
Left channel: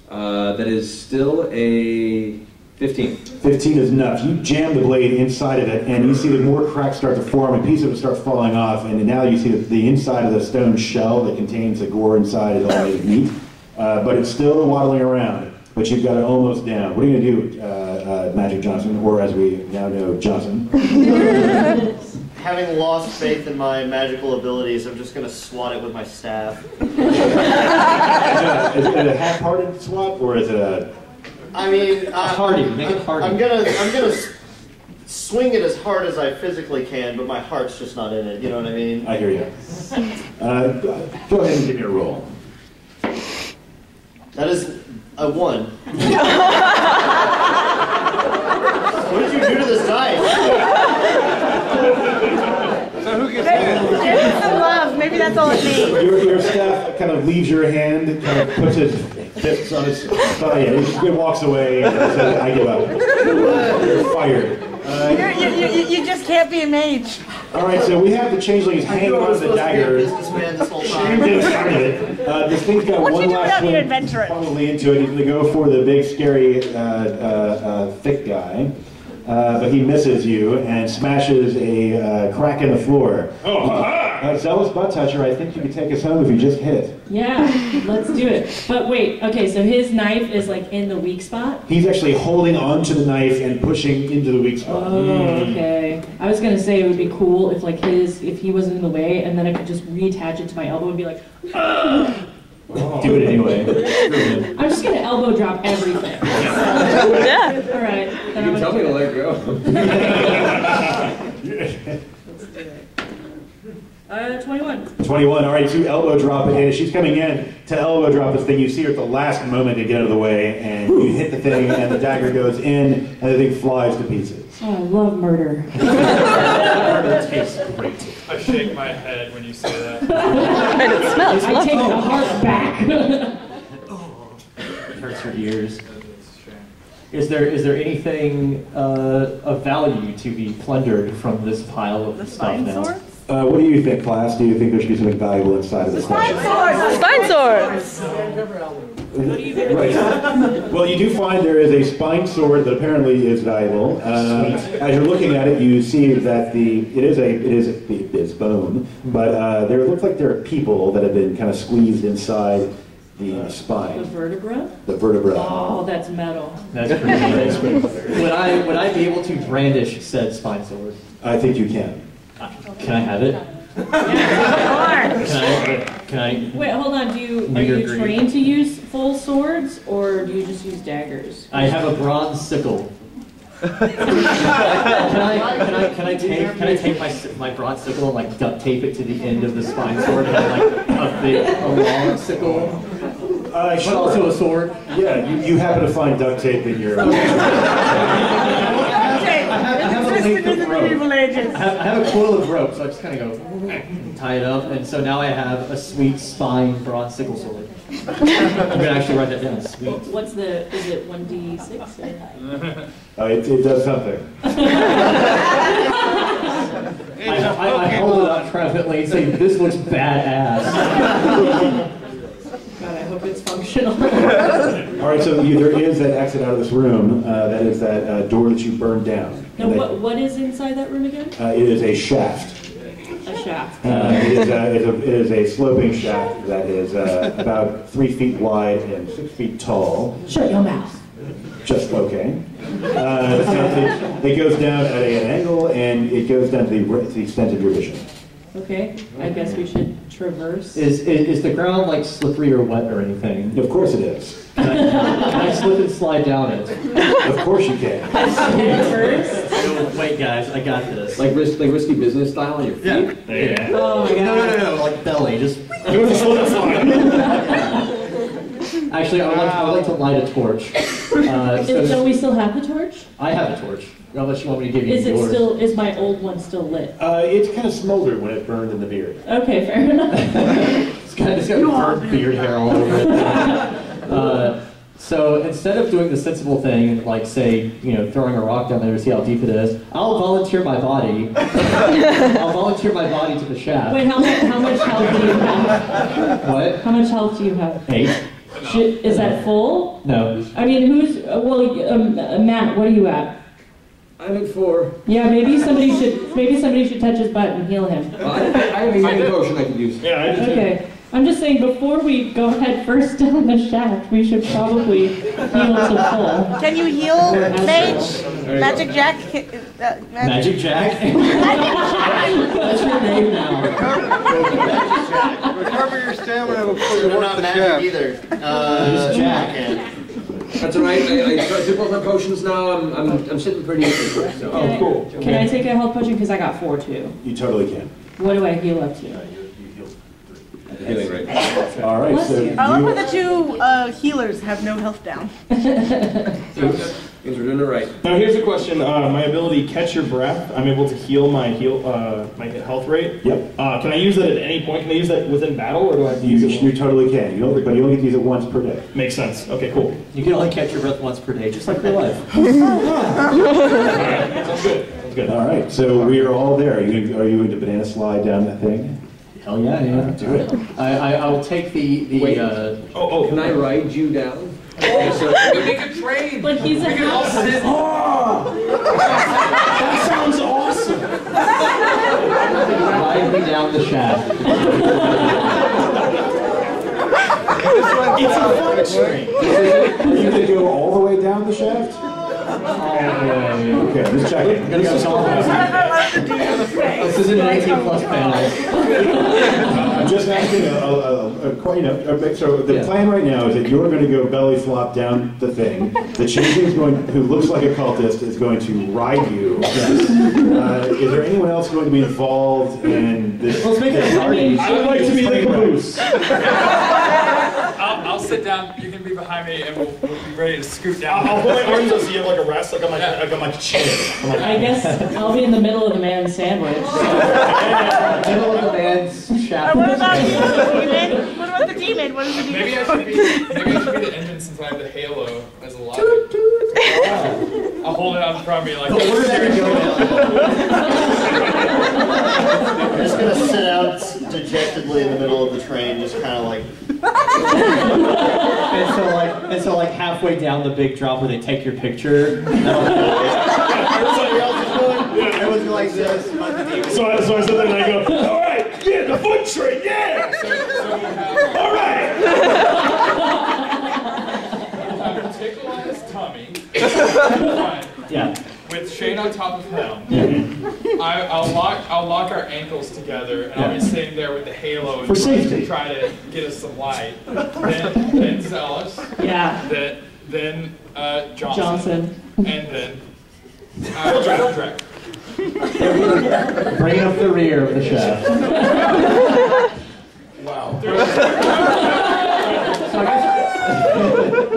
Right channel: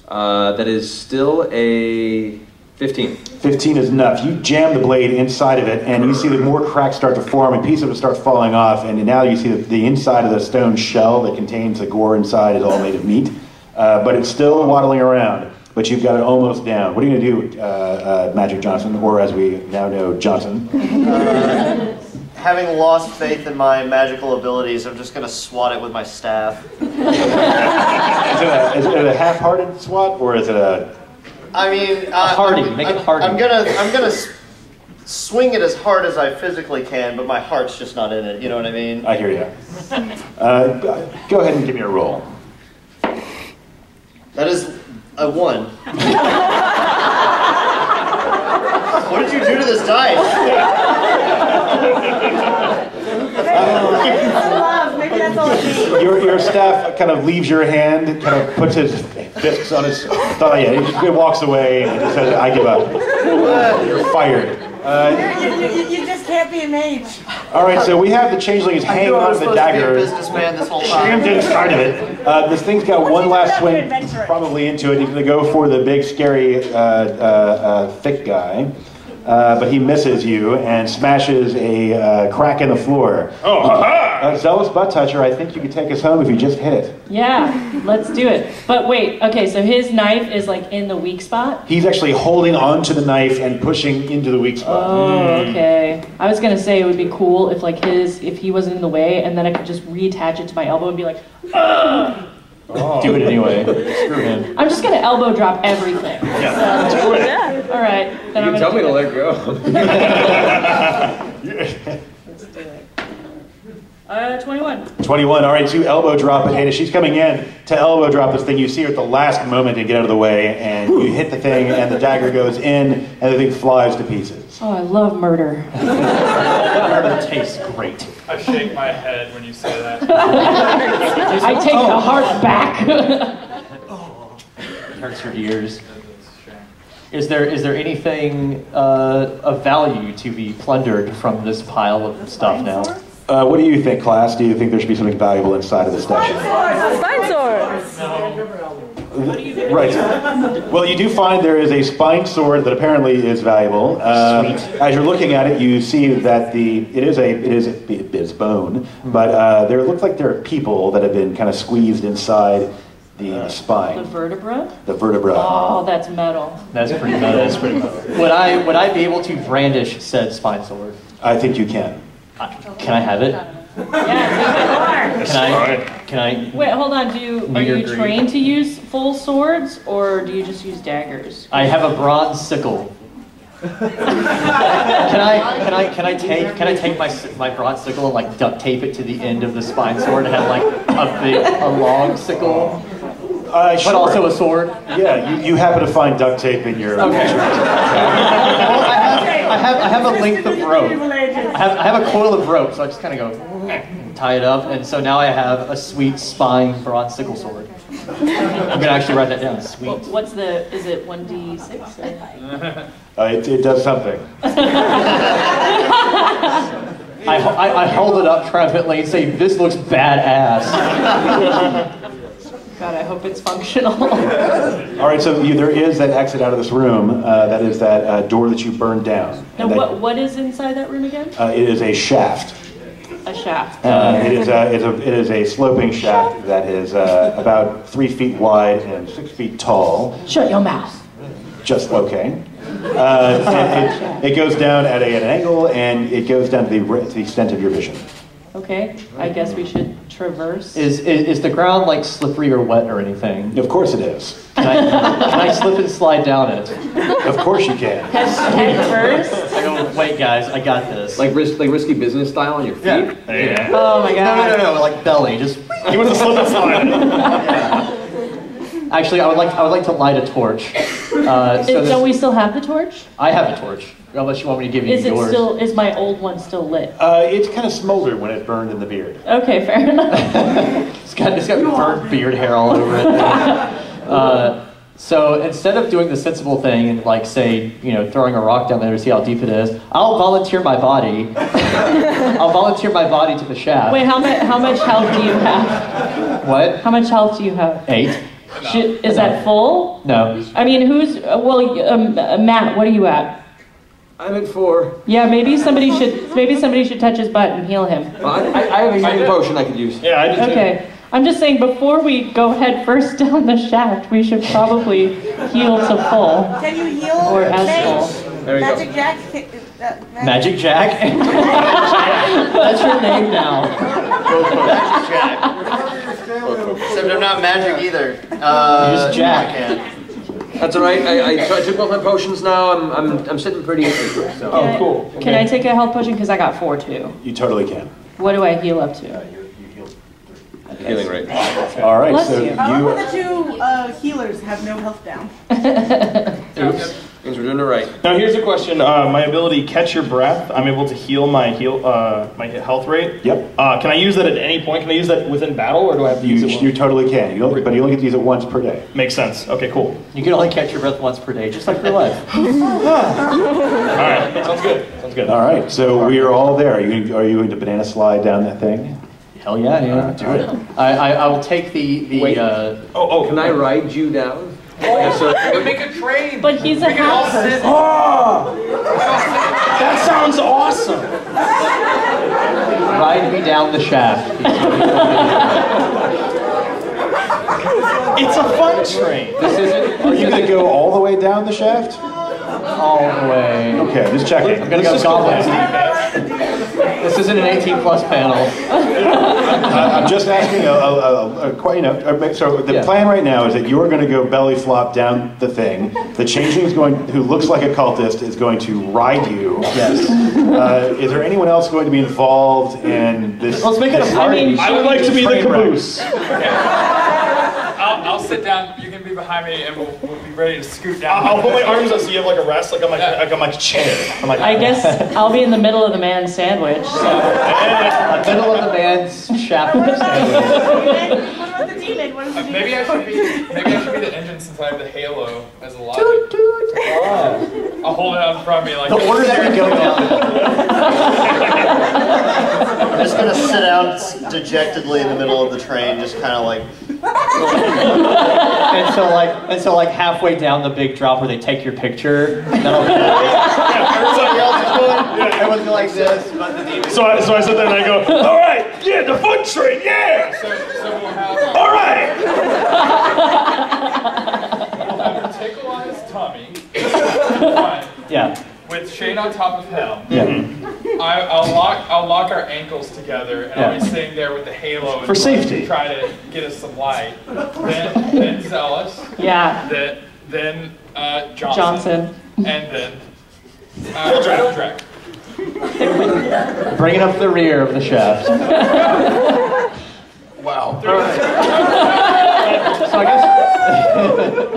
That is still a 15. 15 is enough. You jam the blade inside of it, and you see that more cracks start to form, and pieces of it start falling off. And now you see that the inside of the stone shell that contains the gore inside is all made of meat. But it's still waddling around, but you've got it almost down. What are you going to do, Magic Johnson, or as we now know, Johnson? Having lost faith in my magical abilities, I'm just going to swat it with my staff. Is it a half-hearted swat, or is it a... I mean... Make it hardy. I'm gonna swing it as hard as I physically can, but my heart's just not in it, you know what I mean? I hear you. Go ahead and give me a roll. That is a 1. What did you do to this dice? Maybe some love. Maybe that's all it needs. Your staff kind of leaves your hand, kind of puts his fists on his thigh, and he walks away and says, "I give up. You're fired." You just can't be a mage. All right, so we have the changeling is hanging on to the dagger. Businessman this whole time. Scram didn't start it. This thing's got one last swing, probably into it. He's going to go for the big, scary, thick guy. But he misses you and smashes a crack in the floor. Oh, ha-ha! Zealous butt toucher, I think you could take us home if you just hit it. Yeah, let's do it. But wait, okay, so his knife is like in the weak spot? He's actually holding onto the knife and pushing into the weak spot. Oh, okay. I was gonna say it would be cool if like if he wasn't in the way, and then I could just reattach it to my elbow and be like, ugh! Oh. Do it anyway. I'm just gonna elbow drop everything. So, Yeah. all right. Then You can tell me to let go. Let's do it. 21. 21. All right, so you elbow drop it. And as she's coming in to elbow drop this thing, you see her at the last moment to get out of the way, and you hit the thing, and the dagger goes in, and the thing flies to pieces. Oh, I love murder. Murder tastes great. I shake my head when you say that. I take the heart back. It hurts your ears. Is there anything of value to be plundered from this pile of stuff now? What do you think, class? Do you think there should be something valuable inside of this station? Spine swords! Right. Well, you do find there is a spine sword that apparently is valuable. As you're looking at it, you see that it is bone, but there looks like there are people that have been kind of squeezed inside the spine. The vertebra? The vertebra. Oh, that's metal. That's pretty good. That's pretty good. Would I be able to brandish said spine sword? I think you can. Can I have it? Can I? Wait, hold on. Are you trained to use full swords, or do you just use daggers? I have a bronze sickle. Can I take my bronze sickle and like duct tape it to the end of the spine sword and have like a long sickle? But Sure. also a sword? Yeah, you happen to find duct tape in your... Okay. I have a length of rope. I have a coil of rope, so I just kind of go, tie it up, and so now I have a sweet spine bronze sickle sword. I'm going to actually write that down, sweet. Is it 1d6? It does something. I hold it up triumphantly and say, this looks badass. God, I hope it's functional. All right, so there is that exit out of this room. That is that door that you burned down. And what is inside that room again? It is a shaft. A shaft. It is a sloping shaft that is about 3 feet wide and 6 feet tall. Shut your mouth. Just okay. It goes down at an angle, and it goes down to the extent of your vision. Okay, I guess we should traverse. Is the ground like slippery or wet or anything? Of course it is. Can I slip and slide down it? Of course you can. First? I go, wait guys, I got this. Like risky business style on your feet? Yeah. Oh my god. No, like belly, just... You want to slip and slide. Actually, I would like to light a torch. Don't we still have the torch? I have a torch. Unless you want me to give you yours. Is my old one still lit? It's kind of smoldered when it burned in the beard. Okay, fair enough. It's got burnt beard hair all over it. So instead of doing the sensible thing, like say, throwing a rock down there to see how deep it is, I'll volunteer my body. I'll volunteer my body to the shaft. Wait, how much health do you have? What? How much health do you have? 8. Is that full? No. I mean, Matt, what are you at? I'm at 4. Yeah, maybe somebody should touch his butt and heal him. I have a healing potion I could use. Yeah, I did too. Okay. I'm just saying, before we go head first down the shaft, we should probably heal to full. Can you heal, Mage? Magic Jack? Magic Jack? That's your name now. Magic Jack. Recover your stamina. Except I'm not magic either. Just Jack. That's all right. I took both my potions now. I'm sitting pretty easy. So. Oh, cool. Can I take a health potion? Because I got 4 too. You totally can. What do I heal up to? You heal 3. Healing rate. All right, Bless so you. I love how the two healers have no health down. Oops. Means we're doing it right. Now here's a question. My ability Catch Your Breath, I'm able to heal my health rate. Yep. Can I use that at any point? Can I use that within battle, or do I have to use it? You totally can. But you only get to use it once per day. Makes sense. Okay, cool. You can only catch your breath once per day, just like your life. All right, sounds good. Sounds good. All right, so we are all there. Are you going to banana slide down that thing? Hell yeah, Do it. I will take the Wait. Can I ride you down? We make a train. But he's a house. That sounds awesome. Ride me down the shaft. It's a fun train. Are you going to go all the way down the shaft? All the way. Okay, just checking. I'm gonna go This isn't an 18 plus panel. I'm just asking so the plan right now is that you're going to go belly flop down the thing. The changeling who looks like a cultist is going to ride you. Yes. Is there anyone else going to be involved in this? Let's make it a party. I would like to be the caboose. I'll sit down. You can be behind me, and we'll be ready to scoot down. I'll put my arms up so you have like a rest, like on my chair. I guess I'll be in the middle of the man's sandwich. Middle of the man's shaft. What about the demon? What about the demon? What is the demon? Maybe I should be the engine since I have the halo as a logic. I'll hold it out in front of me like. The order that we go down. I'm just gonna sit out dejectedly in the middle of the train, just kind of like. and so like halfway down the big drop where they take your picture. Everybody else is going. Everyone's like this. So I sit there and I go, all right, yeah, the foot train, yeah. So we'll have. All right. We'll have a tickle on his tummy. Fine. Yeah. With Shane on top of him. Yeah. I'll lock our ankles together, and I'll be sitting there with the halo for safety. To try to get us some light. Then Zealous. Yeah. Then Johnson. And then Delage. Bringing up the rear of the shaft. Wow. So I guess.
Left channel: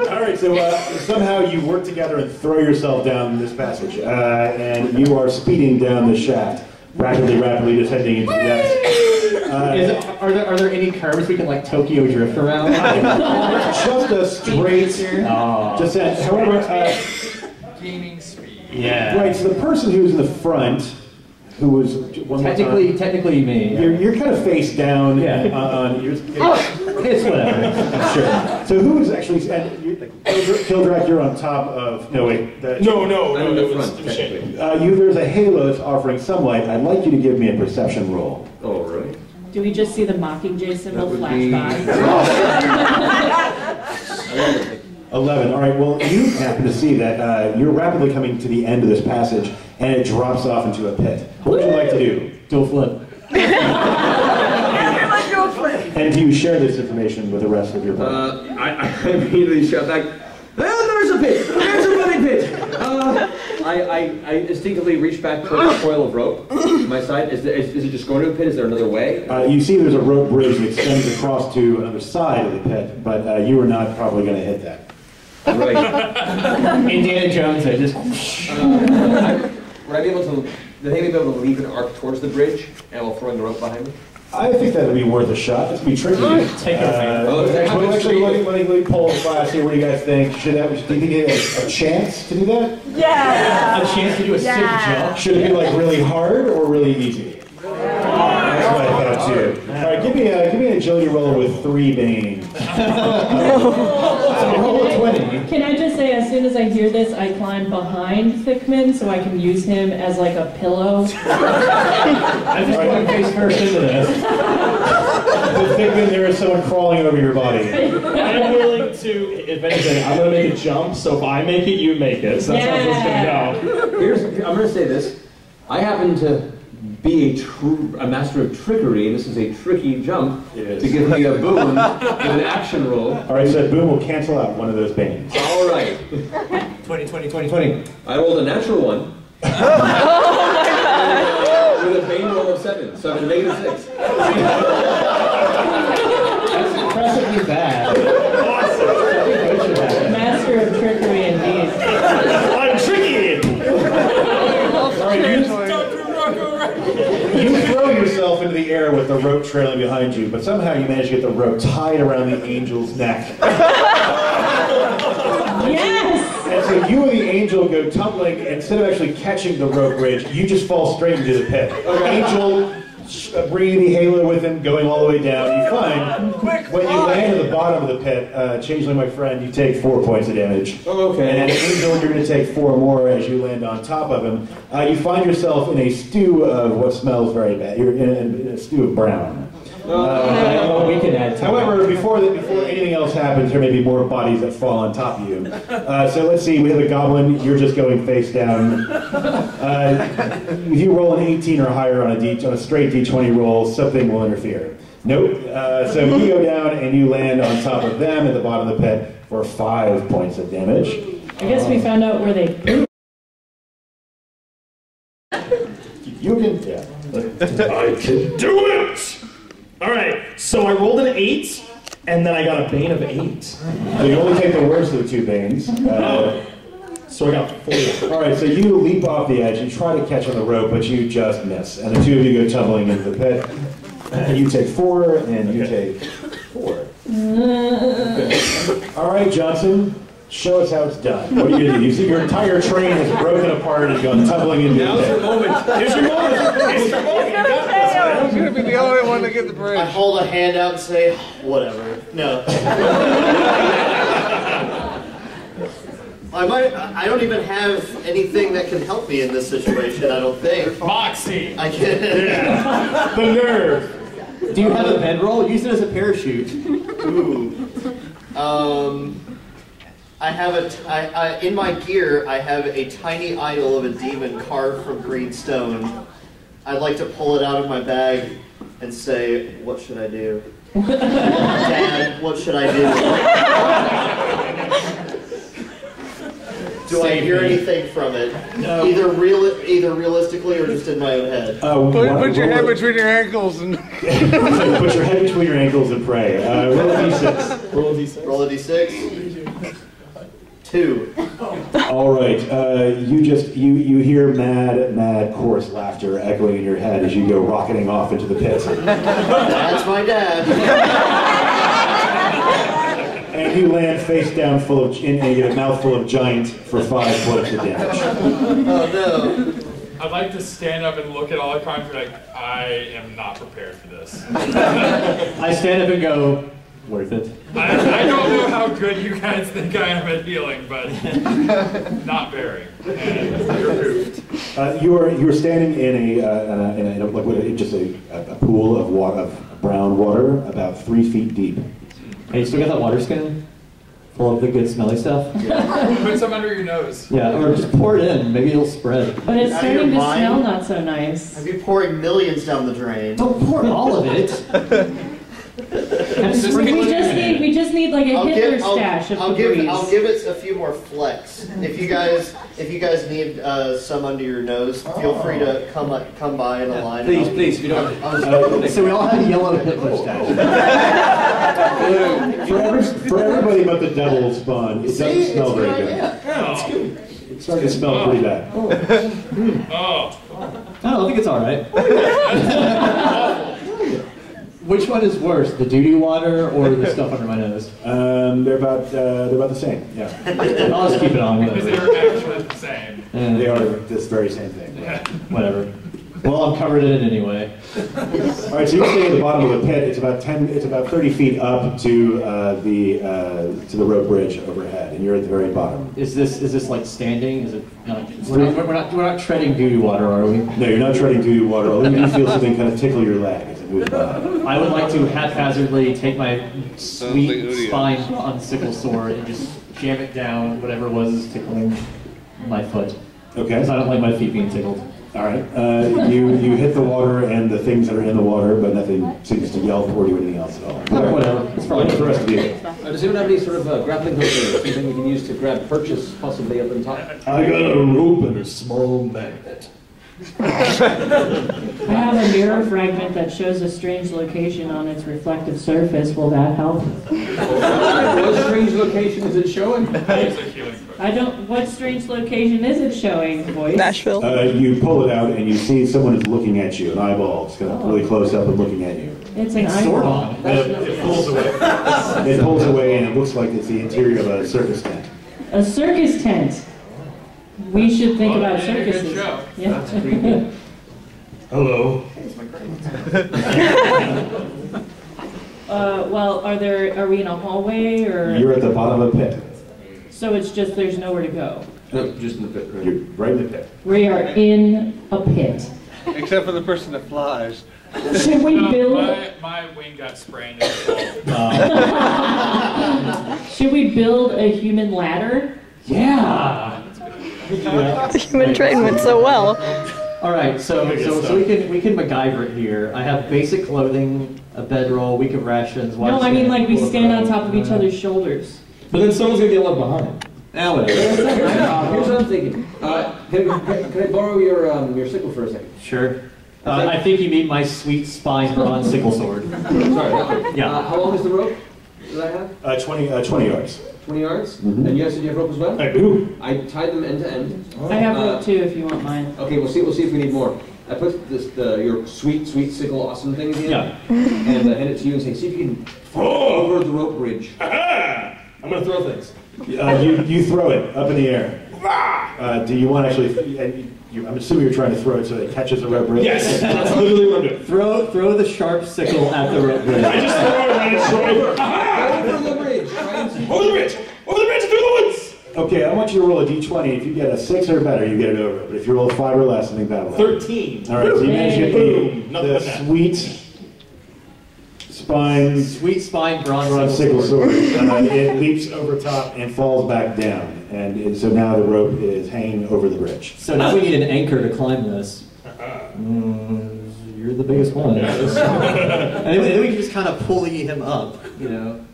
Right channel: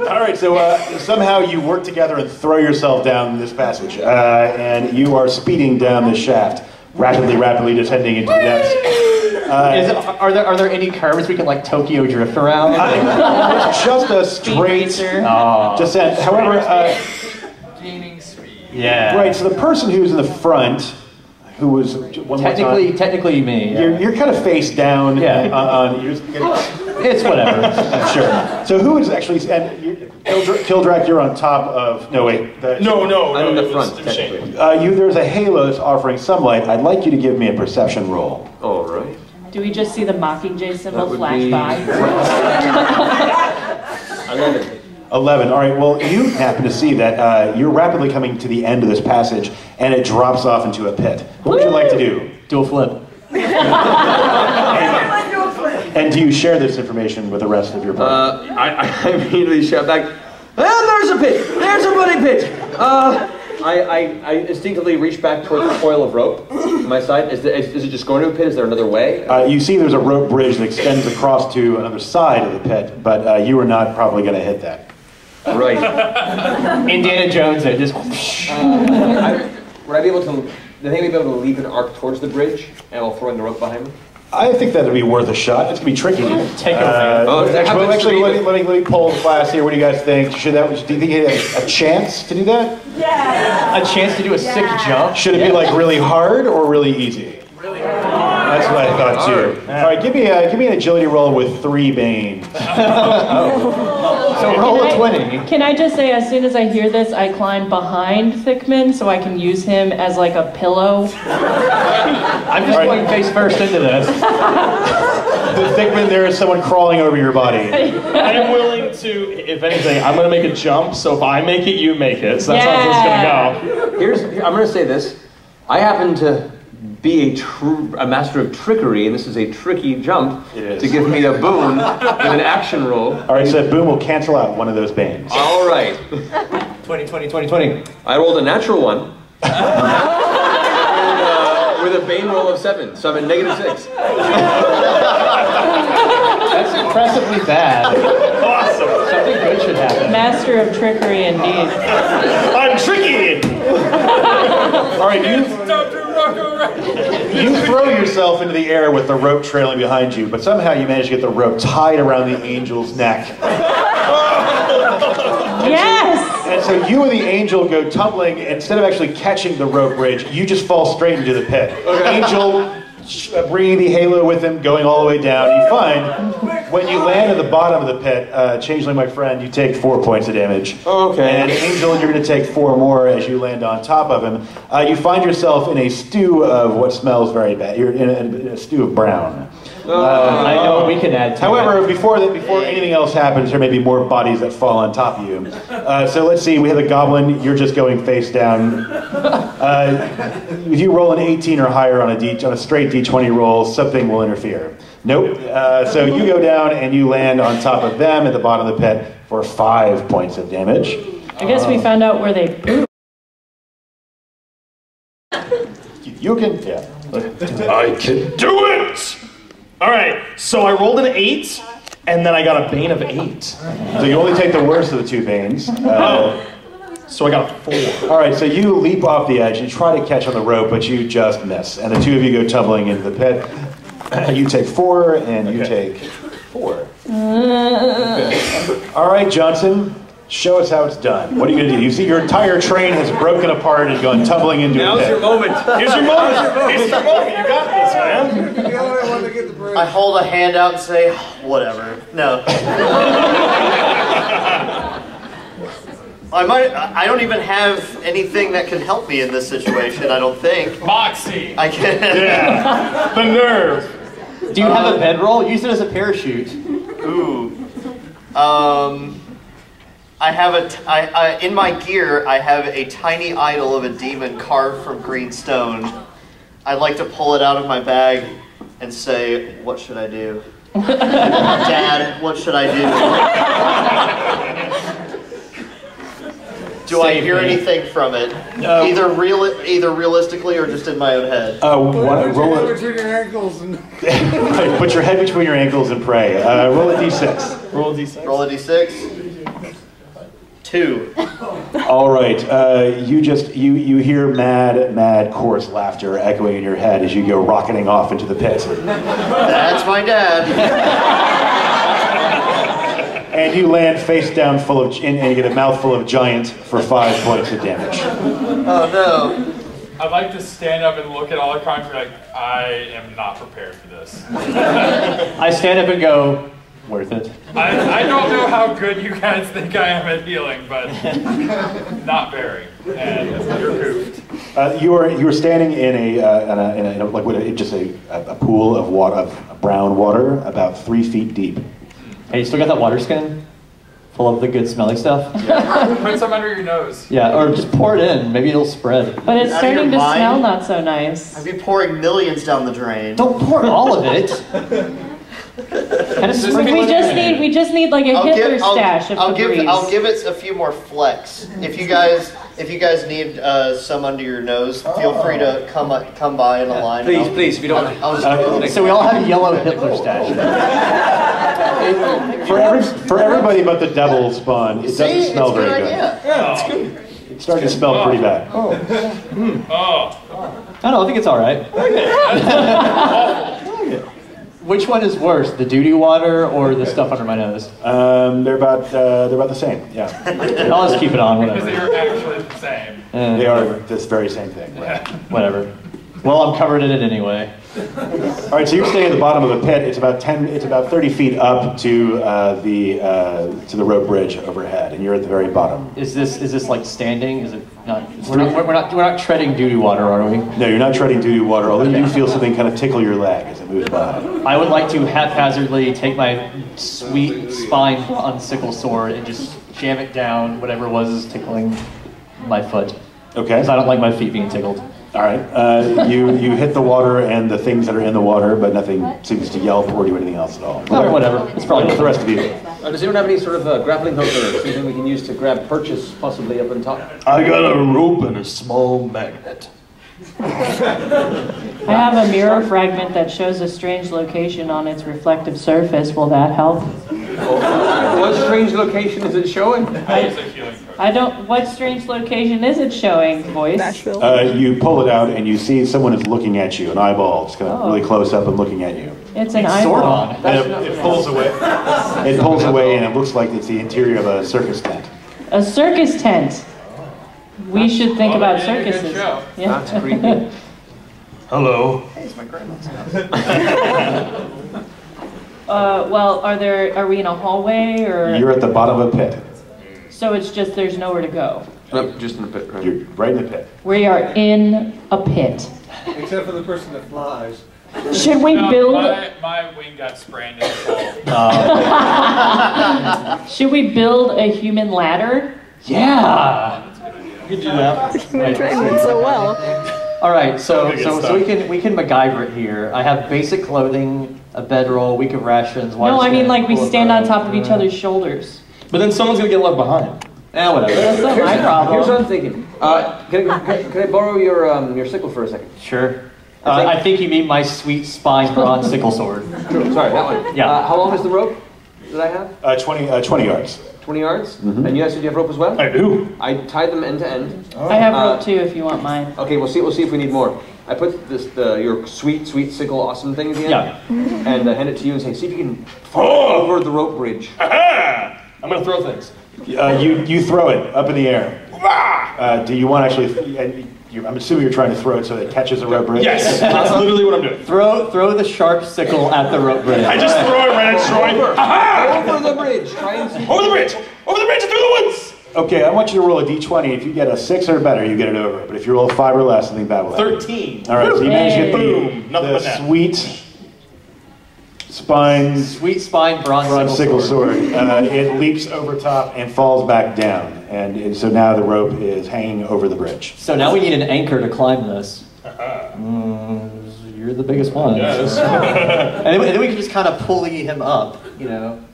All right, so somehow you work together and throw yourself down this passage, and you are speeding down the shaft, rapidly descending into the depths. Are there any curves we can like Tokyo drift around? Just a straight descent. However, gaining speed. Yeah. Right. So the person who's in the front, who was technically me. Yeah. You're kind of face down. Yeah. It's whatever. I'm sure. So who is actually? And Kildrak, you're on top of. No wait. No. I'm in the front. There's a halo that's offering some light. I'd like you to give me a perception roll. All right. Do we just see the Mockingjay symbol flash by? 11. All right. Well, you happen to see that you're rapidly coming to the end of this passage, and it drops off into a pit. What would you like to do? Do a flip. And do you share this information with the rest of your party? I immediately shout back, there's a pit! There's a bloody pit! I instinctively reach back towards the coil of rope on my side. Is it just going to a pit? Is there another way? You see there's a rope bridge that extends across to another side of the pit, but you are not probably going to hit that. Right. Indiana Jones, I just... Would I be able to... Do you think I'd be able to leave an arc towards the bridge, and while throwing the rope behind me? I think that would be worth a shot. It's going to be tricky. Take it. Actually, let me pull the class here. What do you guys think? Do you think he has a chance to do that? Yeah. A chance to do a sick jump? Should it be like really hard or really easy? Really hard. That's what I thought too. All right, give me an agility roll with 3 banes. So roll a 20. Can I just say, as soon as I hear this, I climb behind Thickman so I can use him as like a pillow. I'm just going face first into this. Thickman, there is someone crawling over your body. I'm willing to, if anything, I'm going to make a jump, so if I make it, you make it. So that's how it's going to go. I'm going to say this. I happen to be a master of trickery, and this is a tricky jump to give me a boon with an action roll. All right, so that boon will cancel out one of those banes. All right. 20. I rolled a natural one. With a bane roll of 7, so I'm at -6. impressively bad. Awesome. Something good should happen. Master of trickery, indeed. I'm tricky. All right, you throw yourself into the air with the rope trailing behind you, but somehow you manage to get the rope tied around the angel's neck. Yes! And so you and the angel go tumbling. Instead of actually catching the rope bridge, you just fall straight into the pit. Angel, bringing the halo with him, going all the way down. You find, when you land at the bottom of the pit, Changeling, my friend, you take 4 points of damage. Okay. And Angel, you're going to take 4 more as you land on top of him. You find yourself in a stew of what smells very bad. You're in a stew of brown. I know what we can add to However, before anything else happens, there may be more bodies that fall on top of you. So let's see, we have a goblin, you're just going face down. If you roll an 18 or higher on a straight D20 roll, something will interfere. Nope. So you go down and you land on top of them at the bottom of the pit for 5 points of damage. I guess we found out where they poop. You can, yeah. I can do it! Alright, so I rolled an 8, and then I got a bane of 8. So you only take the worst of the 2 banes. So I got a 4. All right, so you leap off the edge and try to catch on the rope, but you just miss. And the 2 of you go tumbling into the pit. You take 4, and you take 4. All right, Johnson, show us how it's done. What are you going to do? You see your entire train has broken apart and gone tumbling into a pit. Now's your moment. Here's your moment. Here's your moment. You got this, man. You're gonna be the only one to get the bridge. I hold a hand out and say, whatever. No. I don't even have anything that can help me in this situation, I don't think. Moxie! I can. Yeah. The nerve. Do you have a bedroll? Use it as a parachute. Ooh. I have in my gear, I have a tiny idol of a demon carved from green stone. I'd like to pull it out of my bag and say, what should I do? Dad, what should I do? Do I hear anything from it? Either realistically or just in my own head? Put your head between your ankles and... Put your head between your ankles and pray. Roll a d6. Roll a d6. Roll a d6. 2. All right. You hear mad coarse laughter echoing in your head as you go rocketing off into the pit. That's my dad. And you land face down and you get a mouthful of giant for 5 points of damage. Oh no. I'd like to stand up and look at all the cards and be like, I am not prepared for this. I stand up and go, worth it. I don't know how good you guys think I am at healing, but not very. And you're goofed. You are standing in a pool of water, of brown water, about 3 feet deep. Hey, you still got that water skin? Full of the good smelling stuff? Yeah. Put some under your nose. Yeah, or just pour it in. Maybe it'll spread. But it's starting to smell not so nice. I'd be pouring millions down the drain. Don't pour all of it. We just need like a Hitler stash of I'll give Febreze. it a few more flecks. If you guys need some under your nose, feel free to come by in a line. Please, if you don't. So we all have yellow Hitler stash. For everybody but the devil spawn, it doesn't smell very good. Yeah, it's good. It's starting to smell pretty bad. Oh. I don't know, I think it's all right. Which one is worse, the doo-doo water or the stuff under my nose? They're about the same. Yeah. I'll just keep it on. Because they are actually the same. They are this very same thing. Right? Whatever. Well, I'm covered in it anyway. All right, so you're staying at the bottom of the pit. It's about 30 feet up to the rope bridge overhead, and you're at the very bottom. Is this like standing? Is it not? We're not treading doo-doo water, are we? No, you're not treading doo-doo water. Although you do feel something kind of tickle your leg as it moves by. I would like to haphazardly take my sweet spine sickle sword and just jam it down whatever was tickling my foot. Okay. Because I don't like my feet being tickled. All right. You hit the water and the things that are in the water, but nothing seems to yelp or do anything else at all. Whatever. It's probably the rest of you. Does anyone have any sort of grappling hook or something we can use to grab purchase possibly up on top? I got a rope and a small magnet. I have a mirror fragment that shows a strange location on its reflective surface. Will that help? What strange location is it showing? I don't. What strange location is it showing, voice? Nashville. You pull it out and you see someone is looking at you, an eyeball. It's kind of really close up and looking at you. It's an eyeball. It pulls away. It pulls away and it looks like it's the interior of a circus tent. A circus tent. We should think about circuses. Show. Yeah. That's creepy. Hello. Hey, it's my grandma. Well, are we in a hallway or? You're at the bottom of a pit. So it's just there's nowhere to go. No, just in the pit. Right? You're right in the pit. We are in a pit. Except for the person that flies. Should we build? My wing got sprained in the fall. Should we build a human ladder? Yeah. We can do that. The human train went so well. All right, so we can MacGyver it here. I have basic clothing, a bedroll, week of rations. No, I mean like we stand on top of each other's shoulders. But then someone's gonna get left behind. Whatever. That's not my problem. Here's what I'm thinking. Can I borrow your sickle for a second? Sure. I think you mean my sweet spine bronze sickle sword. Sorry, that one. Yeah. How long is the rope that I have? 20 yards. 20 yards? Mm-hmm. And you guys said you have rope as well? I do. I tied them end to end. I have rope too if you want mine. Okay, we'll see if we need more. I put your sweet sickle awesome thing at the end. Yeah. And hand it to you and say, see if you can fall over the rope bridge. Aha! I'm gonna throw things. You throw it up in the air. Do you want to actually? I'm assuming you're trying to throw it so that it catches a rope bridge. Yes, that's literally what I'm doing. Throw the sharp sickle at the rope bridge. I just throw it right at Troy. Aha! Over the bridge. Try and see. Over the bridge! Over the bridge and through the woods! Okay, I want you to roll a d20. If you get a 6 or better, you get it over. But if you roll a 5 or less, I think that will happen. 13. All right, so you managed to get Boom. Nothing the but that. sweet spine bronze sickle sword. It leaps over top and falls back down. And so now the rope is hanging over the bridge. So now we need an anchor to climb this. You're the biggest one. Yes. and then we can just kind of pulley him up,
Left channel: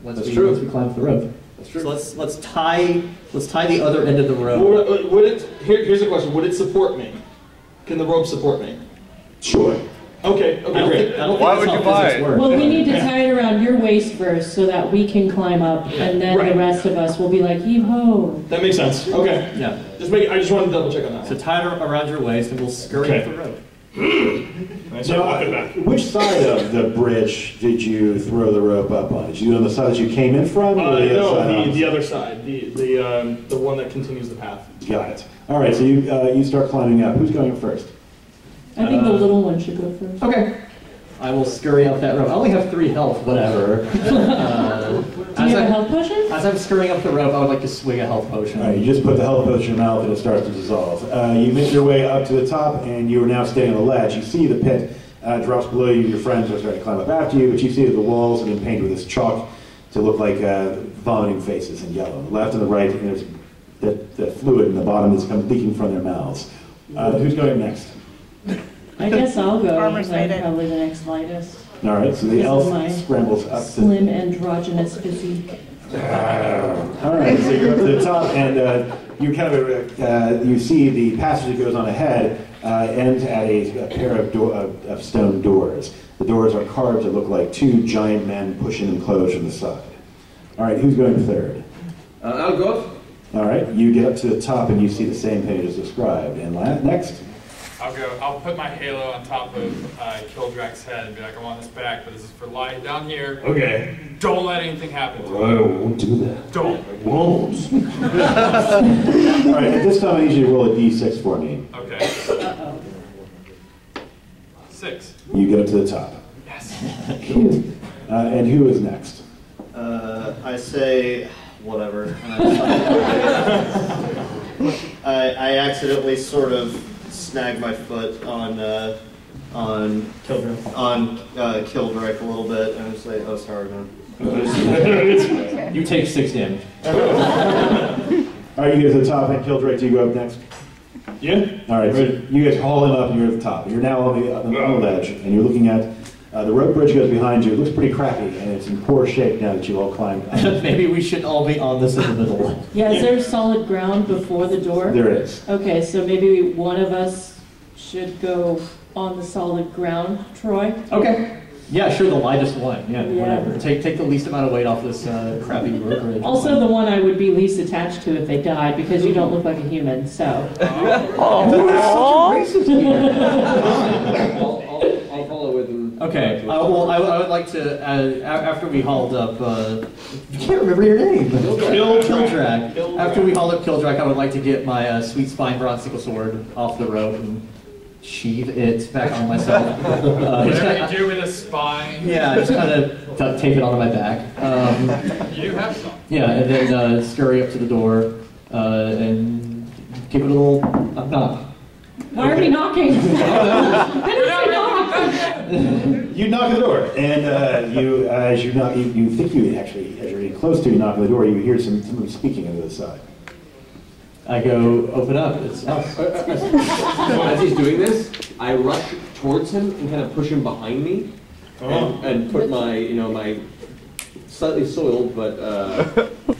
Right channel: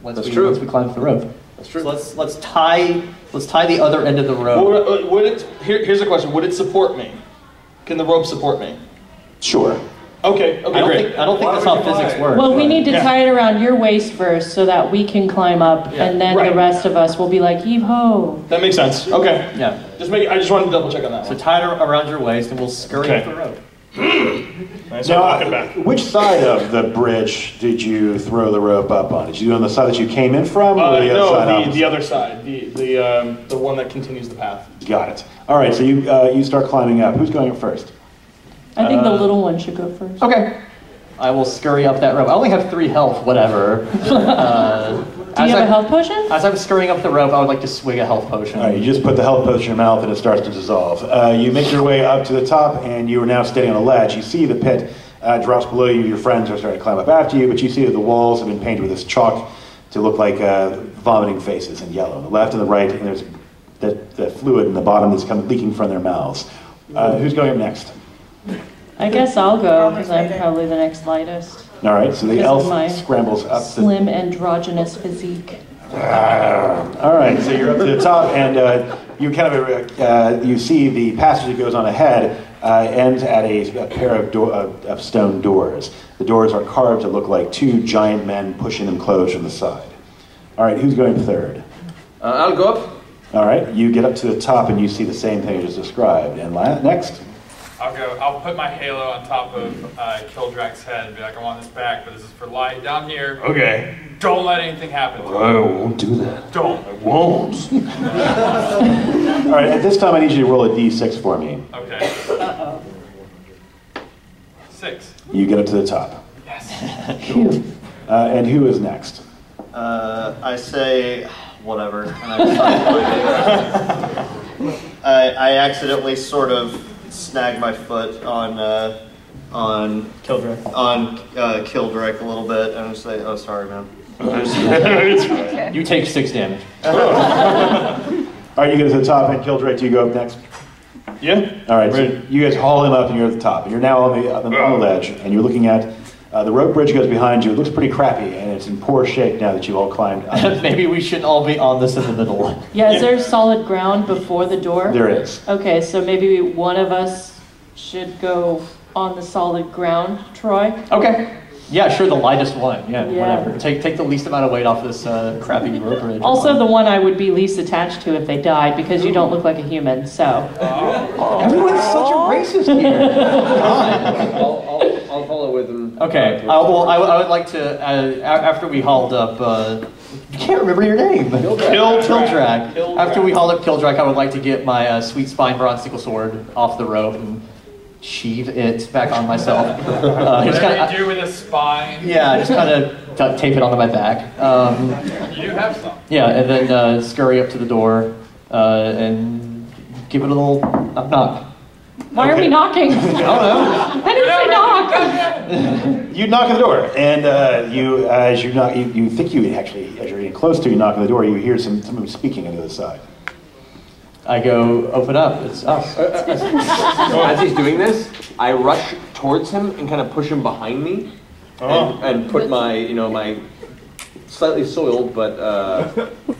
once we climb the rope. That's true. So let's tie the other end of the rope. Here's a question. Would it support me? Can the rope support me? Sure. Okay, great. I don't think that's how physics works. Well, we need to tie it around your waist first so that we can climb up, and then the rest of us will be like, heave-ho. That makes sense. Okay. Yeah. I just wanted to double check on that So one. tie it around your waist, and we'll scurry up the rope. Nice. Walking back. Which side of the bridge did you throw the rope up on? Did you do on the side that you came in from, or the other side? The other side. The one that continues the path. Got it. All right, so you start climbing up. Who's going up first? I think the little one should go first. Okay. I will scurry up that rope. I only have 3 health, whatever. Do you have a health potion? As I'm scurrying up the rope, I would like to swig a health potion. All right, you just put the health potion in your mouth and it starts to dissolve. You make your way up to the top and you are now standing on a ledge. You see the pit drops below you. Your friends are starting to climb up after you, but you see that the walls have been painted with this chalk to look like vomiting faces in yellow. On the left and the right, and there's the fluid in the bottom that's leaking from their mouths. Who's going up next? I guess I'll go, because I'm probably the next lightest. All right, so the elf scrambles up. Slim, androgynous physique. All right, so you're up to the top, and you kind of you see the passage that goes on ahead ends at a pair of stone doors. The doors are carved to look like 2 giant men pushing them closed from the side. All right, who's going third? I'll go up. All right, you get up to the top, and you see the same thing as described. And next. I'll go. I'll put my halo on top of Kildrak's head and be like, I want this back, but this is for light down here. Okay. Don't let anything happen to me. I won't do that. Don't. I won't. All right, at this time I need you to roll a d6 for me. Okay. Uh-oh. 6. You get up to the top. Yes. Cool. And who is next? I say, whatever. And I accidentally sort of snag my foot on Kildrak a little bit, and I say, "Oh, sorry, man." You take 6 damage. All right, you get to the top, and Kildrak, do you go up next? Yeah. All right, so you guys haul him up, and you're at the top. And you're now on the ledge, and you're looking at the rope bridge goes behind you. It looks pretty crappy, and it's in poor shape now that you've all climbed up. Maybe we shouldn't all be on this in the middle. Yeah, is there solid ground before the door? There is. Okay, so maybe one of us should go on the solid ground, Troy. Okay. Yeah, sure, the lightest one. Yeah, Yeah. whatever. Take the least amount of weight off this crappy rope bridge. Also the one I would be least attached to if they died, because you don't look like a human, so. Everyone's such a racist here. I'll follow with them. Okay, well, I would like to, after we hauled up, you can't remember your name. Kildrak. After we hauled up Kildrak, I would like to get my sweet spine bronze sickle sword off the rope and sheathe it back on myself. Whatever you do with a spine. Yeah, just kind of duct tape it onto my back. You do have some. Yeah, and then scurry up to the door and give it a little knock. Why are we knocking? I didn't say knock! You knock on the door, and as you knock, you think you actually, as you're getting close to, you knock on the door, you hear somebody speaking on the other side. I go, open up, it's us. As he's doing this, I rush towards him and kind of push him behind me, and put my, my slightly soiled but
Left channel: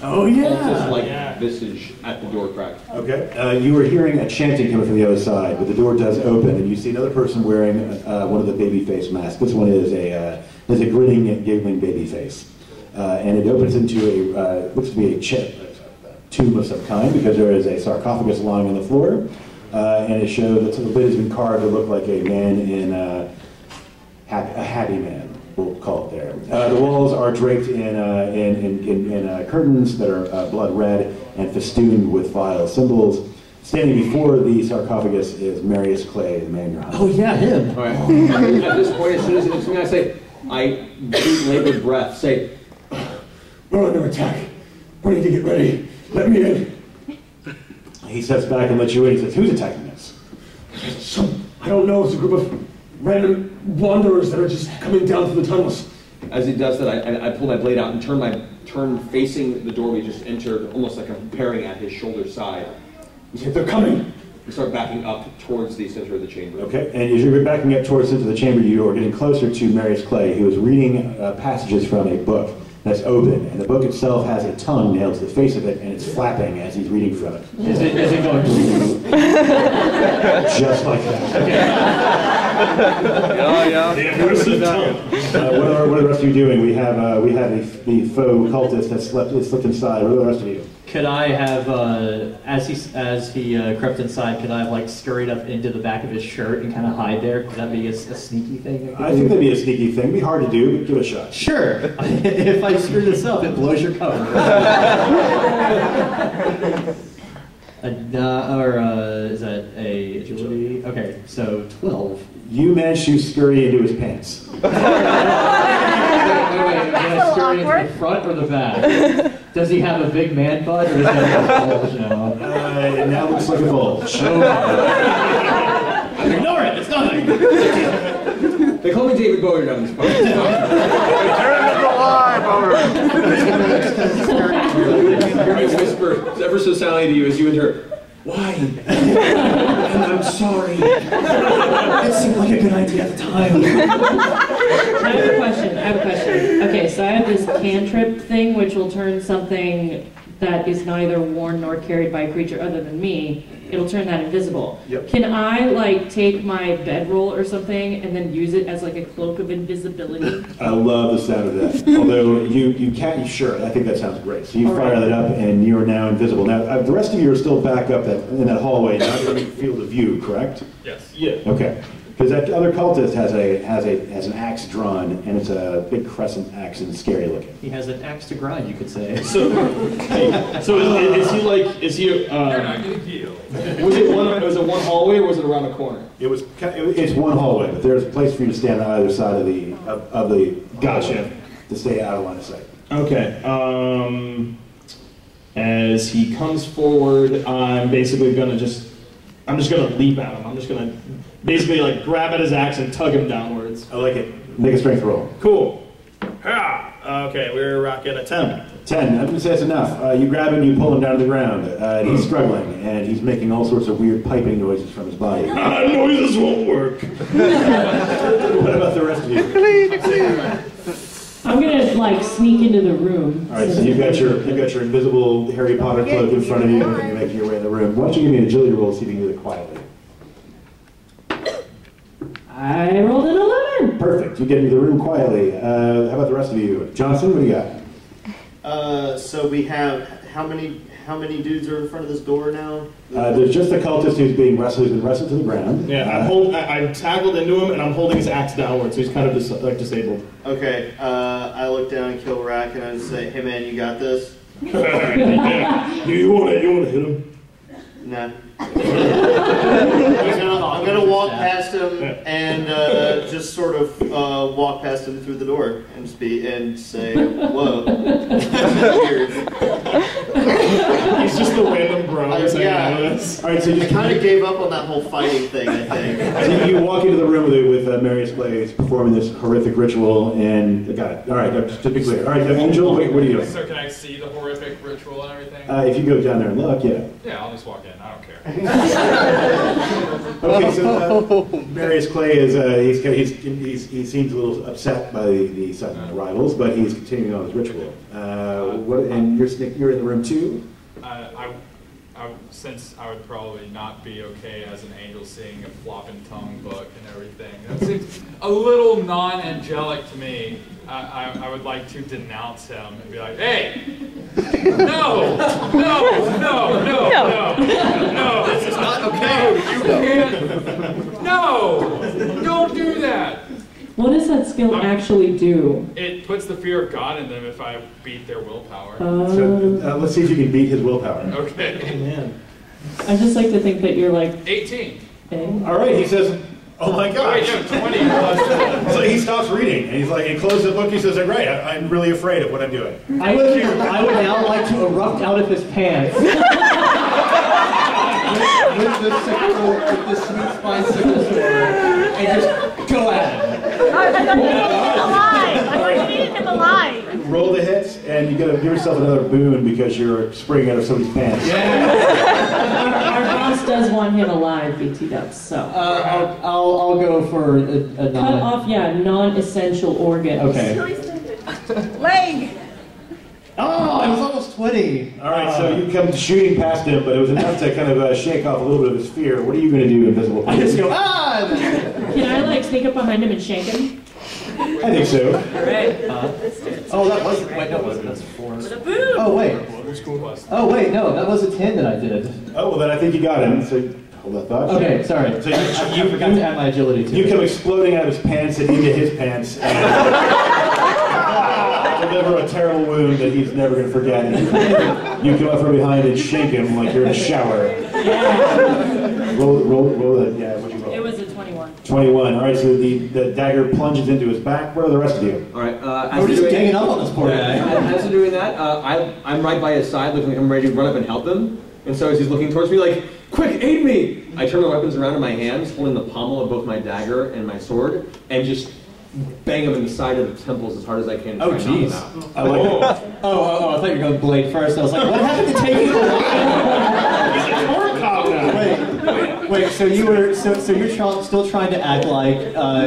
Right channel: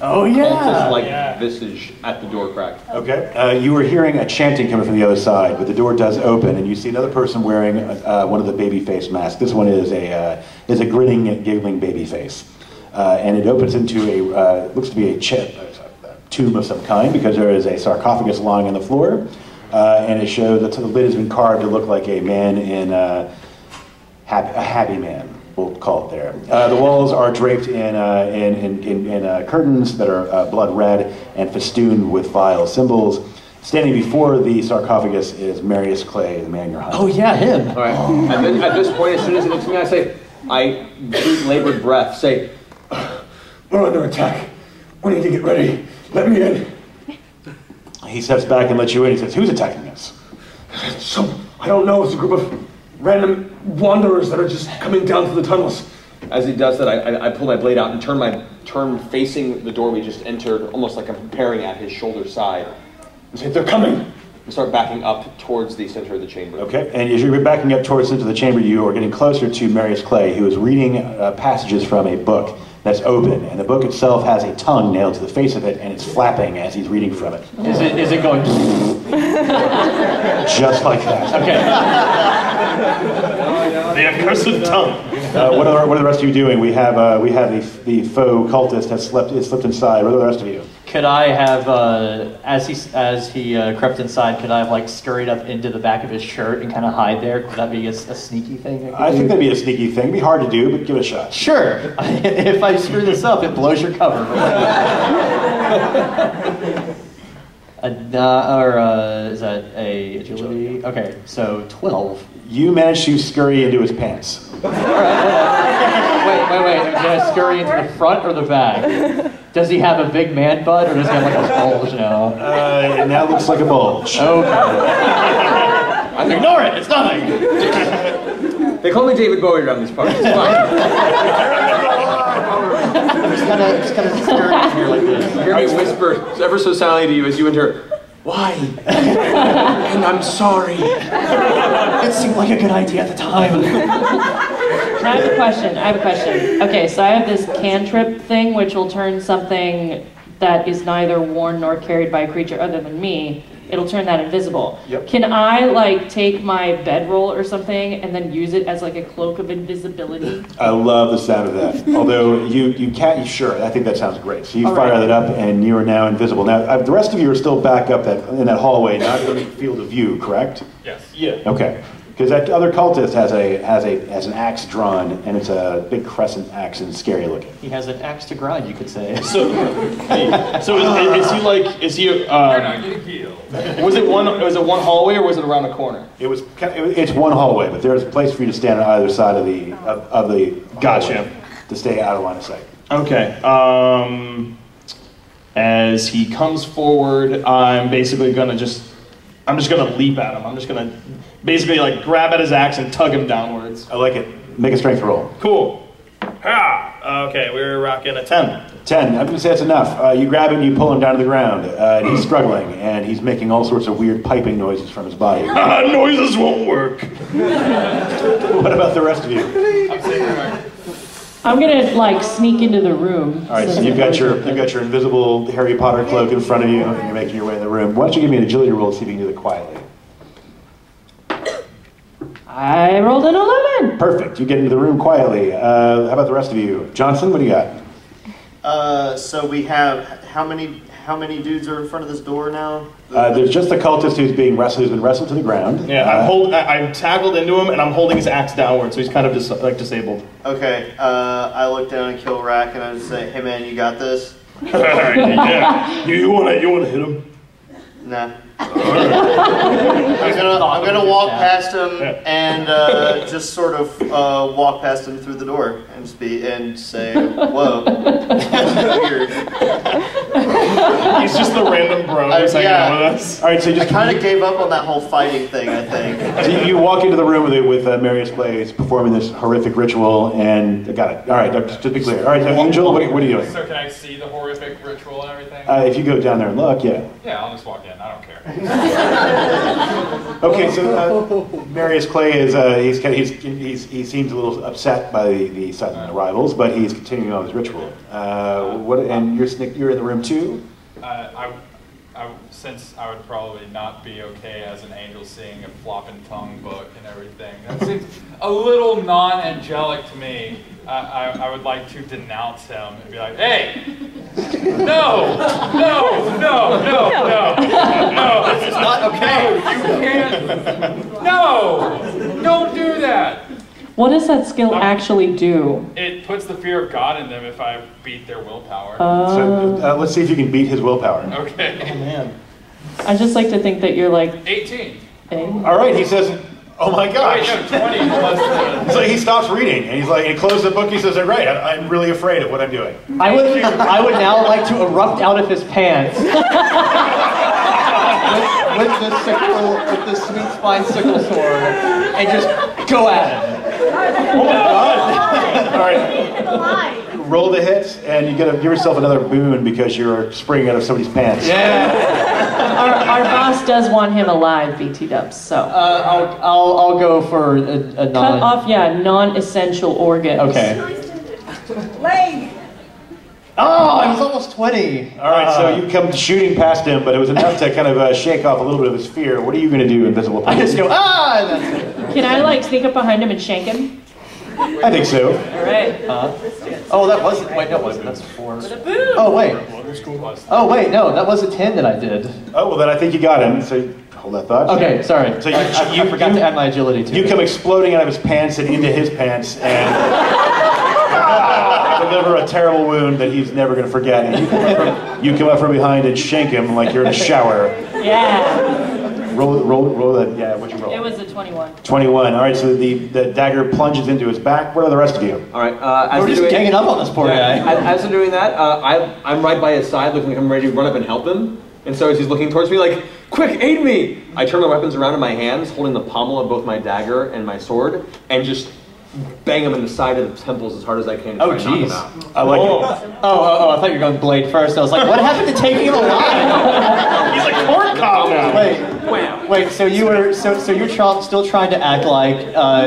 cultist-like visage at the door crack. Okay. You were hearing a chanting coming from the other side, but the door does open, and you see another person wearing one of the baby face masks. This one is a grinning, giggling baby face, and it opens into a looks to be a tomb of some kind, because there is a sarcophagus lying on the floor, and it shows that the lid has been carved to look like a man in a happy man. We'll call it there. The walls are draped in curtains that are blood red and festooned with vile symbols. Standing before the sarcophagus is Marius Clay, the man you're hunting. Oh yeah, him. All right. And then at this point, as soon as he looks at me, I deep labored breath, say, "We're under attack. We need to get ready. Let me in." He steps back and lets you in. He says, "Who's attacking us?" I don't know. It's a group of random wanderers that are just coming down through the tunnels. As he does that, I pull my blade out and turn facing the door we just entered, almost like I'm preparing at his shoulder side. And say, "They're coming." We start backing up towards the center of the chamber. Okay, and as you're backing up towards into the chamber, you are getting closer to Marius Clay, who is reading passages from a book that's open, and the book itself has a tongue nailed to the face of it, and it's flapping as he's reading from it. Is it going just like that? Okay. The accursed tongue. What are the rest of you doing? We have the faux cultist has slipped inside. What are the rest of you? Could I have, as he crept inside, could I have scurried up into the back of his shirt and kind of hide there? Could that be a sneaky thing? I think that'd be a sneaky thing. It'd be hard to do, but give it a shot. Sure. If I screw this up, it blows your cover. Is that a agility? Okay, so 12. You managed to scurry into his pants. Wait. Did I scurry into the front or the back? Does he have a big man butt, or does he have a bulge now? It now looks like a bulge. Okay. Ignore it. It's nothing. They call me David Bowie around this part. It's fine. Hear me whisper ever so silently to you as you enter. Why? And I'm sorry. It seemed like a good idea at the time. I have a question. Okay, so I have this cantrip thing which will turn something that is neither worn nor carried by a creature other than me. It'll turn that invisible. Yep. Can I take my bedroll or something and then use it as a cloak of invisibility? I love the sound of that. Although you can't, sure, I think that sounds great. So you fire that up and you are now invisible. Now, the rest of you are still back up in that hallway, not in the field of view, correct? Yes. Yeah. Okay. Because that other cultist has an axe drawn, and it's a big crescent axe and scary looking. He has an axe to grind, you could say. So is he? You're not getting healed. Was it one hallway or was it around a corner? It's one hallway, but there's a place for you to stand on either side of the Gotcha. hallway to stay out of line of sight. Okay. As he comes forward, I'm basically gonna just leap at him. I'm just gonna basically grab at his axe and tug him downwards. I like it. Make a strength roll. Cool. Ha! Okay, we're rocking a 10. 10. I'm going to say that's enough. You grab him, you pull him down to the ground. He's struggling, and he's making all sorts of weird piping noises from his body. Noises won't work. What about the rest of you? I'm gonna sneak into the room. All right, so you've got your invisible Harry Potter cloak in front of you, and you're making your way in the room. Why don't you give me an agility roll to see if you can do it quietly? I rolled an 11. Perfect. You get into the room quietly. How about the rest of you? Johnson, what do you got? So we have how many dudes are in front of this door now? There's just the cultist who's been wrestled to the ground. Yeah, I'm tackled into him, and I'm holding his axe downward, so he's kind of disabled. Okay, I look down and kill Rack, and I just say, "Hey man, you got this." Yeah. You wanna hit him? Nah. I'm gonna walk past him and just sort of walk past him through the door and say, "Whoa, that's weird." He's just the random bro who's hanging out with us. All right, so I kind of gave up on that whole fighting thing. I think. So you walk into the room with Marius Blaze performing this horrific ritual, and got it. All right, just to be clear. All right, so Angel, what are you doing? So can I see the horrific ritual and everything? If you go down there and look, yeah. Yeah, I'll just walk in. I don't care. Okay, so Marius Clay is he seems a little upset by the Sutton arrivals, but he's continuing on his ritual. And you're in the room too. Since I would probably not be okay as an angel seeing a flopping tongue book and everything, that seems a little non-angelic to me. I would like to denounce him and be like, "Hey, no, this is not okay. You can't. No, don't do that." What does that skill actually do? It puts the fear of God in them if I beat their willpower. So let's see if you can beat his willpower. Okay. Oh, man. I just like to think that you're like 18. All right, he says, "Oh my gosh." Wait, no, 20 plus. So he stops reading, and he's like, he closes the book. He says, "Right, I'm really afraid of what I'm doing." I would now like to erupt out of his pants. with the sweet spine sickle sword, and just go at him. Roll the hit, and you got to give yourself another boon because you're springing out of somebody's pants. Yeah. our boss does want him alive, BT Dubs. So I'll go for a cut off, non-essential organs. Okay. Leg. Oh, I was almost 20. All right, so you come shooting past him, but it was enough to kind of shake off a little bit of his fear. What are you going to do, Invisible? I just go, ah! Can I sneak up behind him and shank him? I think so. All right. Oh, that wasn't. Wait, no, it wasn't. That's 4. With a boom. Oh wait. Oh wait, no, that was a 10 that I did. Oh well, then I think you got him. So hold that thought. Okay, sorry. So you forgot to add my agility too. You come exploding out of his pants and into his pants and deliver a terrible wound that he's never going to forget. And you come up from behind and shank him like you're in a shower. Yeah. Roll that. Yeah, what'd you roll? It was a 21. 21. All right, so the dagger plunges into his back. What are the rest of you? All right. We're just ganging up on this poor guy. As I'm doing that, I'm right by his side, looking like I'm ready to run up and help him. And so as he's looking towards me, like, "Quick, aid me!" I turn my weapons around in my hands, holding the pommel of both my dagger and my sword, and just bang him in the side of the temples as hard as I can. Oh, jeez. I like it. Oh, I thought you were going blade first. I was like, what happened to taking him alive? He's like corn cob now. Wait. So you're still trying to act like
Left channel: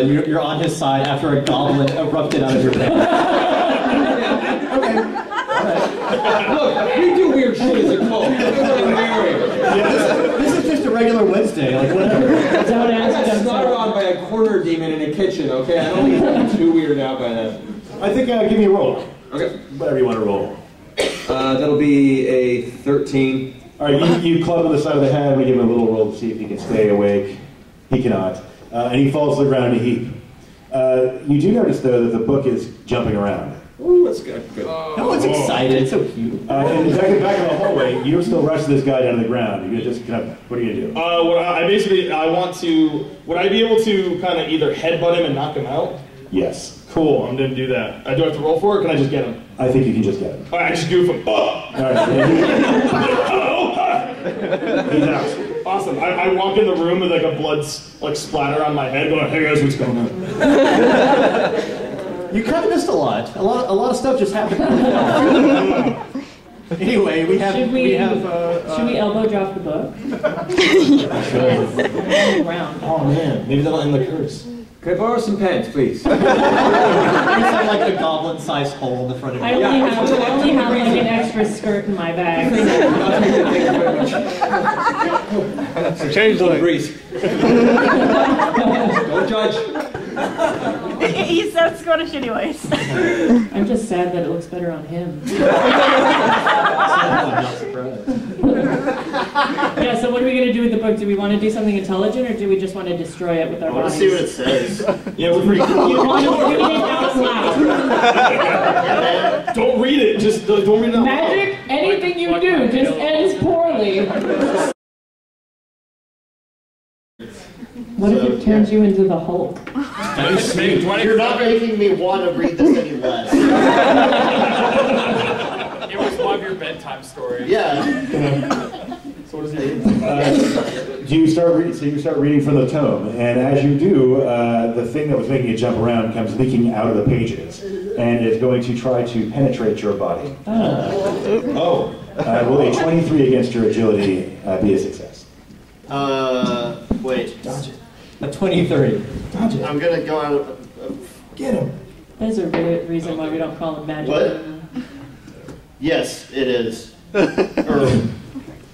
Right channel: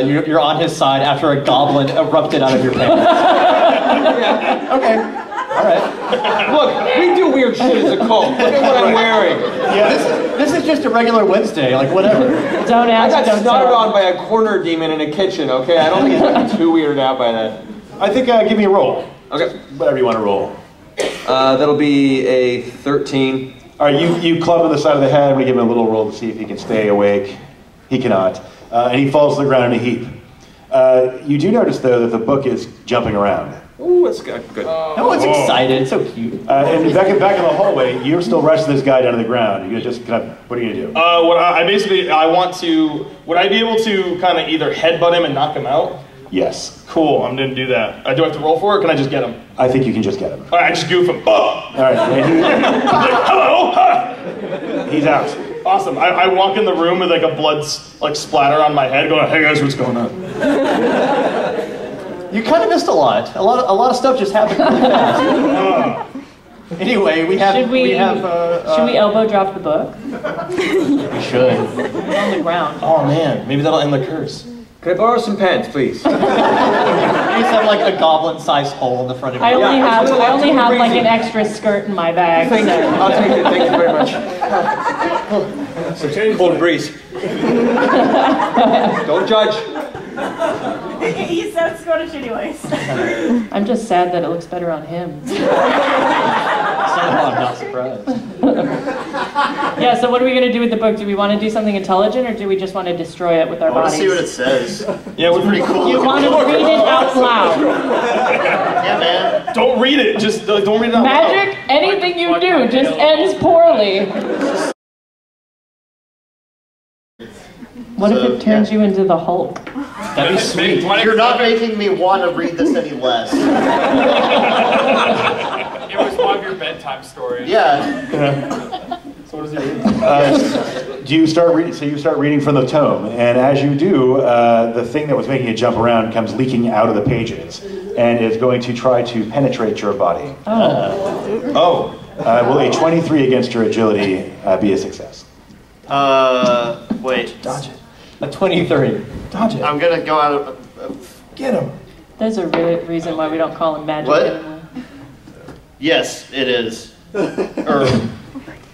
you're on his side after a goblin erupted out of your pants. Okay. All right. Look, we do weird shit as a cult. Look at what I'm wearing. Yeah, this is just a regular Wednesday, like whatever. Don't I ask, got don't started tell. on by a corner demon in a kitchen, okay? I don't think he's gonna be too weirded out by that. I think give me a roll. Okay. Whatever you want to roll. That'll be a 13. All right, you club him the side of the head. We give him a little roll to see if he can stay awake. He cannot. And he falls to the ground in a heap. You do notice, though, that the book is jumping around. Ooh, that's good. No one's excited. It's so cute. And back in the hallway, you're still wrestling this guy down to the ground. You're just kind of, what are you going to do? Would I be able to kind of either headbutt him and knock him out? Yes. Cool, I'm going to do that. Do I have to roll for it, or can I just get him? I think you can just get him. All right, I just goof him. Oh! All right. Hello! He's out. Awesome. I walk in the room with like a blood splatter on my head, going, "Hey guys, what's going on?" You kind of missed a lot. A lot of stuff just happened. Anyway, Should we elbow drop the book? We should. On the ground. Oh man, maybe that'll end the curse. Can I borrow some pants, please? You just have like a goblin-sized hole in the front of your I only have like an extra skirt in my bag. Thank you. I'll take it. Thank you very much. So change the breeze. Don't judge. He said Scottish anyways. I'm just sad that it looks better on him. I'm not surprised. Yeah, so what are we going to do with the book? Do we want to do something intelligent, or do we just want to destroy it with our I want to bodies? see what it says. Yeah, we're pretty cool. You want to read it out loud. Yeah, man. Don't read it. Just don't read it out loud. Magic, anything you do just ends poorly. What if it turns you into the Hulk? That'd be sweet. You're not making me want to read this any less. It was one of your bedtime stories. Yeah. So what does he read? Do you start reading? So you start reading from the tome, and as you do, the thing that was making you jump around comes leaking out of the pages, and is going to try to penetrate your body. Will a 23 against your agility be a success? Wait. Dodge it. A 23. Dodge it. I'm gonna go out of. Get him. There's a reason why we don't call him magic What? anymore. Yes, it is. Say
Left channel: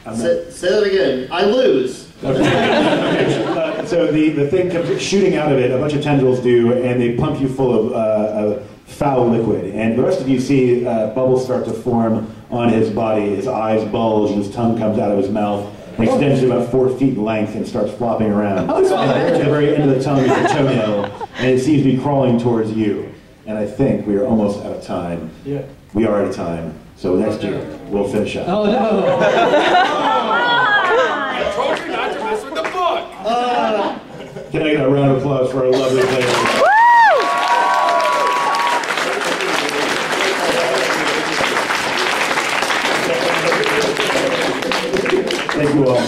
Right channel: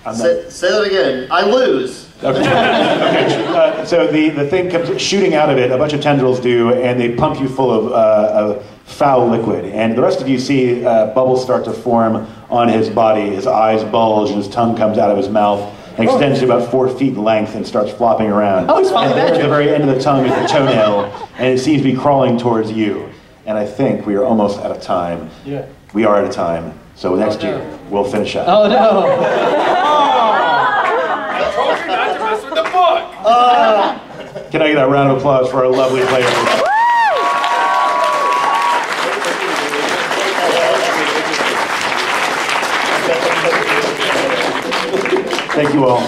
that again. I lose. Okay. So the thing comes shooting out of it. A bunch of tendrils do, and they pump you full of foul liquid. And the rest of you see bubbles start to form on his body. His eyes bulge, and his tongue comes out of his mouth. And extends to about 4 feet in length and starts flopping around. Oh, it's fine. And at the very end of the tongue is the toenail, and it seems to be crawling towards you. And I think we are almost out of time. Yeah. We are out of time. So next year, we'll finish up. Oh no. I told you not to mess with the book. Can I get a round of applause for our lovely players? Thank you all.